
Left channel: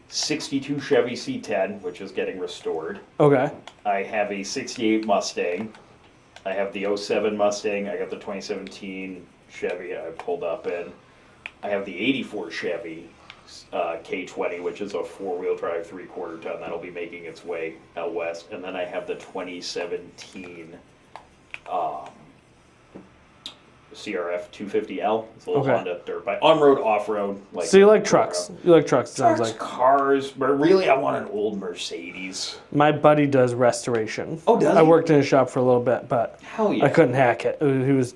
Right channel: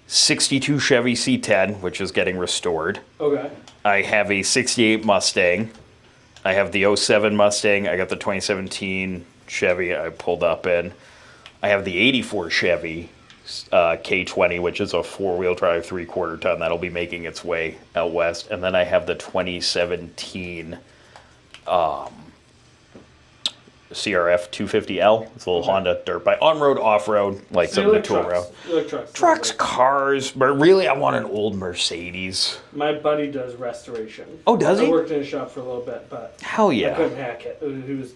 62 Chevy C10, which is getting restored. Okay. I have a 68 Mustang. I have the 07 Mustang. I got the 2017 Chevy I pulled up in. I have the 84 Chevy K20, which is a four-wheel drive, 3/4 ton. That'll be making its way out west. And then I have the 2017 CRF 250L. It's a little Honda dirt bike. On-road, off-road. Like So you something like to tool trucks. around. You like trucks. it sounds Trucks, like. cars, but really I want an old Mercedes. My buddy does restoration. Oh, does I he? worked in a shop for a little bit, but Hell yeah. I couldn't hack it. He was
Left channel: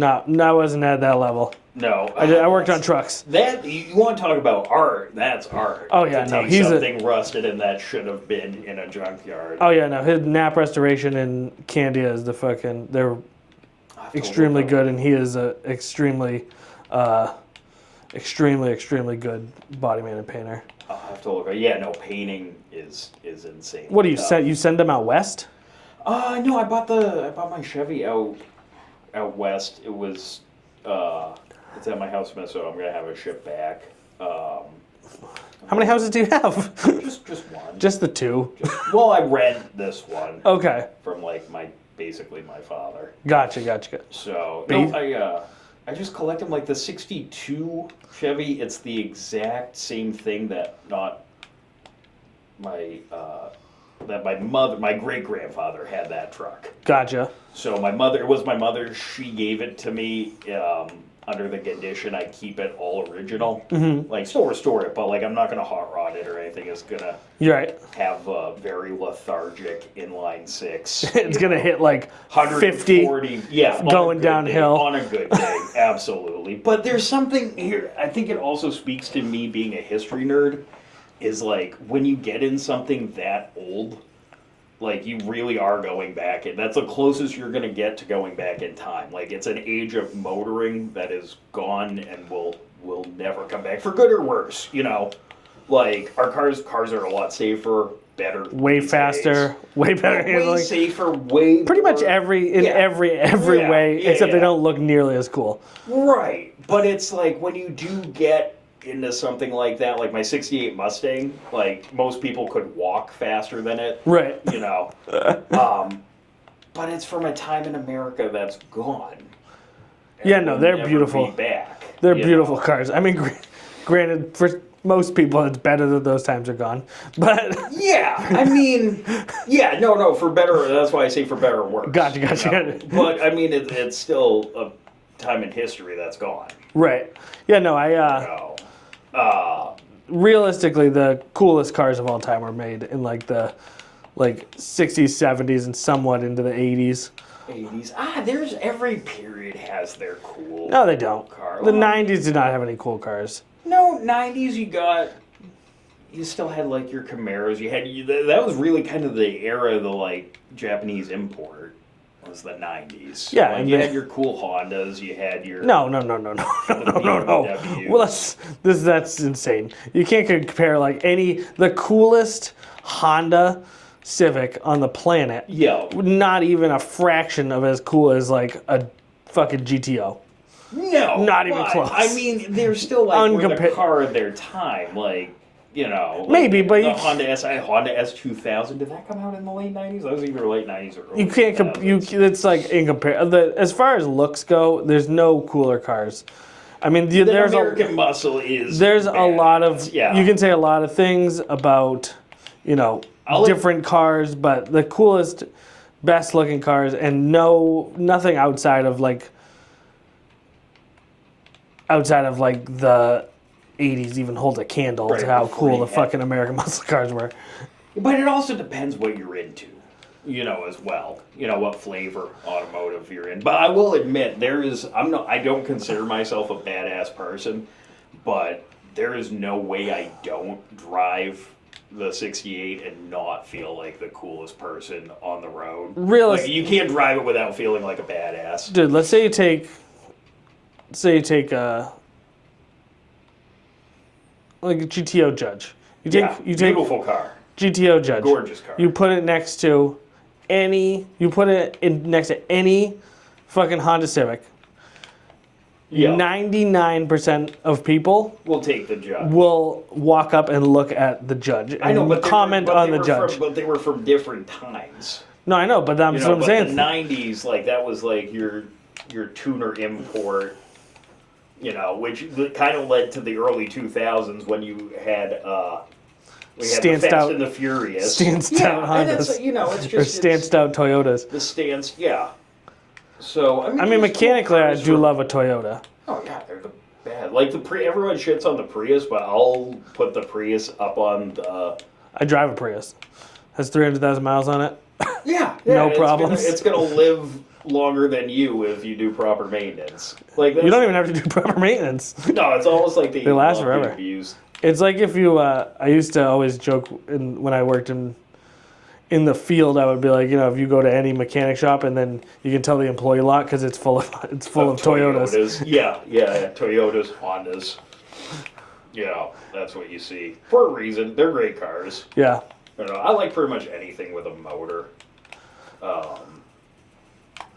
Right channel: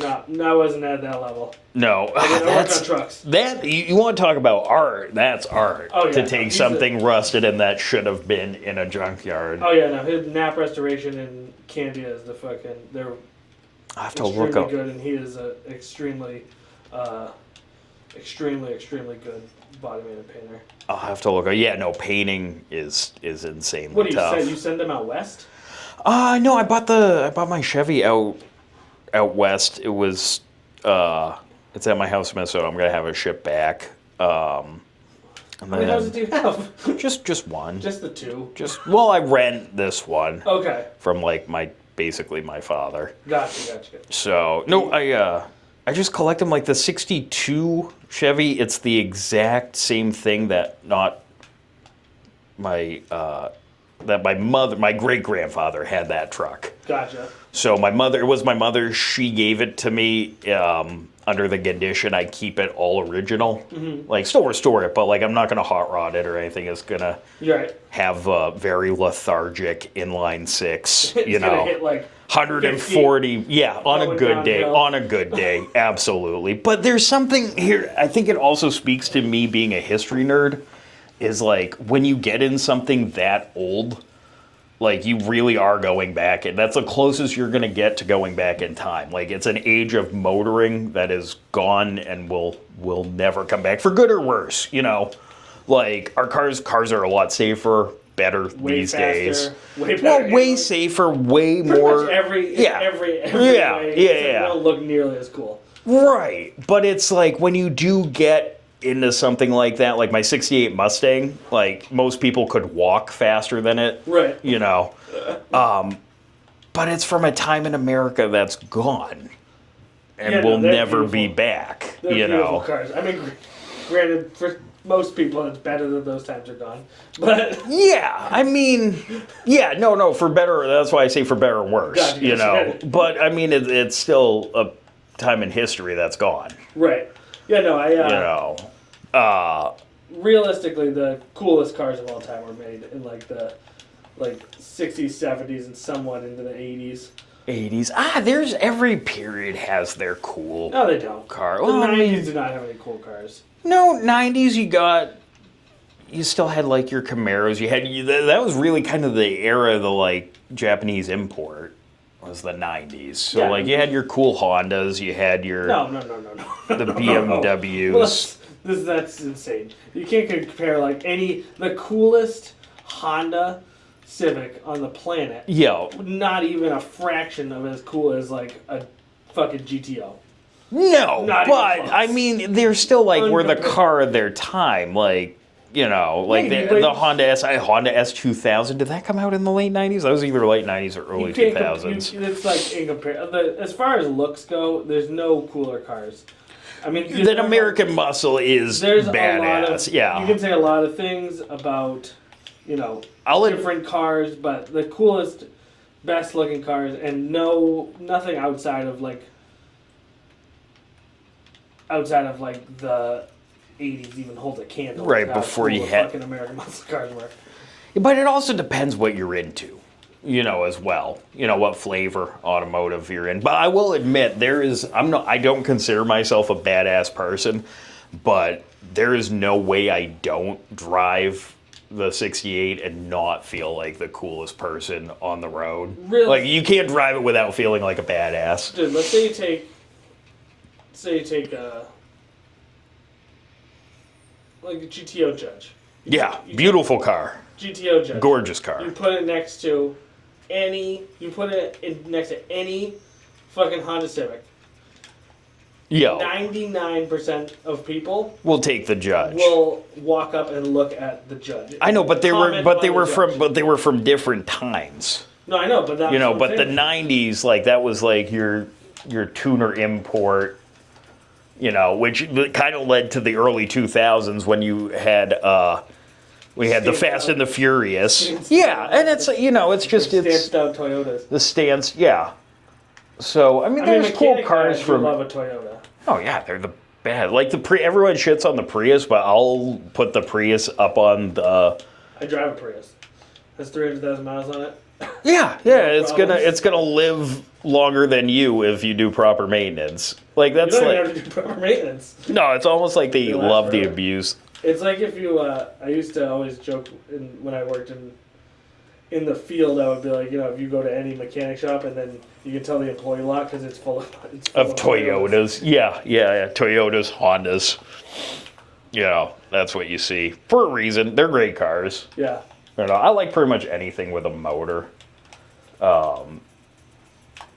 I wasn't at that level. No. I worked on trucks. That you want to talk about art? That's art. Oh, yeah, to no, take he's something rusted and that should have been in a junkyard. Oh yeah, no, his nap restoration in Candia is they're I have to extremely look up. good, and he is a extremely good body man and painter. I'll have to look up. Yeah, no, painting is insane. What do you send? You send them out west? No, I bought my Chevy out west. It was it's at my house in Minnesota. I'm gonna have it shipped back. How many houses do you have? Just one. Just the two. Well, I rent this one Okay. from like basically my father. Gotcha. So no, I just collect them like the '62 Chevy. It's the exact same thing that my great grandfather had that truck. Gotcha. So it was my mother. She gave it to me under the condition I keep it all original. Mm-hmm. Like still restore it, but like I'm not gonna hot rod it or anything. It's gonna You're right. have a very lethargic inline six. It's gonna hit like 140, 50 yeah, on going a good day. downhill. On a good day, absolutely. But there's something here, I think it also speaks to me being a history nerd, is like when you get in something that old, like you really are going back, and that's the closest you're going to get to going back in time. Like it's an age of motoring that is gone and will never come back for good or worse, you know. Like our cars are a lot safer, better, way these faster, days. way better, way like, safer, way pretty more. much every Yeah. way, Yeah, except yeah. they don't look nearly as cool. Right, but it's like when you do get into something like that, like my '68 Mustang, like most people could walk faster than it, Right. you know. But it's from a time in America that's gone, and Yeah, no, will they're never be beautiful. back. They're you beautiful know? cars. I mean, granted, for most people, it's better that those times are gone. But Yeah, I mean, yeah, no, for better. That's why I say for better or worse. Gotcha. You know? But I mean, it's still a time in history that's gone. right. Yeah, no, You know. realistically, the coolest cars of all time were made in like the 60s, 70s, and somewhat into the 80s. 80s. There's every period has their cool. No, they don't. Car. The Well, I 90s mean- did not have any cool cars. No, 90s you still had like your Camaros. That was really kind of the era of the like Japanese import. Was the 90s. So Yeah, like you had your cool Hondas, you had your No. the No. BMWs. Well, that's insane. You can't compare like the coolest Honda Civic on the planet. Yeah. Not even a fraction of as cool as like a fucking GTO. No, Not even but, close. I mean, they're still like were the Uncompar- car of their time. Like, you know, like Maybe, the but Honda S2000. Did that come out in the late 90s? That was either late 90s or early You can't 2000s. it's like in compare as far as looks go, there's no cooler cars. I mean, The there's American muscle is there's a lot of badass, yeah. You can say a lot of things about, I'll- different cars, but the coolest best looking cars, and nothing outside of like the 80s even holds a candle Right, to how before cool you the had- fucking American muscle cars were. But it also depends what you're into, as well. What flavor automotive you're in. But I will admit, I don't consider myself a badass person, but there is no way I don't drive the 68 and not feel like the coolest person on the road. Really? Like, you can't drive it without feeling like a badass. Dude, let's say you take like a GTO Judge. Beautiful car. GTO Judge. Gorgeous car. You put it next to any fucking Honda Civic. Yo. 99% of people We'll take the Judge. will walk up and look at the Judge. I know, and but they comment were on the Judge. they were from different times. No, I know, but that's what I'm But saying. the '90s, like that was like your tuner import, which kind of led to the early 2000s when you had the Stanced Fast out- and the Furious. stanced Yeah, out and it's Hondas. it's just Or stanced out Toyotas. the stance. Yeah. So I mean, there's mechanically, cool I cars do love a Toyota. Oh yeah, they're the bad. Like everyone shits on the Prius, but I'll put the Prius up on the. I drive a Prius. Has 300,000 miles on it. Yeah, No it's problems. it's gonna live longer than you if you do proper maintenance. Like that's You don't like, even have to do proper maintenance. no, it's almost like they last love the forever. abuse. It's like if you, I used to always joke when I worked in the field, I would be like, if you go to any mechanic shop and then you can tell the employee lot because it's full of Toyotas. Yeah, Toyotas, Hondas. That's what you see for a reason. They're great cars. Yeah. I like pretty much anything with a motor.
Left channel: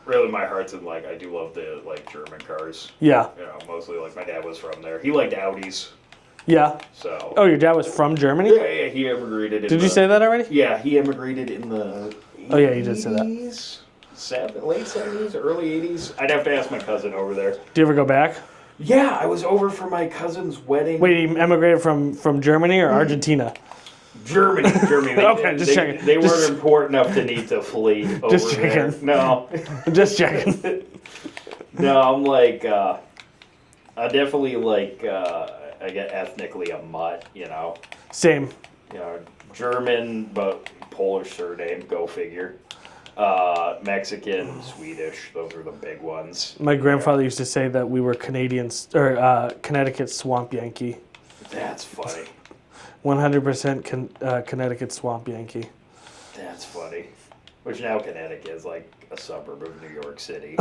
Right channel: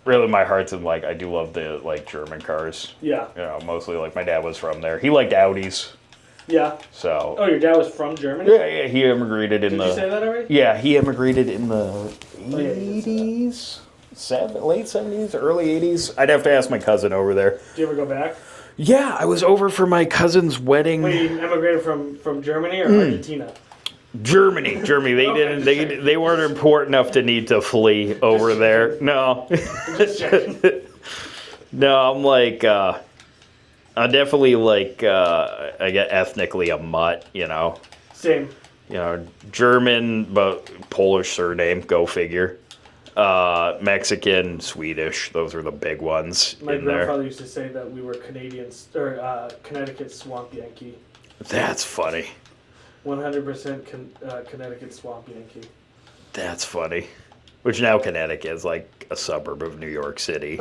Really, my heart's in I do love the German cars. Yeah. Mostly my dad was from there. He liked Audis, Yeah. so. Oh, your dad was from Germany? Yeah, he immigrated in Did you say that already? Yeah, he immigrated in the. Oh, yeah, you did say that. 80s? Late 70s, early 80s. I'd have to ask my cousin over there. Do you ever go back? Yeah, I was over for my cousin's wedding. Wait, you emigrated from Germany or Argentina? Germany. They Okay, just checking. they weren't important enough to need to flee over there. checking. No, Just checking. no. I'm definitely I get ethnically a mutt. Same. German but Polish surname. Go figure. Mexican, Swedish. Those are the big ones. My in there. grandfather used to say that we were Connecticut Swamp Yankee. That's funny. 100% Connecticut Swamp Yankee. That's funny. Which now Connecticut is like a suburb of New York City.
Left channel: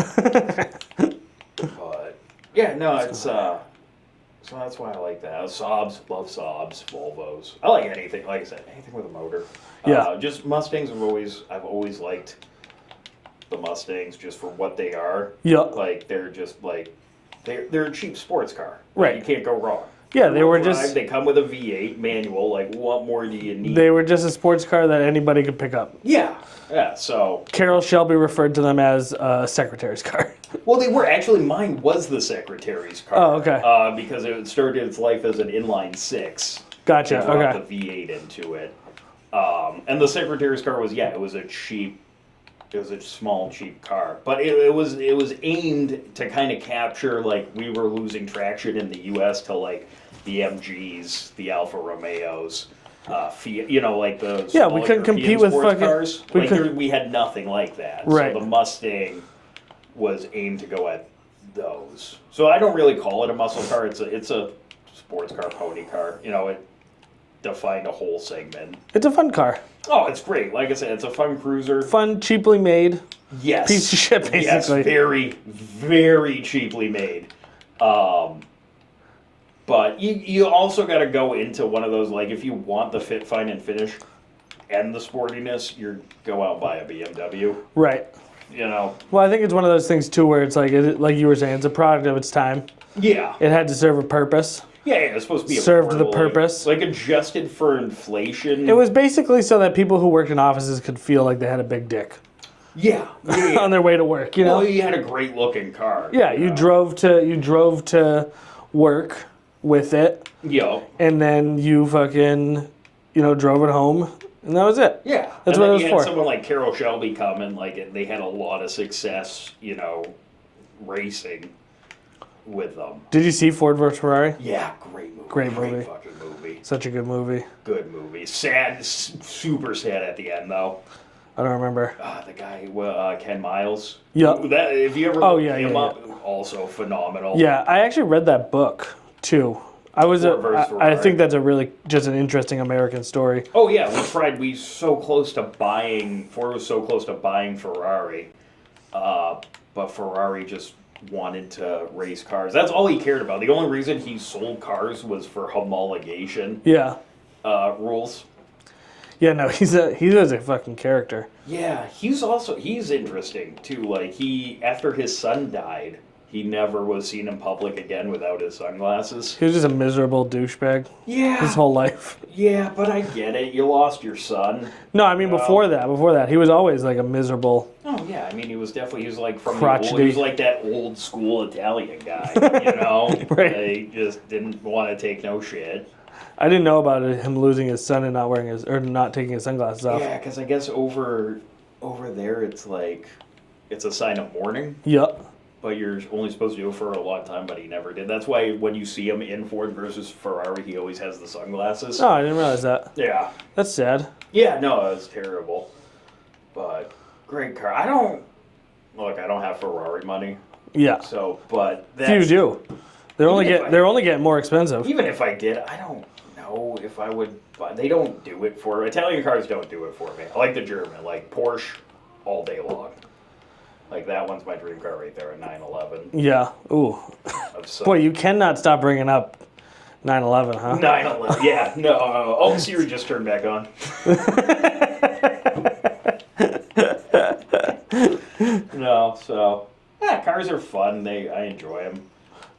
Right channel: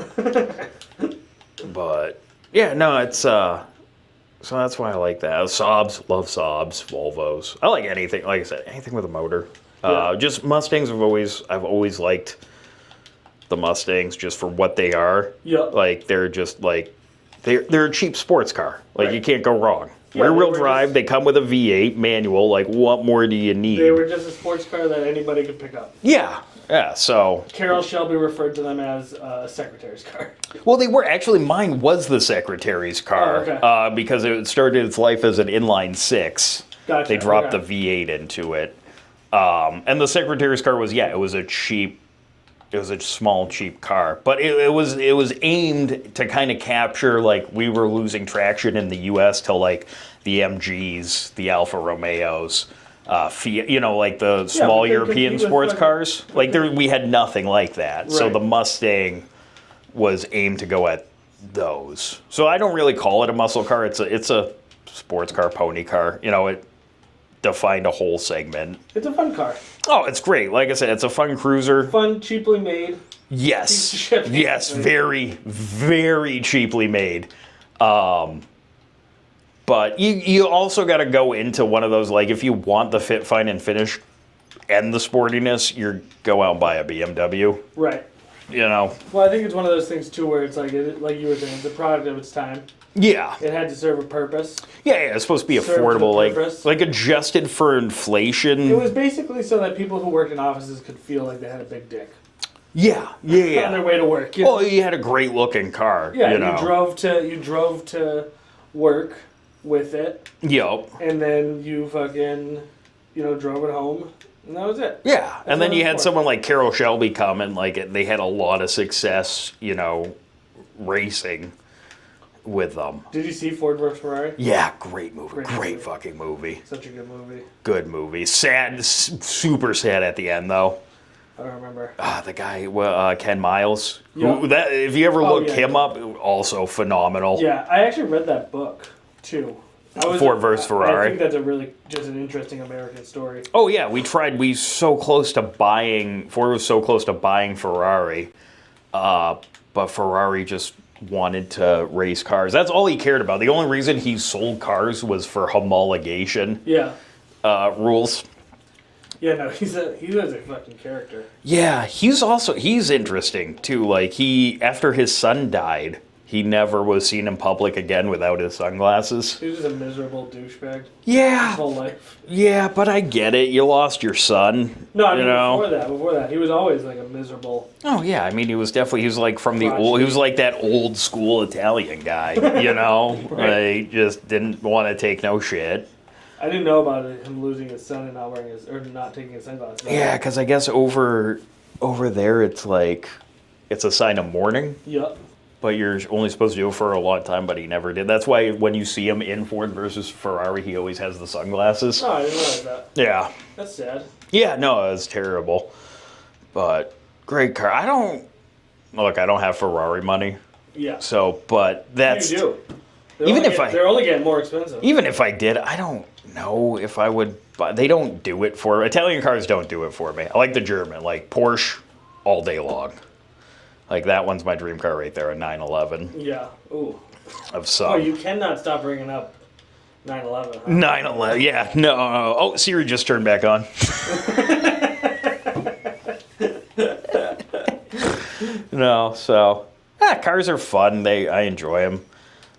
But yeah, no, it's so that's why I like that. Saabs, love Saabs, Volvos. I like anything. Like I said, anything with a motor. Yeah. Just Mustangs. I've always liked the Mustangs just for what they are. Yeah. Like they're just they're a cheap sports car. Right. You can't go wrong. Yeah, they Rear-wheel were drive. just- They come with a V8 manual. What more do you need? They were just a sports car that anybody could pick up. Yeah. So Carroll Shelby referred to them as a secretary's car. well, they were actually. Mine was the secretary's car. Oh, okay. Because it started its life as an inline six. Gotcha, They dropped okay. the V8 into it, and the secretary's car was it was a cheap. It was a small, cheap car, but it was aimed to kind of capture we were losing traction in the U.S. to the MGs, the Alfa Romeos, Fiat, the small we couldn't compete European with sports fucking- cars. we couldn't- We had nothing like that. So Right. the Mustang was aimed to go at those. So I don't really call it a muscle car. It's a sports car, pony car. It defined a whole segment. It's a fun car. Oh, it's great. Like I said, it's a fun cruiser. Fun, cheaply made. Yes. Piece of shit, basically. Yes, very, very cheaply made. But you also got to go into one of those, if you want the fit, fine, and finish and the sportiness, you go out and buy a BMW. Right. Well, Well, I think it's one of those things, too, where it's like you were saying, it's a product of its time. yeah. It had to serve a purpose. Yeah, it's supposed to be Served the affordable. purpose. Adjusted for inflation. It was basically so that people who worked in offices could feel like they had a big dick Yeah. on their way to work. You know? Well, you had a great looking car. Yeah, you know? you drove to work with it, Yo. and then you fucking, drove it home And that was it. Yeah, That's and what then it you was had for. someone like Carroll Shelby come and like they had a lot of success, racing with them. Did you see Ford vs. Ferrari? Yeah, great movie. Great movie. Fucking movie. Such a good movie. Good movie. Sad, super sad at the end though. I don't remember. The guy, Ken Miles. Yeah. If you ever look him up, also phenomenal. Yeah, I actually read that book too. Ford vs. Ferrari. I think that's just an interesting American story. Oh yeah, Ford was so close to buying Ferrari, but Ferrari just wanted to race cars. That's all he cared about. The only reason he sold cars was for homologation rules. Yeah, no, he's a fucking character. Yeah, he's interesting too. Like after his son died, he never was seen in public again without his sunglasses. He was just a miserable douchebag. Yeah. His whole life. Yeah, but I get it. You lost your son. No, I mean before that, he was always like a miserable. Oh yeah, I mean he was like from crotchety. he was like that old school Italian guy, Right. Like just didn't want to take no shit. I didn't know about him losing his son and not taking his sunglasses off. Yeah, because I guess over there it's like it's a sign of mourning. Yep. But you're only supposed to do it for a long time, but he never did. That's why when you see him in Ford versus Ferrari, he always has the sunglasses. Oh, I didn't realize that. Yeah. That's sad. Yeah, no, it was terrible. But great car. I don't have Ferrari money. Yeah. So, but that's... You do. They're only getting more expensive. Even if I did, I don't know if I would... But they don't do it for... Italian cars don't do it for me. I like the German. Like Porsche all day long. Like, that one's my dream car right there, a 911. Yeah. Ooh. Of some. Boy, you cannot stop bringing up 911, huh? 911, yeah. No. Oh, Siri just turned back on. No, so... cars are fun. I enjoy them.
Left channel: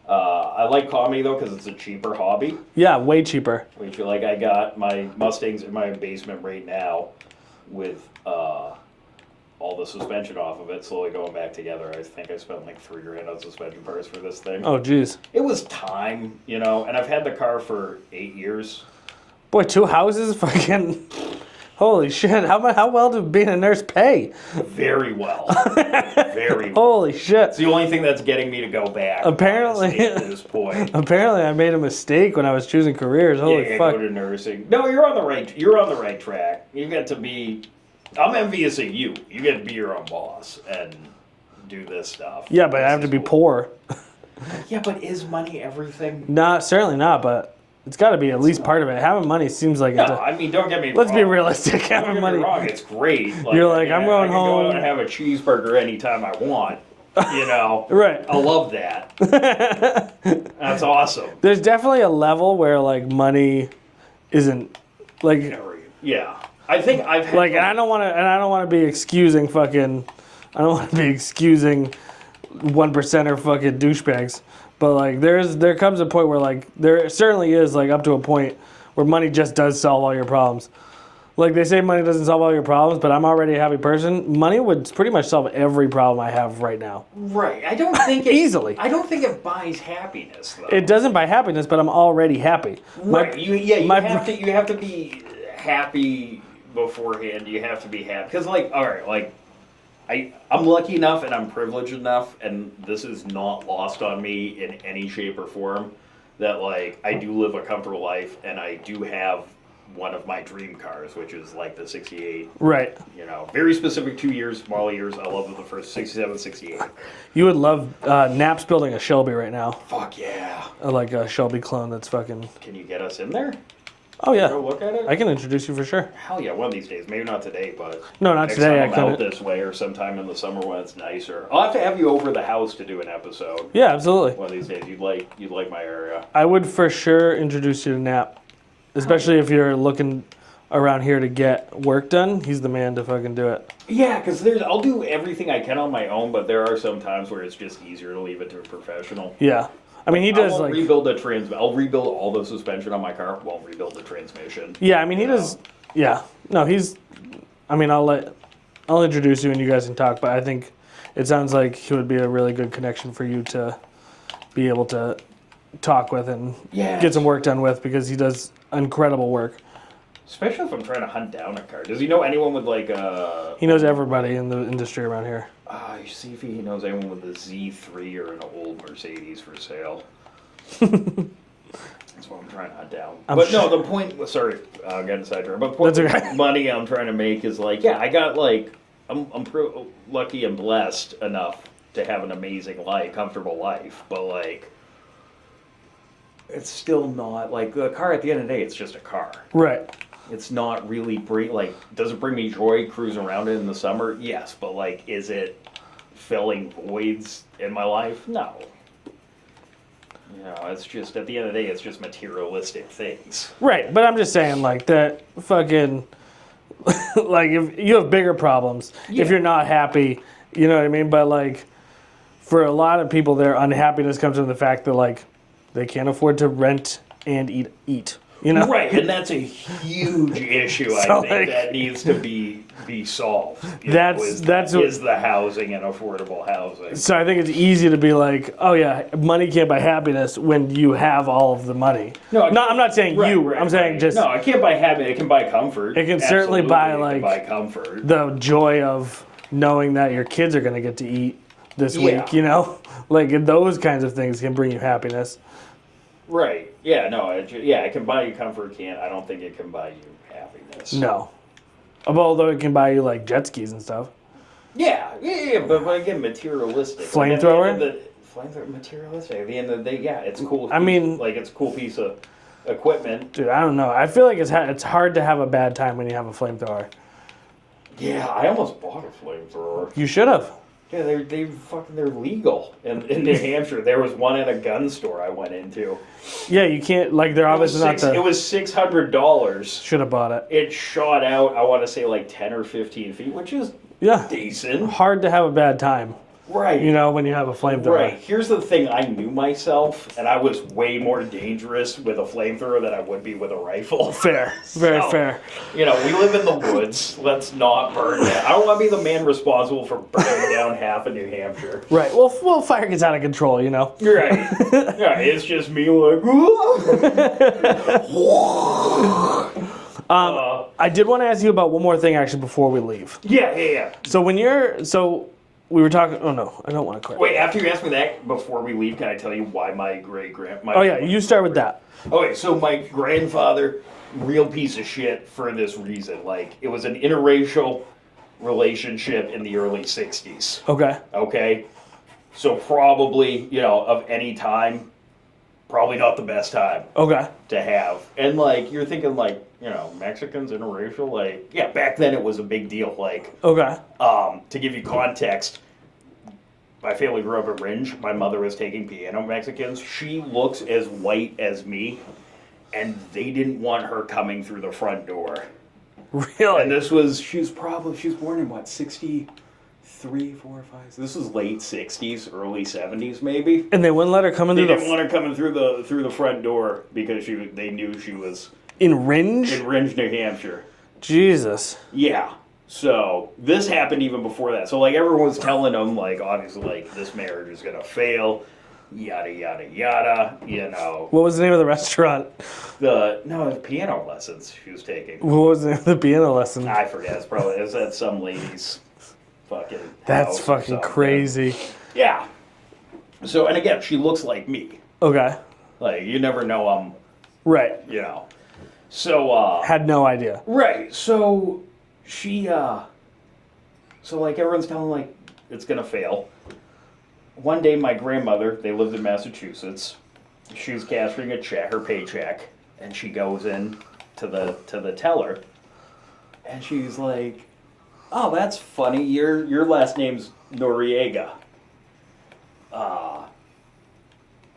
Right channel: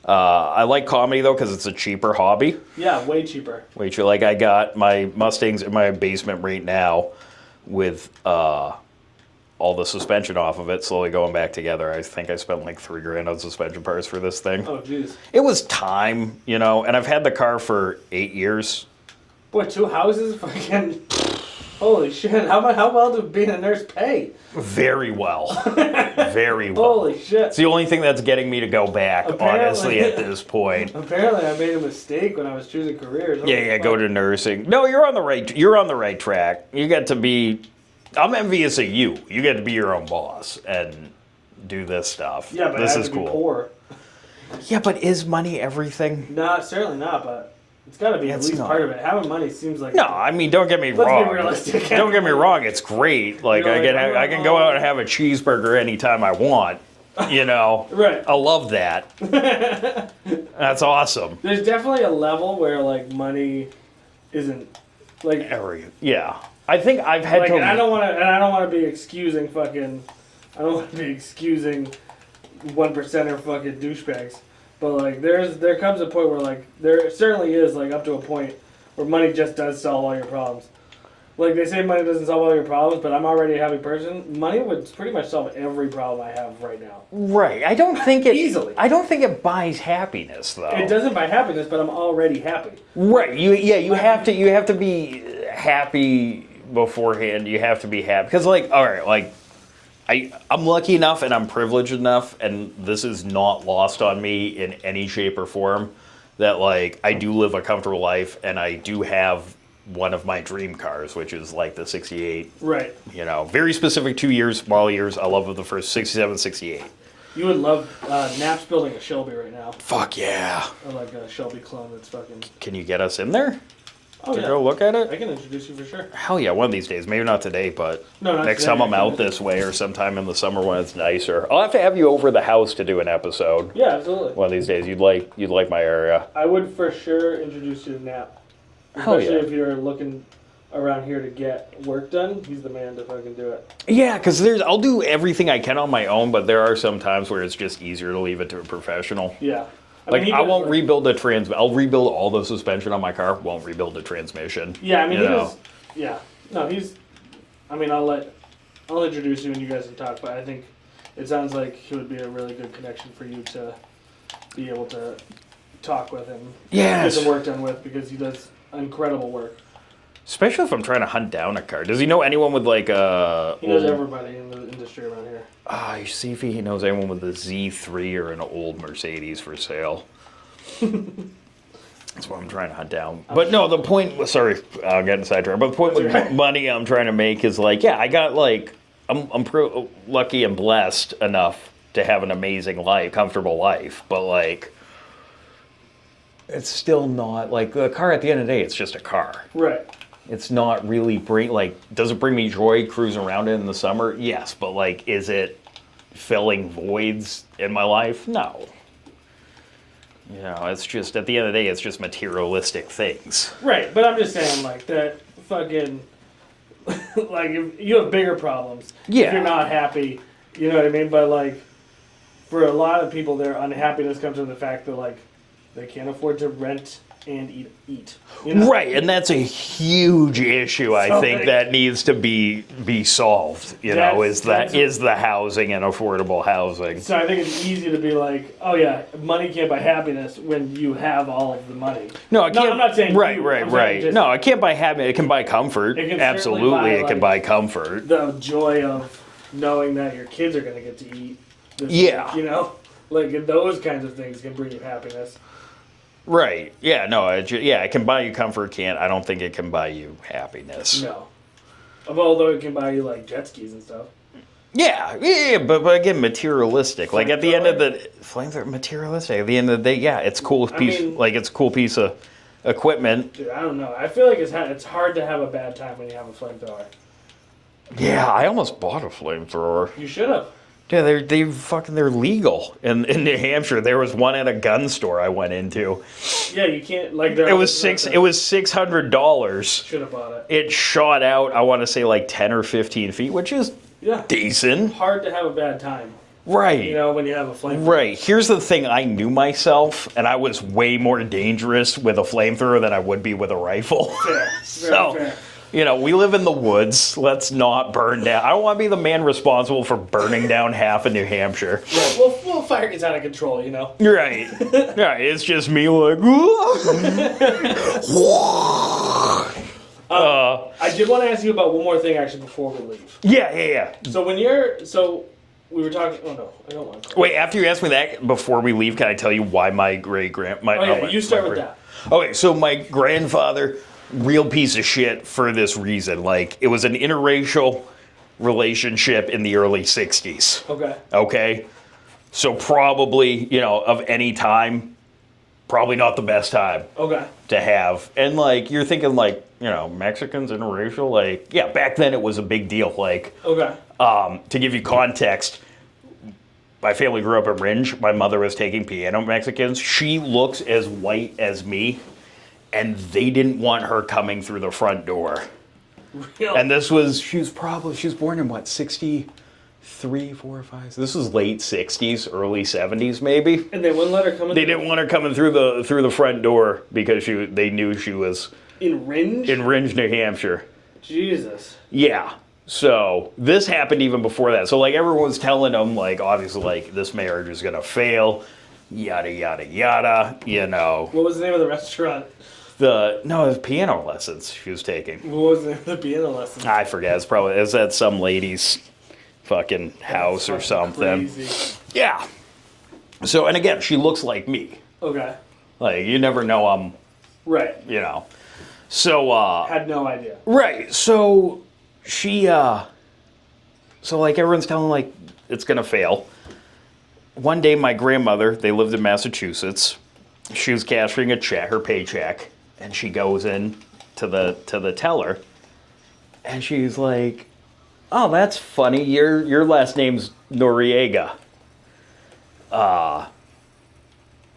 I like comedy, though, because it's a cheaper hobby. Yeah, way cheaper. Way cheaper. Like, I got my Mustangs in my basement right now with... all the suspension off of it, slowly going back together. I think I spent like $3,000 on suspension parts for this thing. Oh, jeez. It was time, and I've had the car for 8 years. Boy, 2 houses? Fucking... Holy shit. How well did being a nurse pay? Very well. Very well. Holy shit. It's the only thing that's getting me to go back, Apparently. honestly, at this point. Apparently, I made a mistake when I was choosing careers. Holy Yeah, fuck. go to nursing. No, you're on the right track. You get to be... I'm envious of you. You get to be your own boss and do this stuff. Yeah, but I have to be poor. Yeah, but is money everything? No, certainly not, but it's got to be at least part of it. Having money seems like... No, I mean, don't get me Let's wrong. be realistic. Don't get me wrong, it's great. Like, You're I like, I'm can going go home. out and have a cheeseburger anytime I want. Right. I love that. That's awesome. There's definitely a level where, like, money isn't... Like, Yeah. I think I've had like, to... and I don't want to be excusing fucking... I don't want to be excusing 1%er fucking douchebags. But, like, there comes a point where, like, there certainly is, like, up to a point where money just does solve all your problems. Like, they say money doesn't solve all your problems, but I'm already a happy person. Money would pretty much solve every problem I have right now. Right. I don't think it... Easily. I don't think it buys happiness, though. It doesn't buy happiness, but I'm already happy. Right. You have to be happy beforehand. You have to be happy. Because, like, all right, like, I'm lucky enough and I'm privileged enough, and this is not lost on me in any shape or form, that, like, I do live a comfortable life, and I do have one of my dream cars, which is, like, the 68. Right. Very specific 2 years, model years. I love the first 67, 68. You would love Nap's building a Shelby right now. Fuck yeah. Like a Shelby clone that's fucking... Can you get us in there? Oh, yeah. Go look at it? I can introduce you for sure. Hell yeah, one of these days. Maybe not today, but No, not next today, time I'm I out couldn't. this way or sometime in the summer when it's nicer. I'll have to have you over the house to do an episode. Yeah, absolutely. One of these days. You'd like my area. I would for sure introduce you to Nap. Especially yeah. if you're looking around here to get work done. He's the man to fucking do it. Yeah, because I'll do everything I can on my own, but there are some times where it's just easier to leave it to a professional. Yeah. I Like, mean, he does... I won't like, rebuild the I'll rebuild all the suspension on my car. Won't rebuild the transmission. Yeah, I mean, he does... Yeah. No, he's... I mean, I'll introduce you and you guys can talk, but I think it sounds like he would be a really good connection for you to be able to talk with and get some work done with, because he does incredible work. Especially if I'm trying to hunt down a car. Does he know anyone with like a... He knows everybody in the industry around here. You see if he knows anyone with a Z3 or an old Mercedes for sale. That's what I'm trying to hunt down. No, the point... Sorry, I'm getting sidetracked. But the point with money I'm trying to make is like, yeah, I got like... I'm lucky and blessed enough to have an amazing life, comfortable life. But like... It's still not... Like, the car at the end of the day, it's just a car. Right. It's not really does it bring me joy cruising around it in the summer? Yes, but like, is it filling voids in my life? No. You know, it's just, at the end of the day, it's just materialistic things. Right, but I'm just saying, like, that fucking, like, if you have bigger problems, if you're not happy, you know what I mean? But, like, for a lot of people, their unhappiness comes from the fact that, like, they can't afford to rent and eat. You know? Right, and that's a huge issue, I think, that needs to be solved. You know, is the housing and affordable housing. So I think it's easy to be like, oh yeah, money can't buy happiness when you have all of the money. No, I'm not saying you. Right, I'm saying just, no, it can't buy happiness. It can buy comfort. It can Absolutely, certainly buy. It can buy comfort. The joy of knowing that your kids are going to get to eat this week. You know, like those kinds of things can bring you happiness. Right. Yeah, no, it can buy you comfort, I don't think it can buy you happiness. No. Although it can buy you, like, jet skis and stuff. Yeah, but again, materialistic. Like, at the end of the... Flamethrower, materialistic. At the end of the day, yeah, it's cool. It's a cool piece of equipment. Dude, I don't know. I feel like it's hard to have a bad time when you have a flamethrower. Yeah, I almost bought a flamethrower. You should have. Yeah, they're legal in New Hampshire. There was one at a gun store I went into. Yeah, you can't like they're It was $600. Should have bought it. It shot out, I want to say like 10 or 15 feet, which is decent. Hard to have a bad time. Right. You know, when you have a flamethrower. Right. Here's the thing, I knew myself, and I was way more dangerous with a flamethrower than I would be with a rifle. Fair. Very fair. You know, we live in the woods. Let's not burn down. I don't want to be the man responsible for burning down half of New Hampshire. Right. Well, fire gets out of control, you know? Right. Right. It's just me like, I did want to ask you about one more thing, actually, before we leave. Yeah. So we were talking. Oh no, I don't want to. Wait, after you ask me that, before we leave, can I tell you why my you start with that. Okay, so my grandfather, real piece of shit for this reason. Like, it was an interracial relationship in the early 60s. Okay? So probably, of any time, probably not the best time. To have. And, like, you're thinking, like, Mexicans, interracial, like, yeah, back then it was a big deal. Like, to give you context, my family grew up in Ringe. My mother was taking piano Mexicans. She looks as white as me, and they didn't want her coming through the front door. Really? And she was born in what, 63, 4, 5? So this was late 60s, early 70s maybe. And they wouldn't let her come in. They didn't want her coming through the front door because they knew she was in Ringe? In Ringe, New Hampshire. Jesus. Yeah. So this happened even before that. So like everyone was telling them, like, obviously, like, this marriage is gonna fail, yada yada yada. What was the name of the restaurant? It was piano lessons she was taking. What was the name of the piano lesson? I forget. It's at some lady's fucking house or something. Crazy. Yeah. So, and again, she looks like me. Okay. Like, you never know I'm. Right. So. Had no idea. Right. So. She, so like everyone's telling like it's gonna fail. One day my grandmother, they lived in Massachusetts, she was cashing a check, her paycheck, and she goes in to the teller, and she's like, "Oh, that's funny. Your last name's Noriega."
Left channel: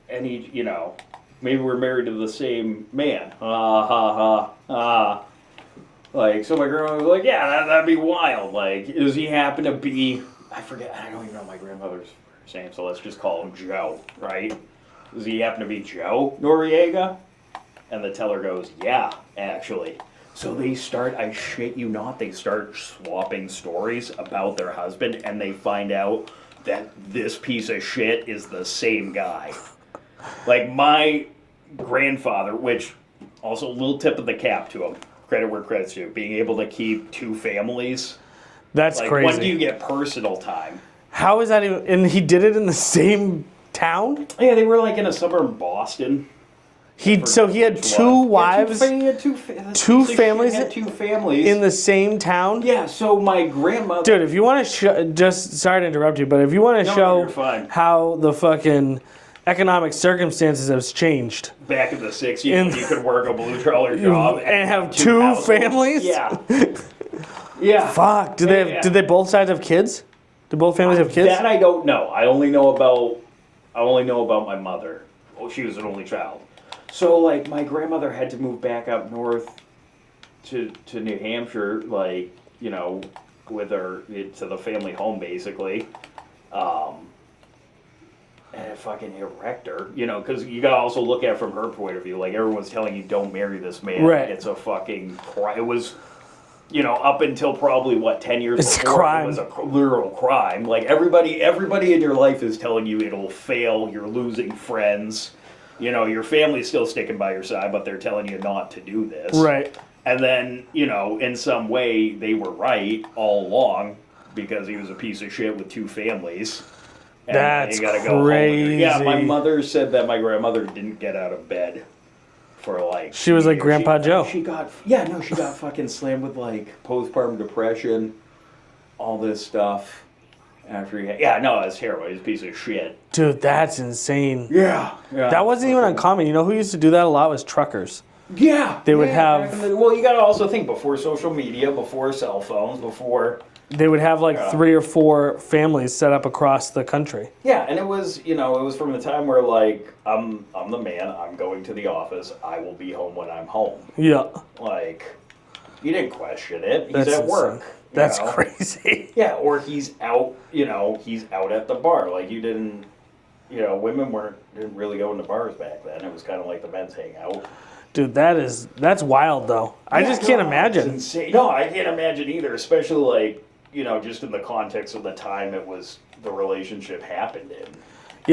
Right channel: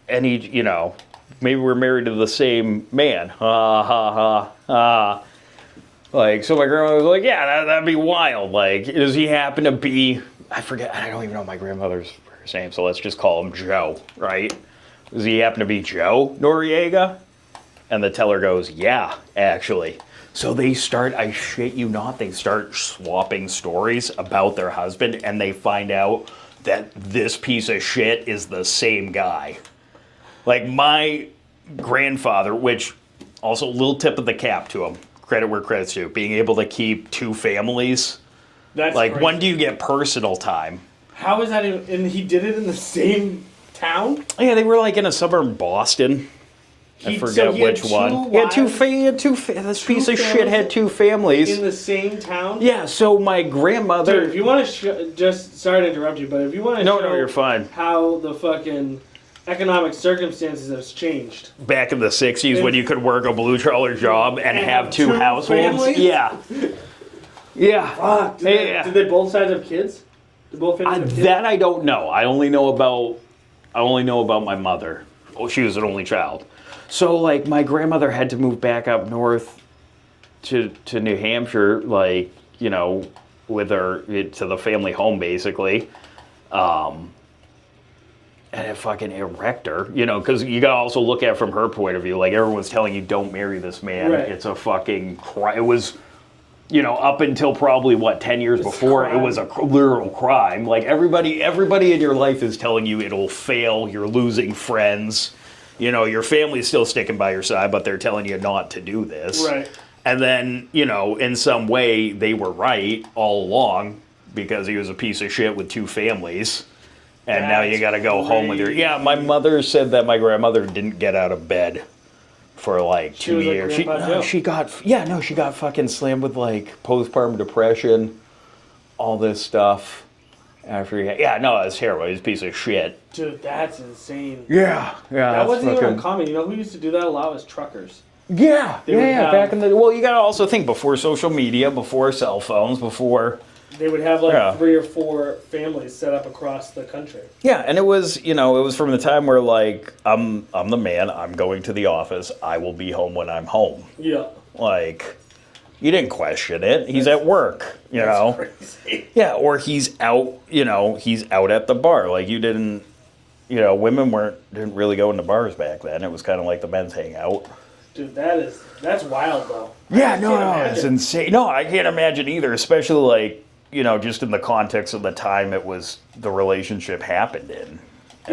And he, maybe we're married to the same man. Ha ha ha ha. Like, so my grandmother was like, yeah, that'd be wild. Like, does he happen to be, I forget, I don't even know my grandmother's first name, so let's just call him Joe, right? Does he happen to be Joe Noriega? And the teller goes, yeah, actually. So they start, I shit you not, they start swapping stories about their husband, and they find out that this piece of shit is the same guy. Like, my grandfather, which, also a little tip of the cap to him, credit where credit's due. Being able to keep 2 families. That's Like, crazy. when do you get personal time? How is that even? And he did it in the same town? Yeah, they were like in a suburb in Boston. He had two wives This Two piece of shit families had 2 families. in the same town? Yeah, so my grandmother... Dude, if you want to just sorry to interrupt you, but if you want to No, show you're fine. how the fucking economic circumstances has changed. Back in the 60s when you could work a blue-collar job and have 2 households. families? Yeah. Yeah. Fuck. Did they both sides have kids? Did both families have kids? That I don't know. I only know about my mother. Oh, she was an only child. So, like, my grandmother had to move back up north to New Hampshire, like, you know, with her to the family home, basically. And it wrecked her, you know, because you got to also look at it from her point of view. Like, everyone's telling you, don't marry this man. Right. It's a fucking crime. It was, you know, up until probably, 10 years before, it was a literal crime. Like, everybody in your life is telling you it'll fail, you're losing friends. You know, your family's still sticking by your side, but they're telling you not to do this. Right. And then, you know, in some way, they were right all along because he was a piece of shit with 2 families. And now you got to go home with your... Yeah, my mother said that my grandmother didn't get out of bed for, like, She was like years. Grandpa Joe. She got fucking slammed with, like, postpartum depression, all this stuff. After he had... Yeah, no, it's terrible. He's a piece of shit. Dude, that's insane. Yeah. That wasn't even uncommon. You know who used to do that a lot was truckers. Yeah, They would have... back in the... Well, you got to also think, before social media, before cell phones, before... They would have like 3 or 4 families set up across the country. Yeah, and it was, you know, it was from the time where, like, I'm the man, I'm going to the office, I will be home when I'm home. Yeah. Like, you didn't question it. He's That's at work. You That's know? crazy. Yeah, or he's out, you know, he's out at the bar. Like, you didn't, you know, women didn't really go into bars back then. It was kind of like the men's hangout. Dude, that's wild though. I just can't imagine. It's insane. No, I can't imagine either, especially like, you know, just in the context of the time the relationship happened in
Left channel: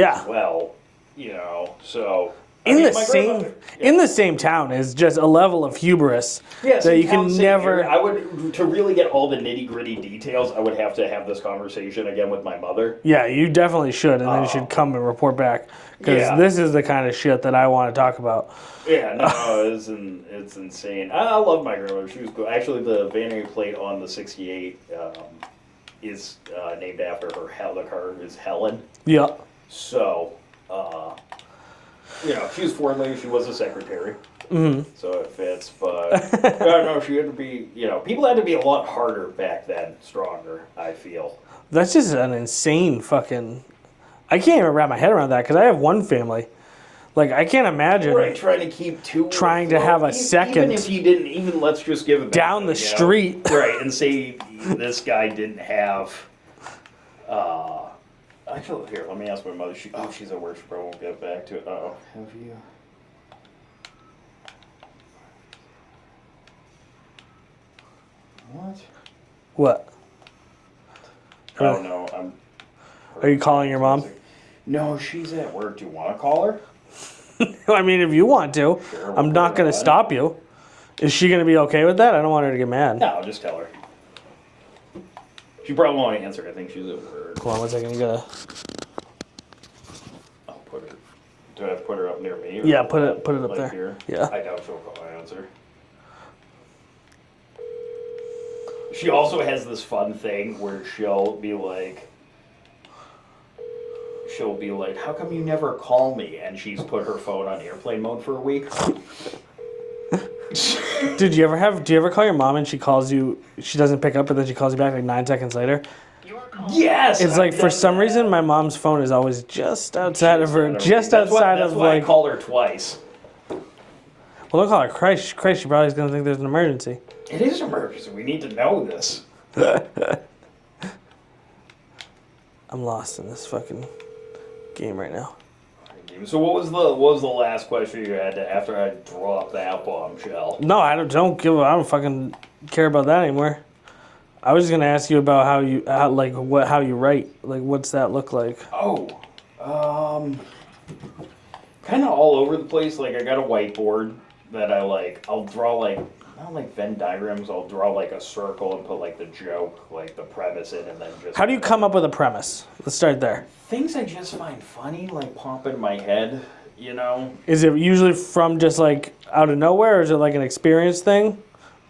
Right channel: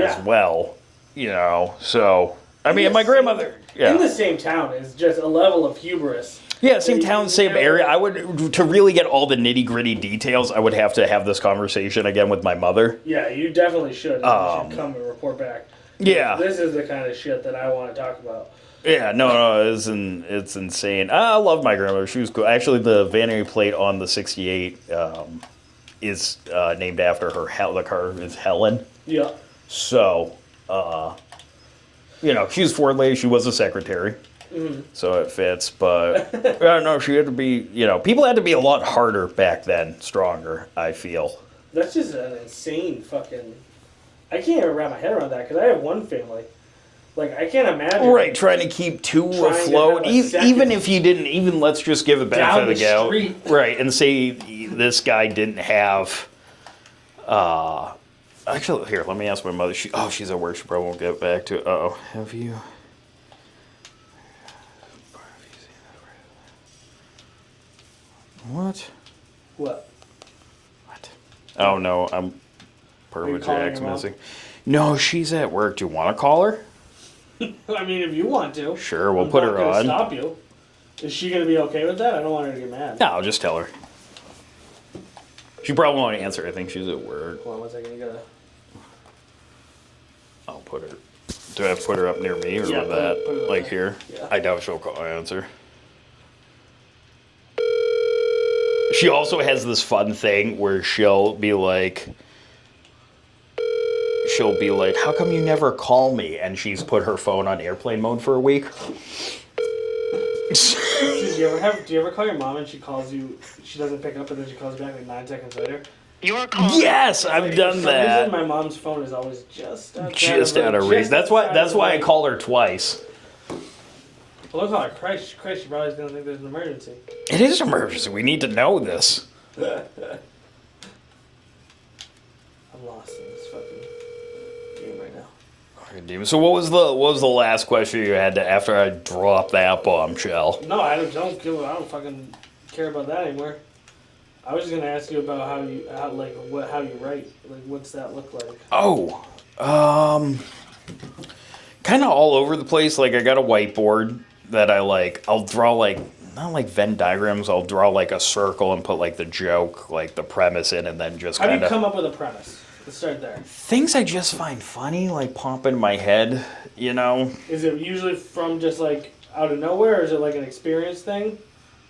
as well, you know, so... I mean, my grandmother... In the same town is just a level of hubris. Yeah, same town, same area. To really get all the nitty-gritty details, I would have to have this conversation again with my mother. Yeah, you definitely should, and then you should come and report back. Because this is the kind of shit that I want to talk about. Yeah, no, it's insane. I love my grandmother. She was cool. Actually, the vanity plate on the 68 is named after her. The car is Helen. Yeah. So, you know, she was foreign lady. She was a secretary. Mm-hmm. So it fits. But, no, she had to be, you know, people had to be a lot harder back then, stronger, I feel. That's just an insane fucking... I can't even wrap my head around that because I have one family. Like, I can't imagine. Right, trying to keep 2 trying afloat. to have a second. Even if you didn't, even let's just give it down benefit the of the street. doubt. Right, and say this guy didn't have... actually, here, let me ask my mother. She's at work. She probably won't get back to it. Uh-oh. Have you... What? What? Oh, no, I'm... Are you calling your mom? No, she's at work. Do you want to call her? I mean, if you want to. Sure, we'll I'm put not her going to on. stop you. Is she going to be okay with that? I don't want her to get mad. No, I'll just tell her. She probably won't answer. I think she's at work. Hold on 1 second. You gotta... I'll put her... Do I have to put her up near me? Or Yeah, that? put it up like there. here? Yeah. I doubt she'll call answer. She also has this fun thing where she'll be like, how come you never call me? And she's put her phone on airplane mode for a week. Do you ever call your mom and she calls you, she doesn't pick up, but then she calls you back like 9 seconds later? Yes, it's I've like for done some that. reason my mom's phone is always just outside of her. That's why I call her twice. Well, don't call her Christ, she probably is going to think there's an emergency. It is an emergency. We need to know this. I'm lost in this fucking game right now. So what was the last question you had after I dropped that bombshell? No, I don't fucking care about that anymore. I was just gonna ask you about how you write. Like, what's that look like? Oh, kind of all over the place. Like, I got a whiteboard that I'll draw like not like Venn diagrams. I'll draw like a circle and put like the joke, like the premise in, and then just How do you come up with a premise? Let's start there. things I just find funny, like pop in my head. You know, Is it usually from just like out of nowhere, or is it like an experience thing?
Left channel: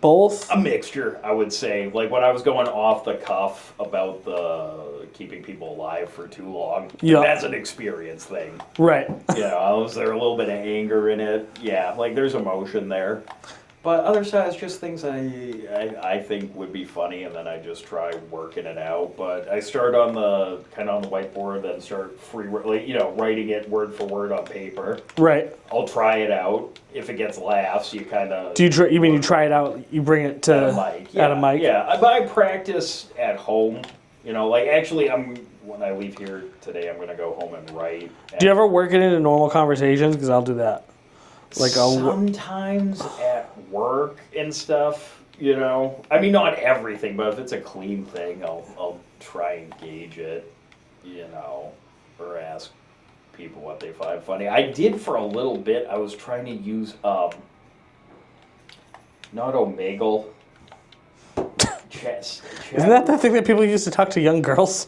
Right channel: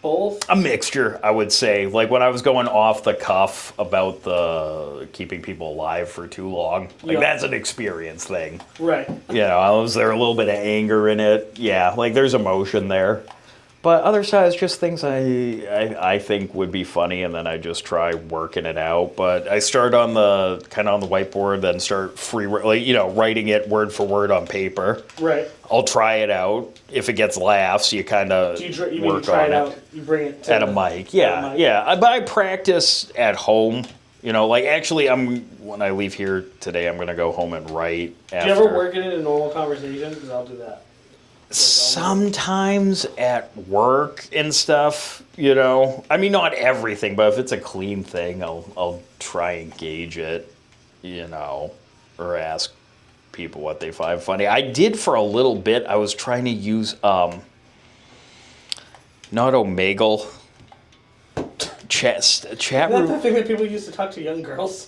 Both? a mixture, I would say. Like when I was going off the cuff about the keeping people alive for too long, like, Yeah. that's an experience thing. Right. You know, I was there a little bit of anger in it. Yeah, like there's emotion there. But other sides, just things I think would be funny, and then I just try working it out. But I start on the kind of on the whiteboard, then start writing it word for word on paper. Right. I'll try it out. If it gets laughs, you kind of. Do you try? You mean you try it out? You bring it to at a mic? Yeah, At a mic? yeah. But I practice at home. You know, like actually, when I leave here today, I'm gonna go home and write. Do you ever work it into normal conversations? Because I'll do that. Like Sometimes at work and stuff, you know. I mean, not everything, but if it's a clean thing, I'll try and gauge it, you know, or ask people what they find funny. I did for a little bit. I was trying to use not Omegle. Isn't that the thing that people used to talk to young girls?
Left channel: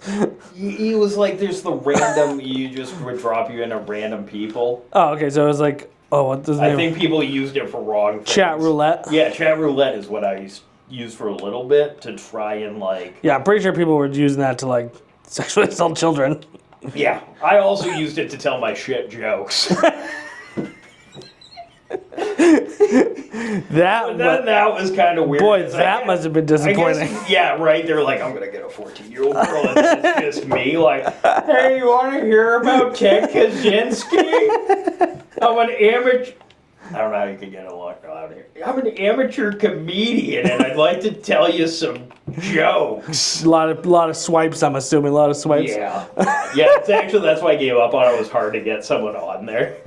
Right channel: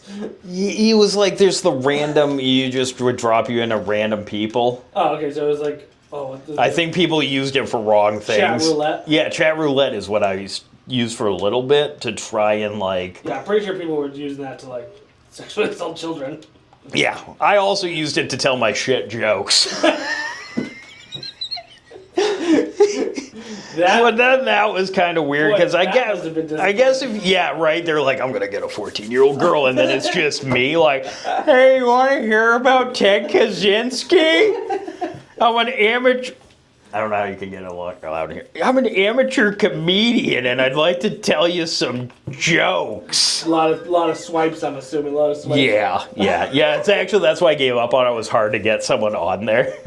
He was like, there's the random. You just would drop you into random people. Oh, okay. So it was like, what does I think people used it for wrong things. Chat roulette? Yeah, chat roulette is what I used for a little bit to try and like. Yeah, I'm pretty sure people were using that to like sexually assault children. Yeah, I also used it to tell my shit jokes. That was kind of weird because that must have been disappointing. Yeah, right. They're like, I'm gonna get a 14-year-old girl, and then it's just me like, hey, you want to hear about Ted Kaczynski? I'm an amateur. I don't know how you can get a lot out here. I'm an amateur comedian, and I'd like to tell you some jokes. A lot of swipes. I'm assuming a lot of swipes. Yeah. It's actually that's why I gave up on it. It was hard to get someone on there.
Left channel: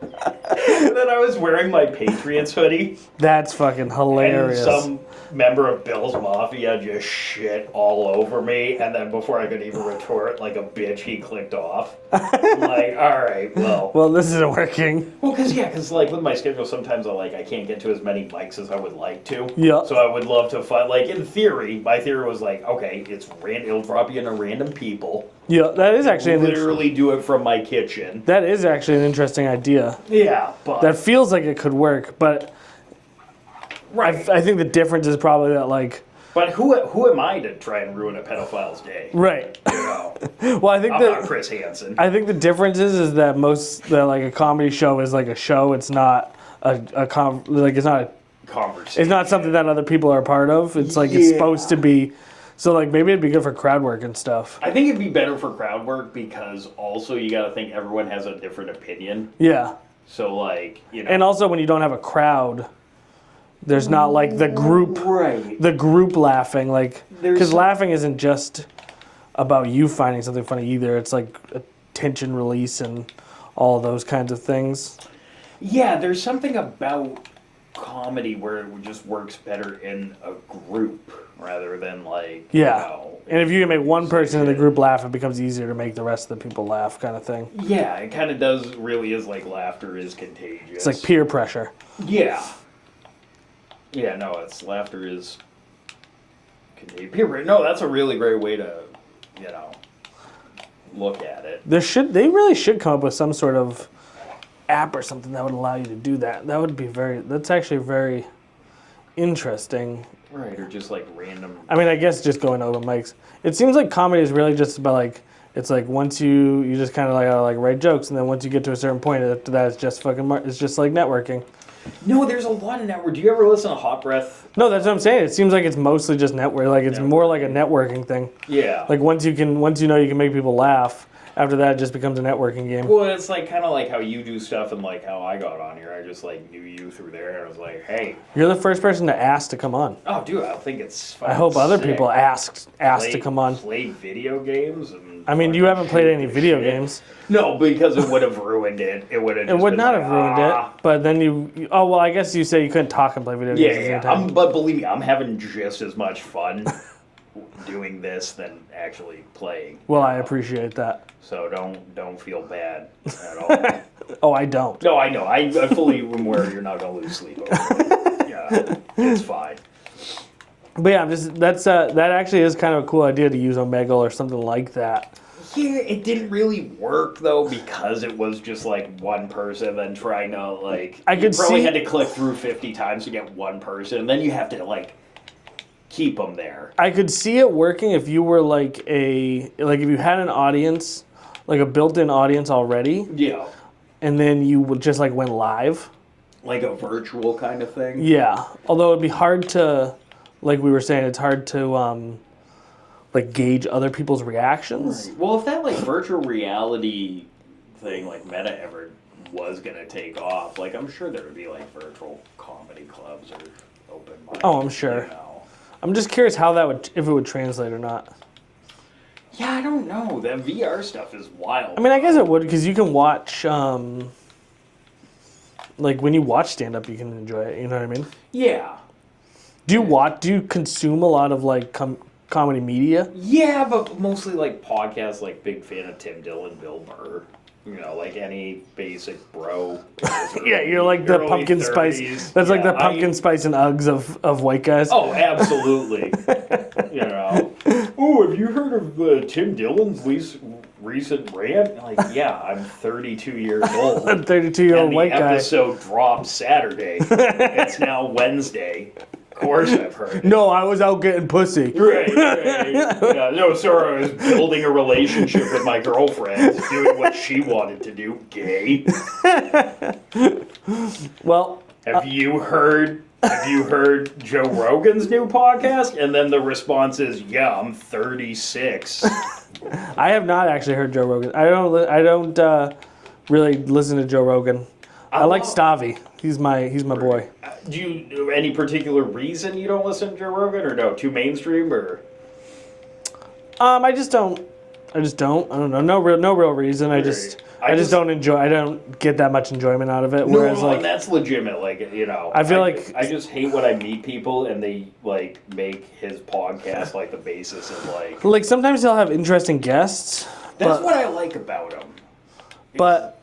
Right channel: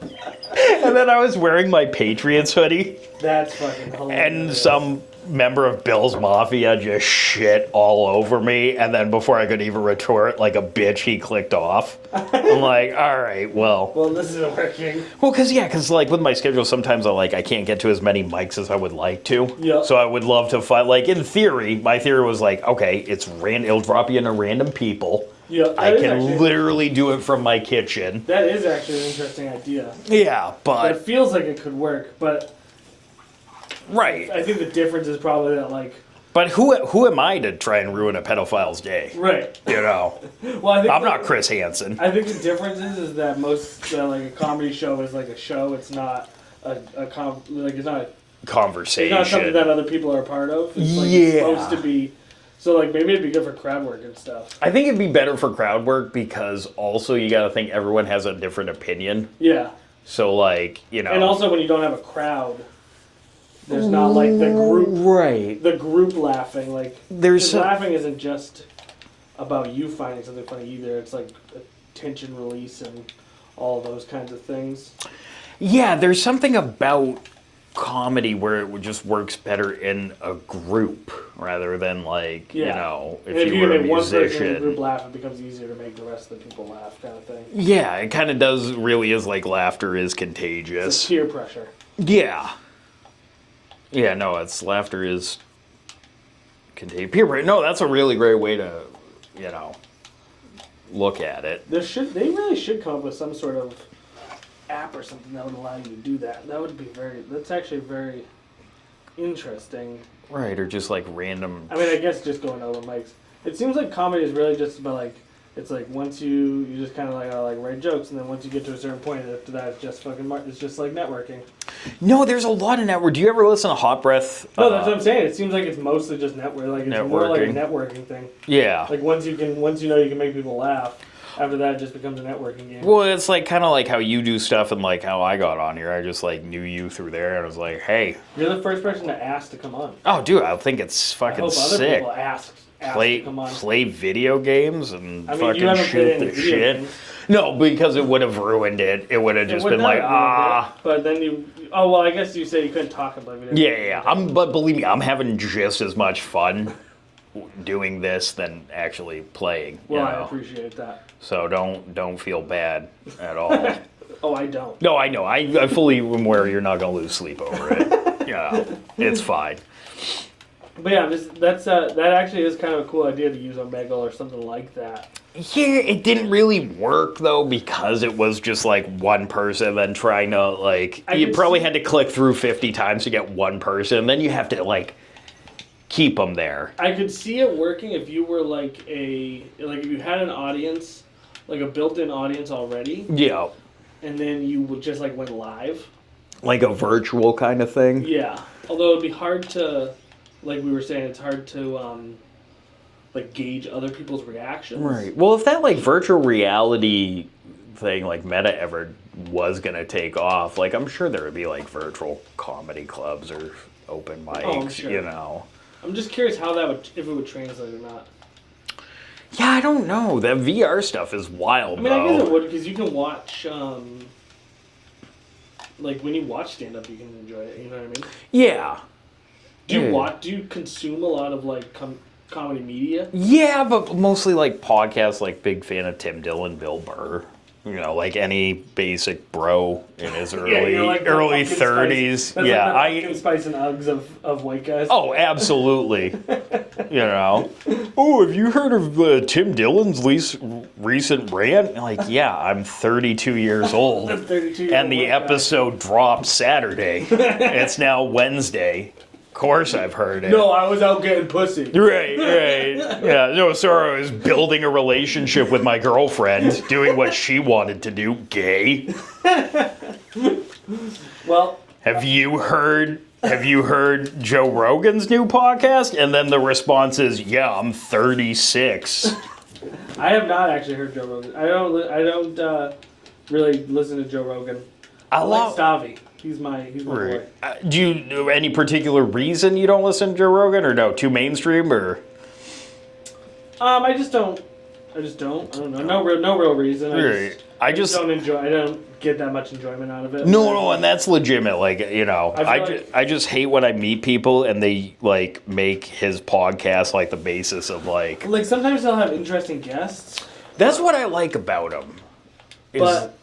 And then I was wearing my Patriots hoodie. That's fucking hilarious. And some member of Bill's Mafia just shit all over me. And then before I could even retort like a bitch, he clicked off. I'm like, all right, well. Well, this isn't working. Well, because like with my schedule, sometimes I can't get to as many mics as I would like to. Yeah. So I would love to find, like in theory, my theory was like, okay, it'll drop you into random people. Yeah, that is actually literally do it from my kitchen. That is actually an interesting idea. Yeah, but That feels like it could work, but right. I think the difference is probably that like. But who am I to try and ruin a pedophile's day? Right. You know. Well, I think I'm not Chris Hansen. I think the difference is that like a comedy show is like a show. It's not it's not a Conversation. It's not something that other people are a part of. It's like it's supposed to be. So like maybe it'd be good for crowd work and stuff. I think it'd be better for crowd work because also you got to think everyone has a different opinion. Yeah. So like, you know. And also when you don't have a crowd, there's not like the group laughing like because laughing isn't just about you finding something funny either. It's like a tension release and all those kinds of things. Yeah, there's something about comedy where it just works better in a group rather than like, you know. And if you can make one person in the group laugh, it becomes easier to make the rest of the people laugh kind of thing. Yeah, it kind of really is like laughter is contagious. It's like peer pressure. Yeah. Yeah, no, laughter is contagious. No, that's a really great way to, you know, look at it. They really should come up with some sort of app or something that would allow you to do that. That's actually very interesting. Right, or just like random. I mean, I guess just going over mics. It seems like comedy is really just about like, it's like once you just kind of like write jokes, and then once you get to a certain point, after that it's just it's just like networking. No, there's a lot of network. Do you ever listen to Hot Breath? No, that's what I'm saying. It seems like it's mostly just network. Like it's more like a networking thing. Yeah. Like once you know you can make people laugh, after that it just becomes a networking game. Well, it's like kind of like how you do stuff and like how I got on here. I just like knew you through there and I was like, hey. You're the first person to ask to come on. Oh, dude, I think it's fucking I hope other sick. people asked to come on. Play video games and I mean, you haven't played any video games. No, because it would have ruined it. It would have just been not like, have ruined it. But then I guess you said you couldn't talk and play video games. Yeah. But believe me, I'm having just as much fun doing this than actually playing. Well, I appreciate that. So don't feel bad at all. Oh, I don't. No, I know. I fully am aware you're not gonna lose sleep over it. You It's fine. But yeah, that actually is kind of a cool idea to use Omegle or something like that. Yeah, it didn't really work though because it was just like one person then trying to like you probably had to click through 50 times to get one person, then you have to like keep them there. I could see it working if you were if you had an audience, like a built-in audience already. Yeah. And then you would just like went live. Like a virtual kind of thing. Yeah. Although it'd be hard to, like we were saying, it's hard to like gauge other people's reactions. Right. Well, if that like virtual reality thing like Meta ever was gonna take off, like I'm sure there would be like virtual comedy clubs or open mics. Oh, I'm sure. You know. I'm just curious how that would, if it would translate or not. Yeah, I don't know. That VR stuff is wild. I mean, I guess it would because you can watch. Like when you watch stand-up, you can enjoy it. You know what I mean? Yeah. Do you consume a lot of like comedy media? Yeah, but mostly like podcasts. Like big fan of Tim Dillon, Bill Burr. You know, like any basic bro in his early, you're like the early pumpkin 30s. Spice. That's like the pumpkin spice and Uggs of white guys. Oh, absolutely. You know. Oh, have you heard of Tim Dillon's recent rant? Like, yeah, I'm 32 years old. I'm 32-year-old white guy. And the episode dropped Saturday. It's now Wednesday. Of course I've heard it. No, I was out getting pussy. Right. Yeah, no, sorry, I was building a relationship with my girlfriend, doing what she wanted to do, gay. Well, Have you heard Joe Rogan's new podcast? And then the response is, yeah, I'm 36. I have not actually heard Joe Rogan. I don't really listen to Joe Rogan. I like Stavi. He's my boy. Do you know any particular reason you don't listen to Joe Rogan, or no, too mainstream, or? I just don't. I don't know. No real reason. I just don't enjoy. I don't get that much enjoyment out of it. No, and that's legitimate. Like, you know, I feel like I just hate when I meet people and they like make his podcast like the basis of like. Like sometimes they'll have interesting guests. That's what I like about him. But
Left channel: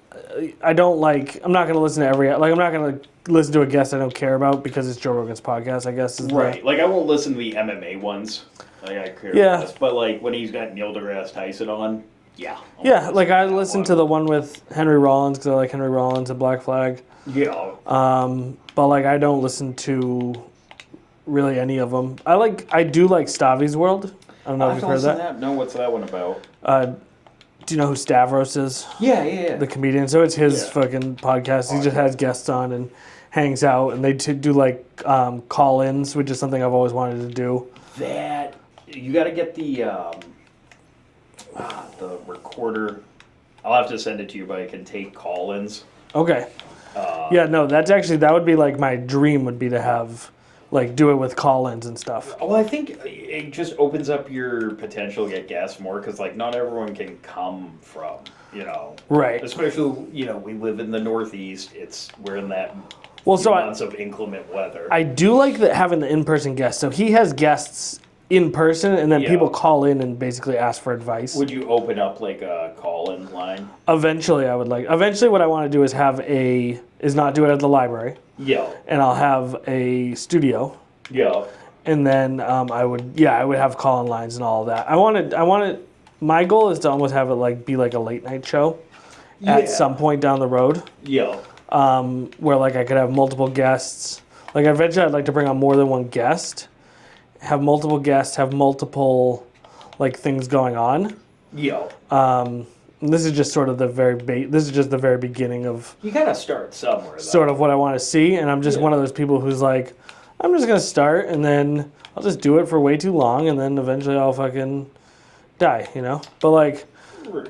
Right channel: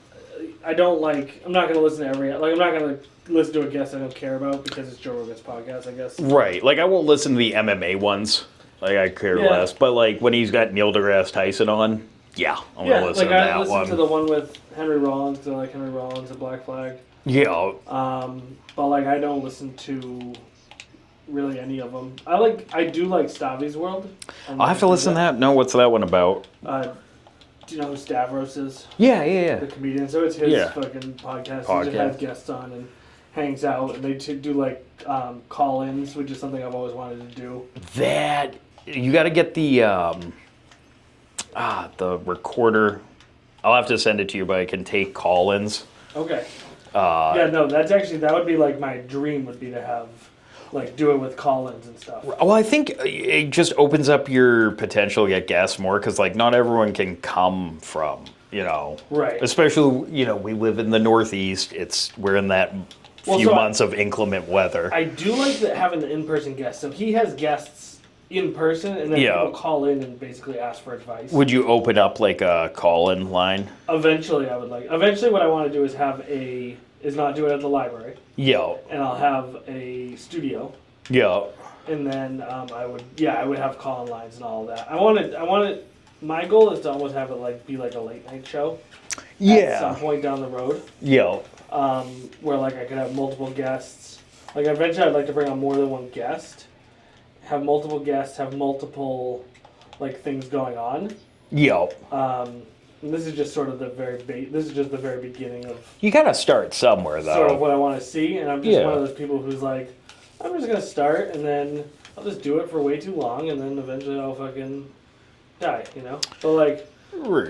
I don't like. I'm not going to listen to every. Like I'm not going to listen to a guest I don't care about because it's Joe Rogan's podcast. I guess. Right. Like I won't listen to the MMA ones. Like I care less. But like when he's got Neil deGrasse Tyson on. Yeah. Like I listened to the one with Henry Rollins because I like Henry Rollins and Black Flag. Yeah. But like I don't listen to really any of them. I do like Stavi's World. I have to listen to that. No, what's that one about? Do you know who Stavros is? Yeah. The comedian. So it's his fucking podcast. He just has guests on and hangs out, and they do like call-ins, which is something I've always wanted to do. That you got to get the recorder. I'll have to send it to you, but I can take call-ins. Okay. That would be like my dream would be to have, like, do it with call-ins and stuff. Well, I think it just opens up your potential to get guests more because, like, not everyone can come from, you know. Right. Especially, you know, we live in the Northeast. We're in that few months of inclement weather. I do like having the in-person guests. So he has guests in person, and then people call in and basically ask for advice. Would you open up like a call-in line? Eventually, I would like. Eventually, what I want to do is not do it at the library. Yeah. And I'll have a studio. Yeah. And then I would have call-in lines and all of that. I wanted. My goal is to almost have it be like a late night show. At some point down the road. Yeah. Where like I could have multiple guests. Like eventually, I'd like to bring on more than one guest. Have multiple guests, have multiple, like, things going on. Yeah. And this is just sort of the very beginning of. You gotta start somewhere, though. Sort of what I want to see, and I'm just one of those people who's like, I'm just gonna start, and then I'll just do it for way too long, and then eventually I'll fucking die, you know. But like,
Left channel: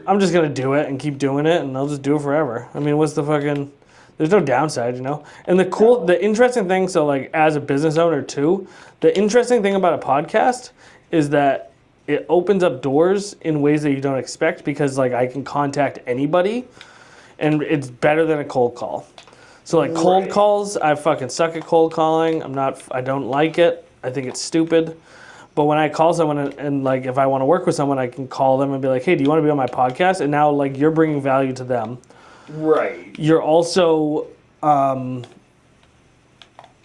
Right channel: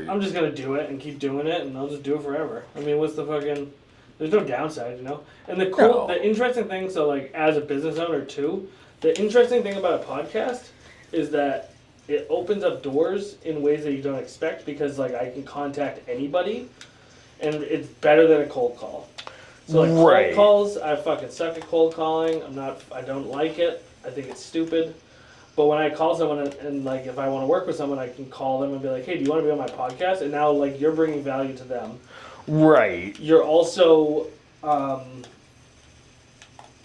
I'm just gonna do it and keep doing it, and I'll just do it forever. I mean, what's the fucking? There's no downside, you know. And the interesting thing, so like as a business owner too. The interesting thing about a podcast is that it opens up doors in ways that you don't expect because, like, I can contact anybody, and it's better than a cold call. So, like, cold calls, I fucking suck at cold calling. I don't like it. I think it's stupid. But when I call someone and like, if I want to work with someone, I can call them and be like, hey, do you want to be on my podcast? And now, like, you're bringing value to them. Right. You're also,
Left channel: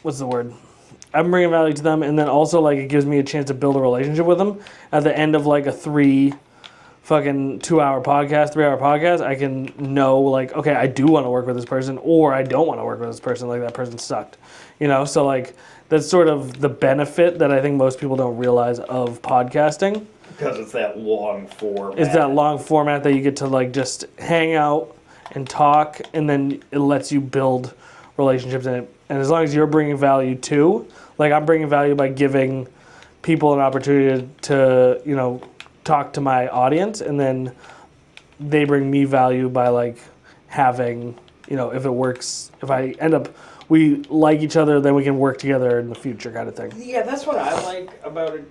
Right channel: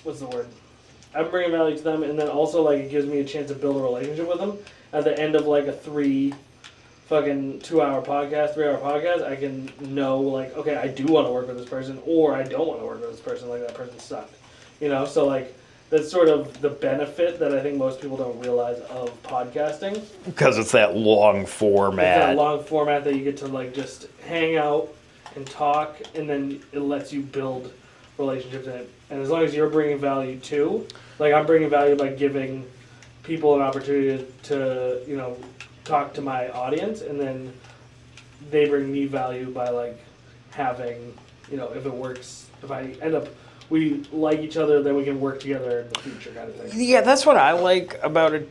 what's the word? I'm bringing value to them, and then also like it gives me a chance to build a relationship with them. At the end of like a 3 hour podcast, I can know like, okay, I do want to work with this person, or I don't want to work with this person. Like that person sucked, So like that's sort of the benefit that I think most people don't realize of podcasting. Because it's that long format. It's that long format that you get to like just hang out and talk, and then it lets you build relationships in it. And as long as you're bringing value too, like I'm bringing value by giving people an opportunity to, talk to my audience, and then they bring me value by like having, if it works, if I end up, we like each other, then we can work together in the future kind of thing. Yeah, that's what I like about it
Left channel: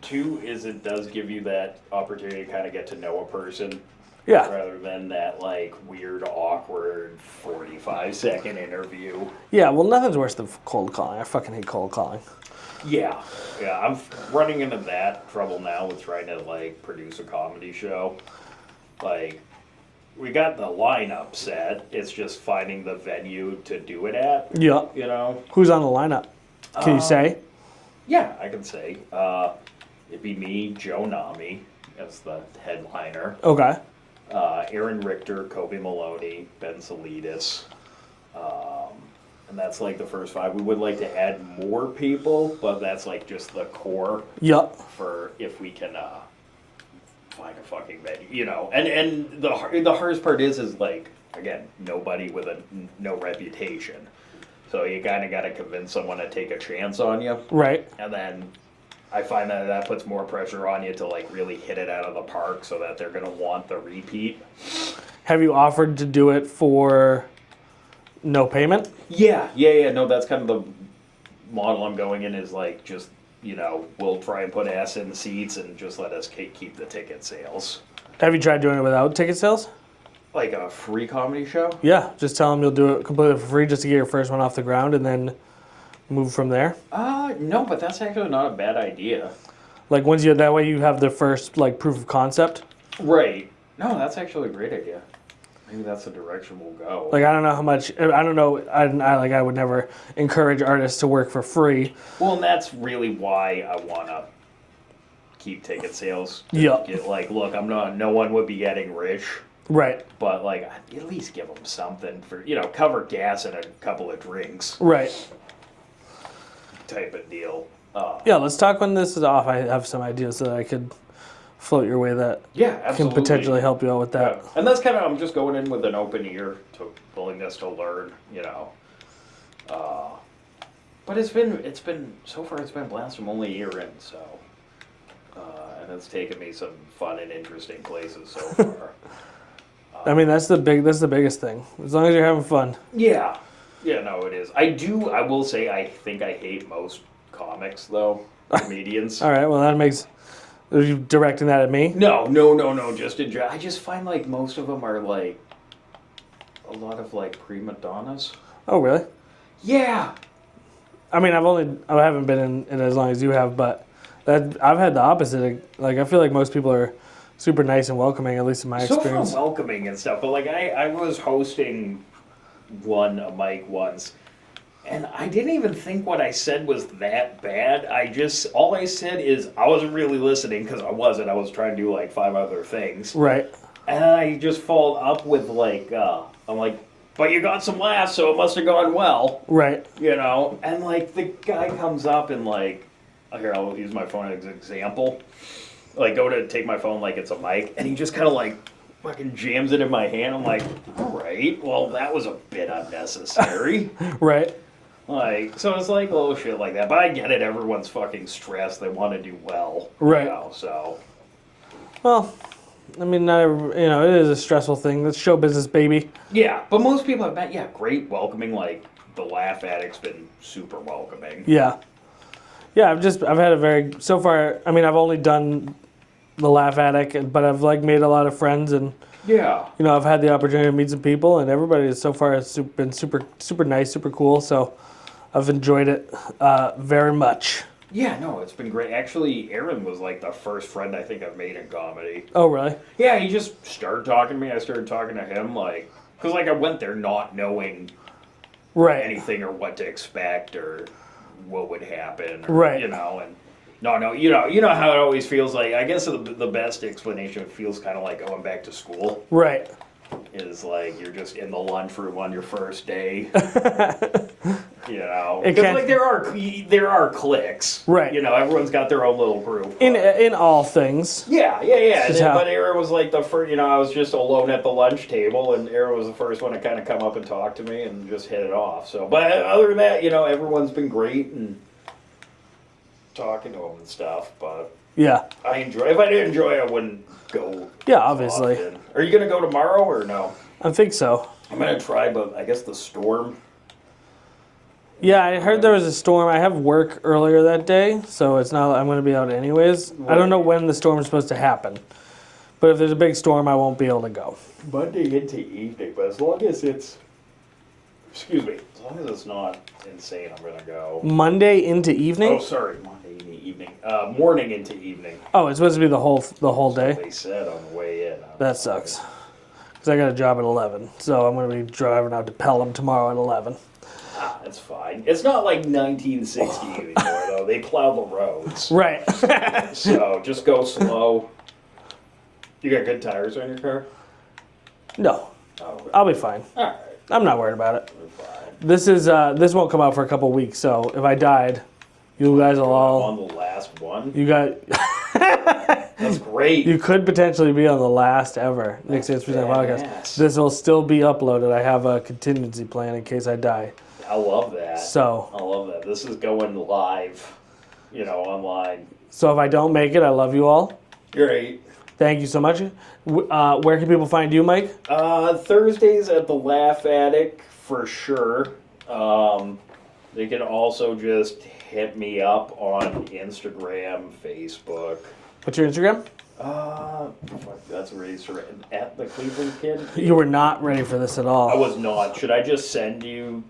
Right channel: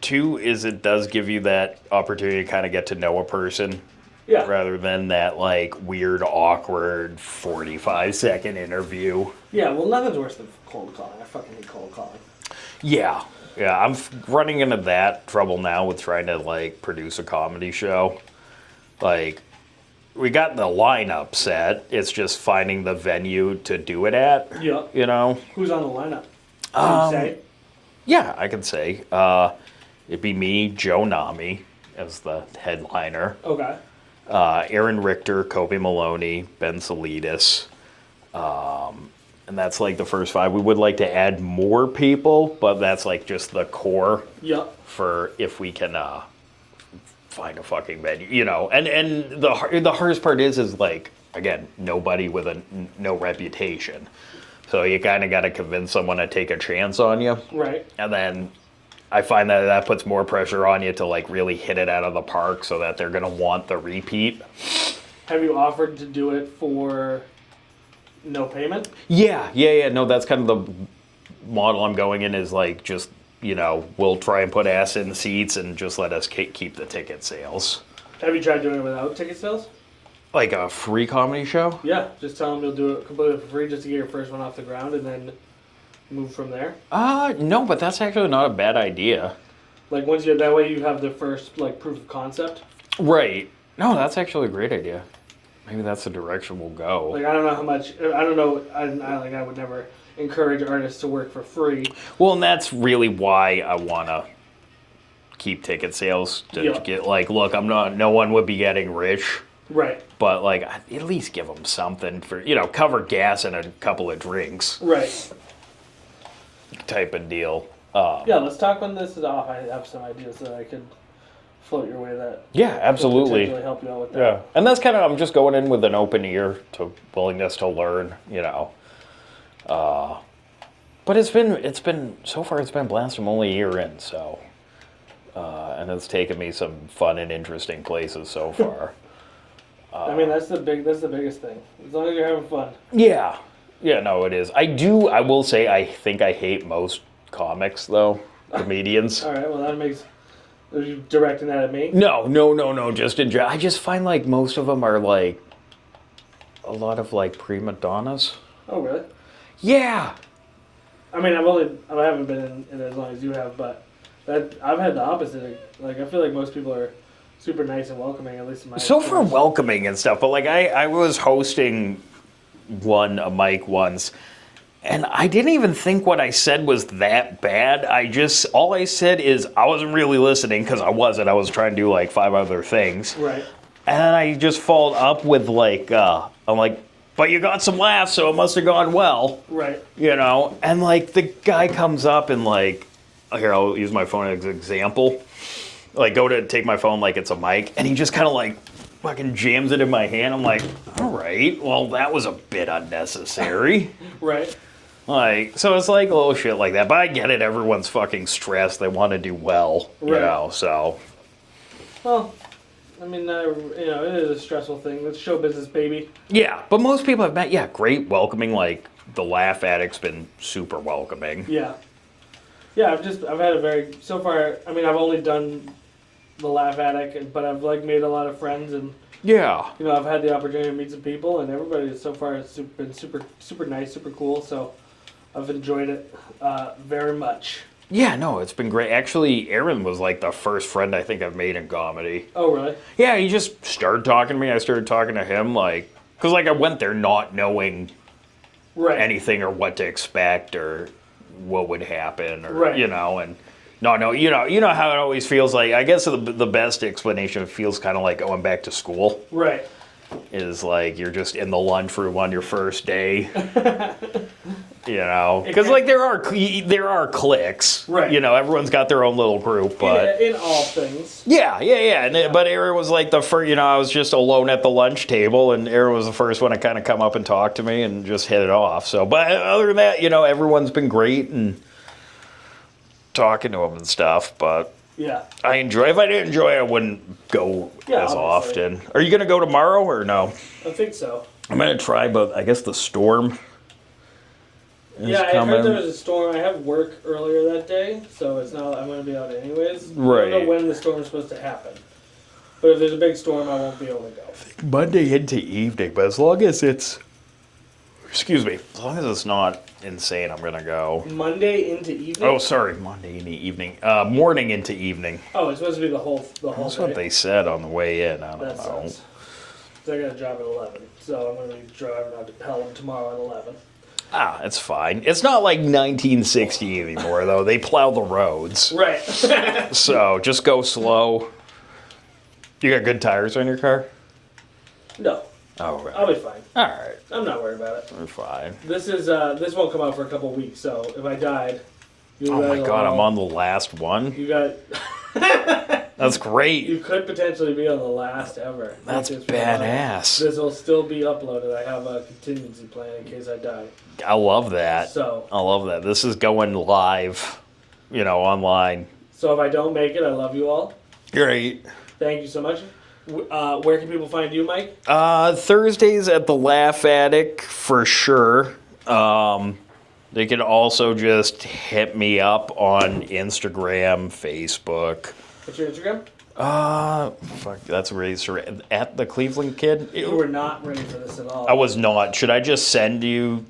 too, is it does give you that opportunity to kind of get to know a person. Yeah. Rather than that like weird, awkward 45-second interview. Yeah, well, nothing's worse than cold calling. I fucking hate cold calling. Yeah, I'm running into that trouble now with trying to like produce a comedy show. Like, we got the lineup set. It's just finding the venue to do it at. Yeah. Who's on the lineup? Can you say? Yeah, I can say. It'd be me, Joe Nami, as the headliner. Okay. Aaron Richter, Kobe Maloney, Ben Salidas. And that's like the first 5. We would like to add more people, but that's like just the core. Yep. For if we can find a fucking venue, And the hardest part is like, again, nobody with no reputation. So you kind of got to convince someone to take a chance on you. Right. And then I find that puts more pressure on you to like really hit it out of the park so that they're going to want the repeat. Have you offered to do it for no payment? Yeah. No, that's kind of the model I'm going in, is like just, we'll try and put ass in seats and just let us keep the ticket sales. Have you tried doing it without ticket sales? Like a free comedy show? Yeah, just tell them you'll do it completely for free just to get your first one off the ground and then move from there. No, but that's actually not a bad idea. Like once that way you have the first like proof of concept. Right. No, that's actually a great idea. Maybe that's the direction we'll go. Like I don't know how much. I don't know. I would never encourage artists to work for free. Well, and that's really why I want to keep ticket sales. To get like, look, no one would be getting rich. Right. But like, at least give them something for cover gas and a couple of drinks. Right. Type of deal. Yeah, let's talk when this is off. I have some ideas that I could float your way that absolutely can potentially help you out with that. Yeah. And that's kind of, I'm just going in with an open ear to willingness to learn, But it's been so far it's been a blast. I'm only a year in, so and it's taken me some fun and interesting places so far. I mean, that's the biggest thing. As long as you're having fun. Yeah. Yeah, no, it is. I will say I think I hate most comics though, comedians. All right, well that makes. Are you directing that at me? No. Just in general, I just find like most of them are like a lot of like prima donnas. Oh, really? Yeah. I mean, I haven't been in it as long as you have, but I've had the opposite. Like, I feel like most people are super nice and welcoming, at least in my experience. So for welcoming and stuff, but like I was hosting a mic once. And I didn't even think what I said was that bad. All I said is I wasn't really listening because I wasn't. I was trying to do like 5 other things. Right. And I just followed up with like, I'm like, but you got some laughs, so it must have gone well. Right. And like the guy comes up and like, here, I'll use my phone as an example. Like go to take my phone like it's a mic. And he just kind of like fucking jams it in my hand. I'm like, all right, well, that was a bit unnecessary. Right. Like, so it's like little shit like that. But I get it. Everyone's fucking stressed. They want to do well. Right. So. Well, I mean, it is a stressful thing. It's show business, baby. Yeah, but most people I've met, great, welcoming. Like, the Laugh Addict's been super welcoming. Yeah. Yeah, I've had so far, I mean, I've only done the Laugh Addict, but I've like made a lot of friends and. Yeah. I've had the opportunity to meet some people, and everybody so far has been super, super nice, super cool. So I've enjoyed it very much. Yeah, no, it's been great. Actually, Aaron was like the first friend I think I've made in comedy. Oh, really? Yeah, he just started talking to me. I started talking to him, like, because like I went there not knowing anything or what to expect or what would happen, or, Right. you know, and no, you know how it always feels like. I guess the best explanation, it feels kind of like going back to school. Right. Is like you're just in the lunchroom on your first day. You know, It because can- like there are cliques. Right. You know, everyone's got their own little group. But In all things. yeah. And then, Yeah. but Aaron was like the first. You know, I was just alone at the lunch table, and Aaron was the first one to kind of come up and talk to me and just hit it off. So, but other than that, you know, everyone's been great and talking to him and stuff. But Yeah. I enjoy. If I didn't enjoy it, I wouldn't go Yeah, as obviously. often. Are you gonna go tomorrow or no? I think so. I'm gonna try, but I guess the storm. Yeah, I heard coming. there was a storm. I have work earlier that day, so it's not. I'm going to be out anyways. I don't know Right. when the storm is supposed to happen, but if there's a big storm, I won't be able to go. Monday into evening, but as long as it's, excuse me, as long as it's not insane, I'm gonna go. Monday into evening. Oh, sorry, Monday into evening, morning into evening. Oh, it's supposed to be the whole That's day. what they said on the way in. I don't That know. sucks. Because I got a job at 11, so I'm going to be driving out to Pelham tomorrow at 11. Ah, it's fine. It's not like 1960 anymore, though. They plow the roads, Right. so just go slow. You got good tires on your car? No, Oh, okay. I'll be fine. All right, I'm not worried about it. I'm fine. This won't come out for a couple weeks, so if I died, you Oh my guys will god, I'm all. on the last one. You got. That's great. You could potentially be on the last ever. That's It's been August. badass. This will still be uploaded. I have a contingency plan in case I die. I love that. So, I love that. This is going live, you know, online. so if I don't make it, I love you all. Great. Thank you so much. Where can people find you, Mike? Thursdays at the Laugh Attic for sure. They can also just hit me up on Instagram, Facebook. What's your Instagram? Fuck, that's raised at the Cleveland Kid. You were not ready for this at all. I was not. Should I just send you?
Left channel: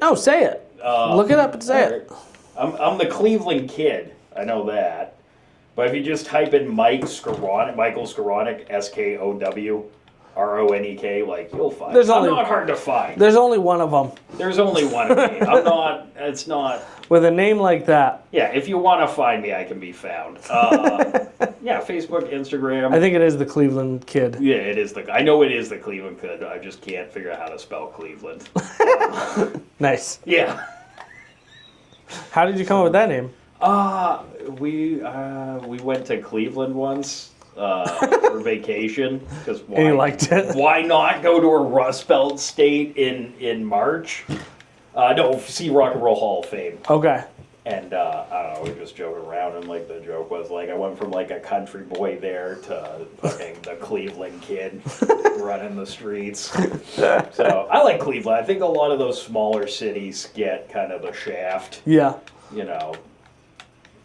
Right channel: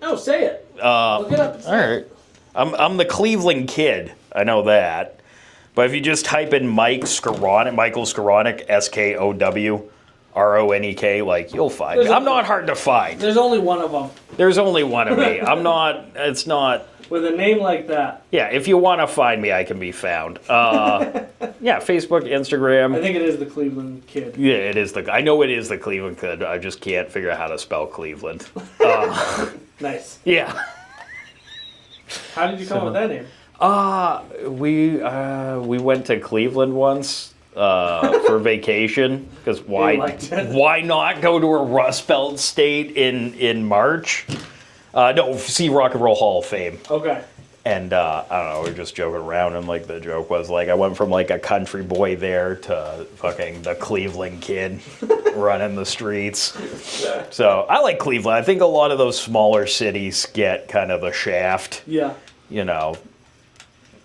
No, say it. Look it up and say it. I'm the Cleveland Kid. I know that. But if you just type in Mike Skowronek, Michael Skowronek, Skowronek, like you'll find There's me. I'm only- not hard to find. There's only one of them. There's only one of me. I'm not. It's not. With a name like that, Yeah, if you want to find me, I can be found. Yeah, Facebook, Instagram. I think it is the Cleveland Kid. Yeah, it is I know it is the Cleveland Kid. I just can't figure out how to spell Cleveland. Nice. Yeah. How did you come up with that name? We went to Cleveland once for vacation because why? you liked it? Why not go to a Rust Belt state in March? No, see Rock and Roll Hall of Fame. Okay. And I don't know, we were just joking around, and like the joke was like I went from like a country boy there to fucking the Cleveland Kid running the streets. So I like Cleveland. I think a lot of those smaller cities get kind of the shaft, Yeah. you know.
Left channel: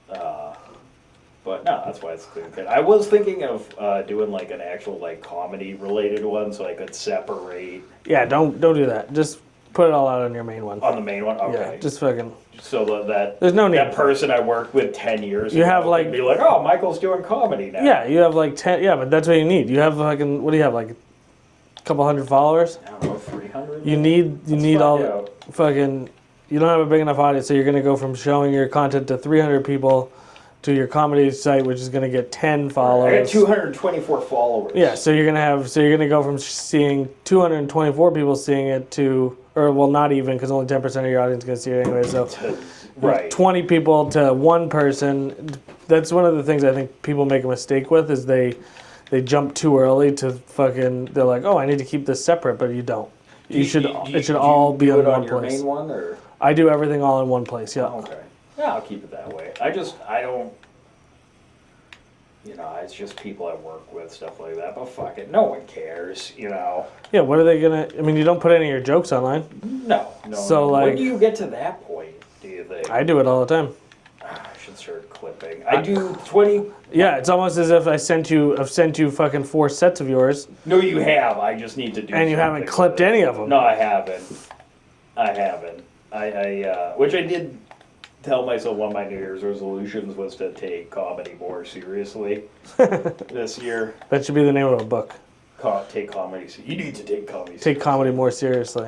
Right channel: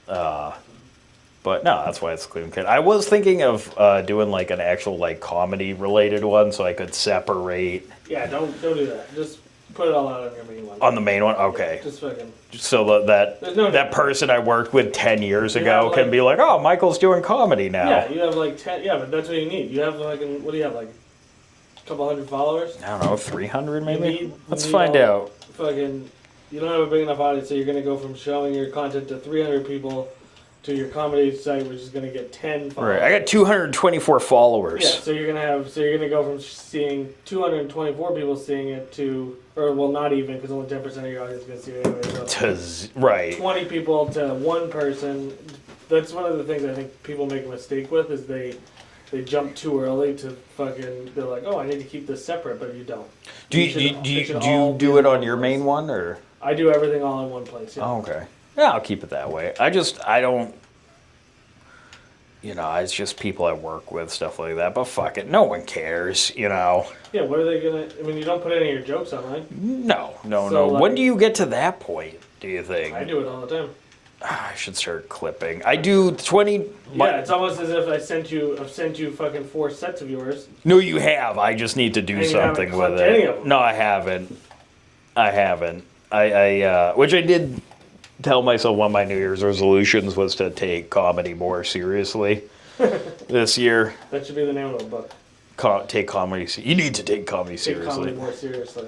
But no, that's why it's Cleveland Kid. I was thinking of doing like an actual like comedy related one, so I could separate Yeah, don't do that. Just put it all out on your main one. on the main one. Yeah, Okay. just fucking. So that There's no need that for it. person I worked with 10 years You have, ago like- can be like, oh, Michael's doing comedy now. Yeah, you have like 10. Yeah, but that's what you need. You have fucking. What do you have? Like a couple hundred followers? I don't know, 300 You maybe? need. Let's you need find all, out. Fucking. You don't have a big enough audience, so you're gonna go from showing your content to 300 people to your comedy site, which is gonna get 10 followers. I got 224 followers. Yeah, so you're gonna go from seeing 224 people seeing it to, or well, not even, because only 10% of your audience is gonna see it anyway. So Right. 20 people to one person. That's one of the things I think people make a mistake with is they jump too early to fucking. They're like, oh, I need to keep this separate, but you don't. It should all be do it in on one your place. main one, or? I do everything all in one place. Yeah. Oh, okay. Yeah, I'll keep it that way. I don't, you know, it's just people I work with, stuff like that. But fuck it, no one cares, you know. Yeah. What are they gonna? I mean, you don't put any of your jokes online. No. So, When like- do you get to that point, do you think? I do it all the time. I should start clipping. I do 20. Yeah, it's almost as if I've sent you fucking 4 sets of yours. No, you have. I just need to do And you something haven't clipped with it. any of them. No, I haven't. Which I did tell myself one of my New Year's resolutions was to take comedy more seriously this year. That should be the name of a book. Take comedy. You need to take comedy seriously. Take comedy more seriously.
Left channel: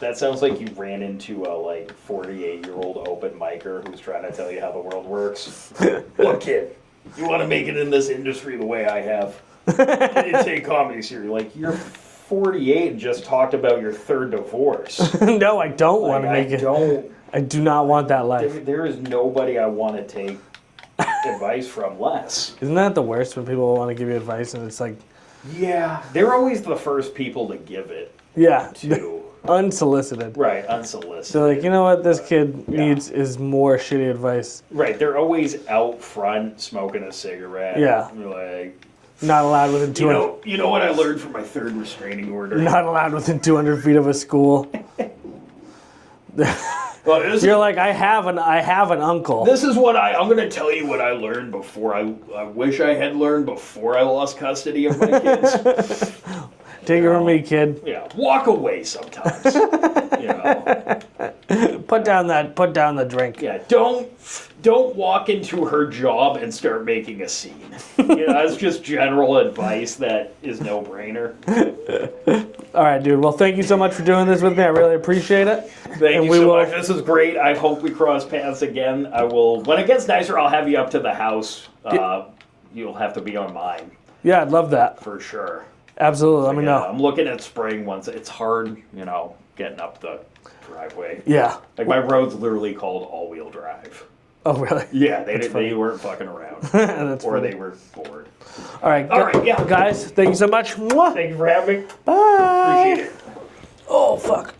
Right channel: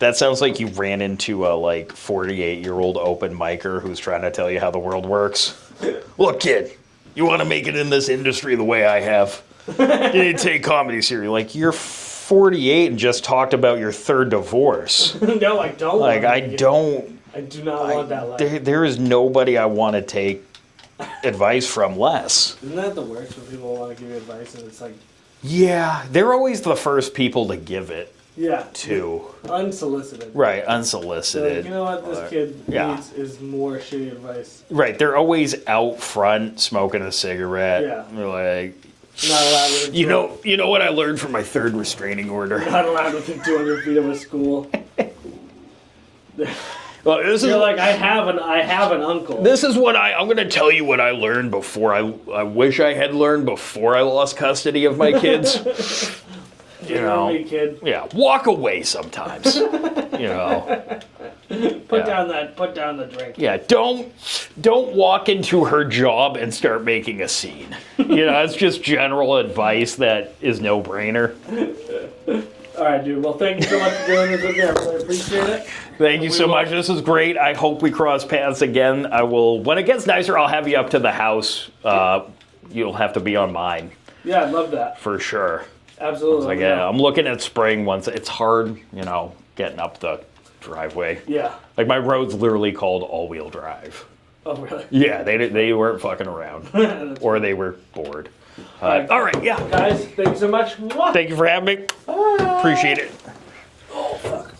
That sounds like you ran into a like 48-year-old open micer who's trying to tell you how the world works. Look, kid, you want to make it in this industry the way I have. You need to take comedy seriously. Like, you're 48 and just talked about your third divorce. No, I don't. Like, I do not want that life. There is nobody I want to take advice from less. Isn't that the worst when people want to give you advice and it's like, Yeah, they're always the first people to give it yeah, to. unsolicited. Right, unsolicited. They're like, you know what this kid Yeah. needs is more shitty advice. Right, they're always out front smoking a cigarette. Yeah. They're like, Not allowed within 200, you know what I learned from my third restraining order? not allowed within 200 feet of a school. Well, this You're is, like, I have an uncle. this is what I'm going to tell you what I learned before I wish I had learned before I lost custody of my kids. Take it from me, kid. Yeah, walk away sometimes. You know. Put down the drink. Yeah, don't walk into her job and start making a scene. You know, that's just general advice that is no brainer. All right, dude. Well, thank you so much for doing this with me. I really appreciate it. Thank you so much. This is great. I hope we cross paths again. I will, when it gets nicer, I'll have you up to the house. You'll have to be on mine Yeah, I'd love that. for sure. Absolutely. Let Like, me yeah, know. I'm looking at spring once. It's hard, you know, getting up the driveway. Yeah. Like, my road's literally called all-wheel drive. Oh, really? Yeah, they weren't fucking around. That's Or funny. they were bored. All right. All right, yeah. Guys, thank you so much. Mwah. Thank you for having me. Bye. Appreciate it. Oh, fuck.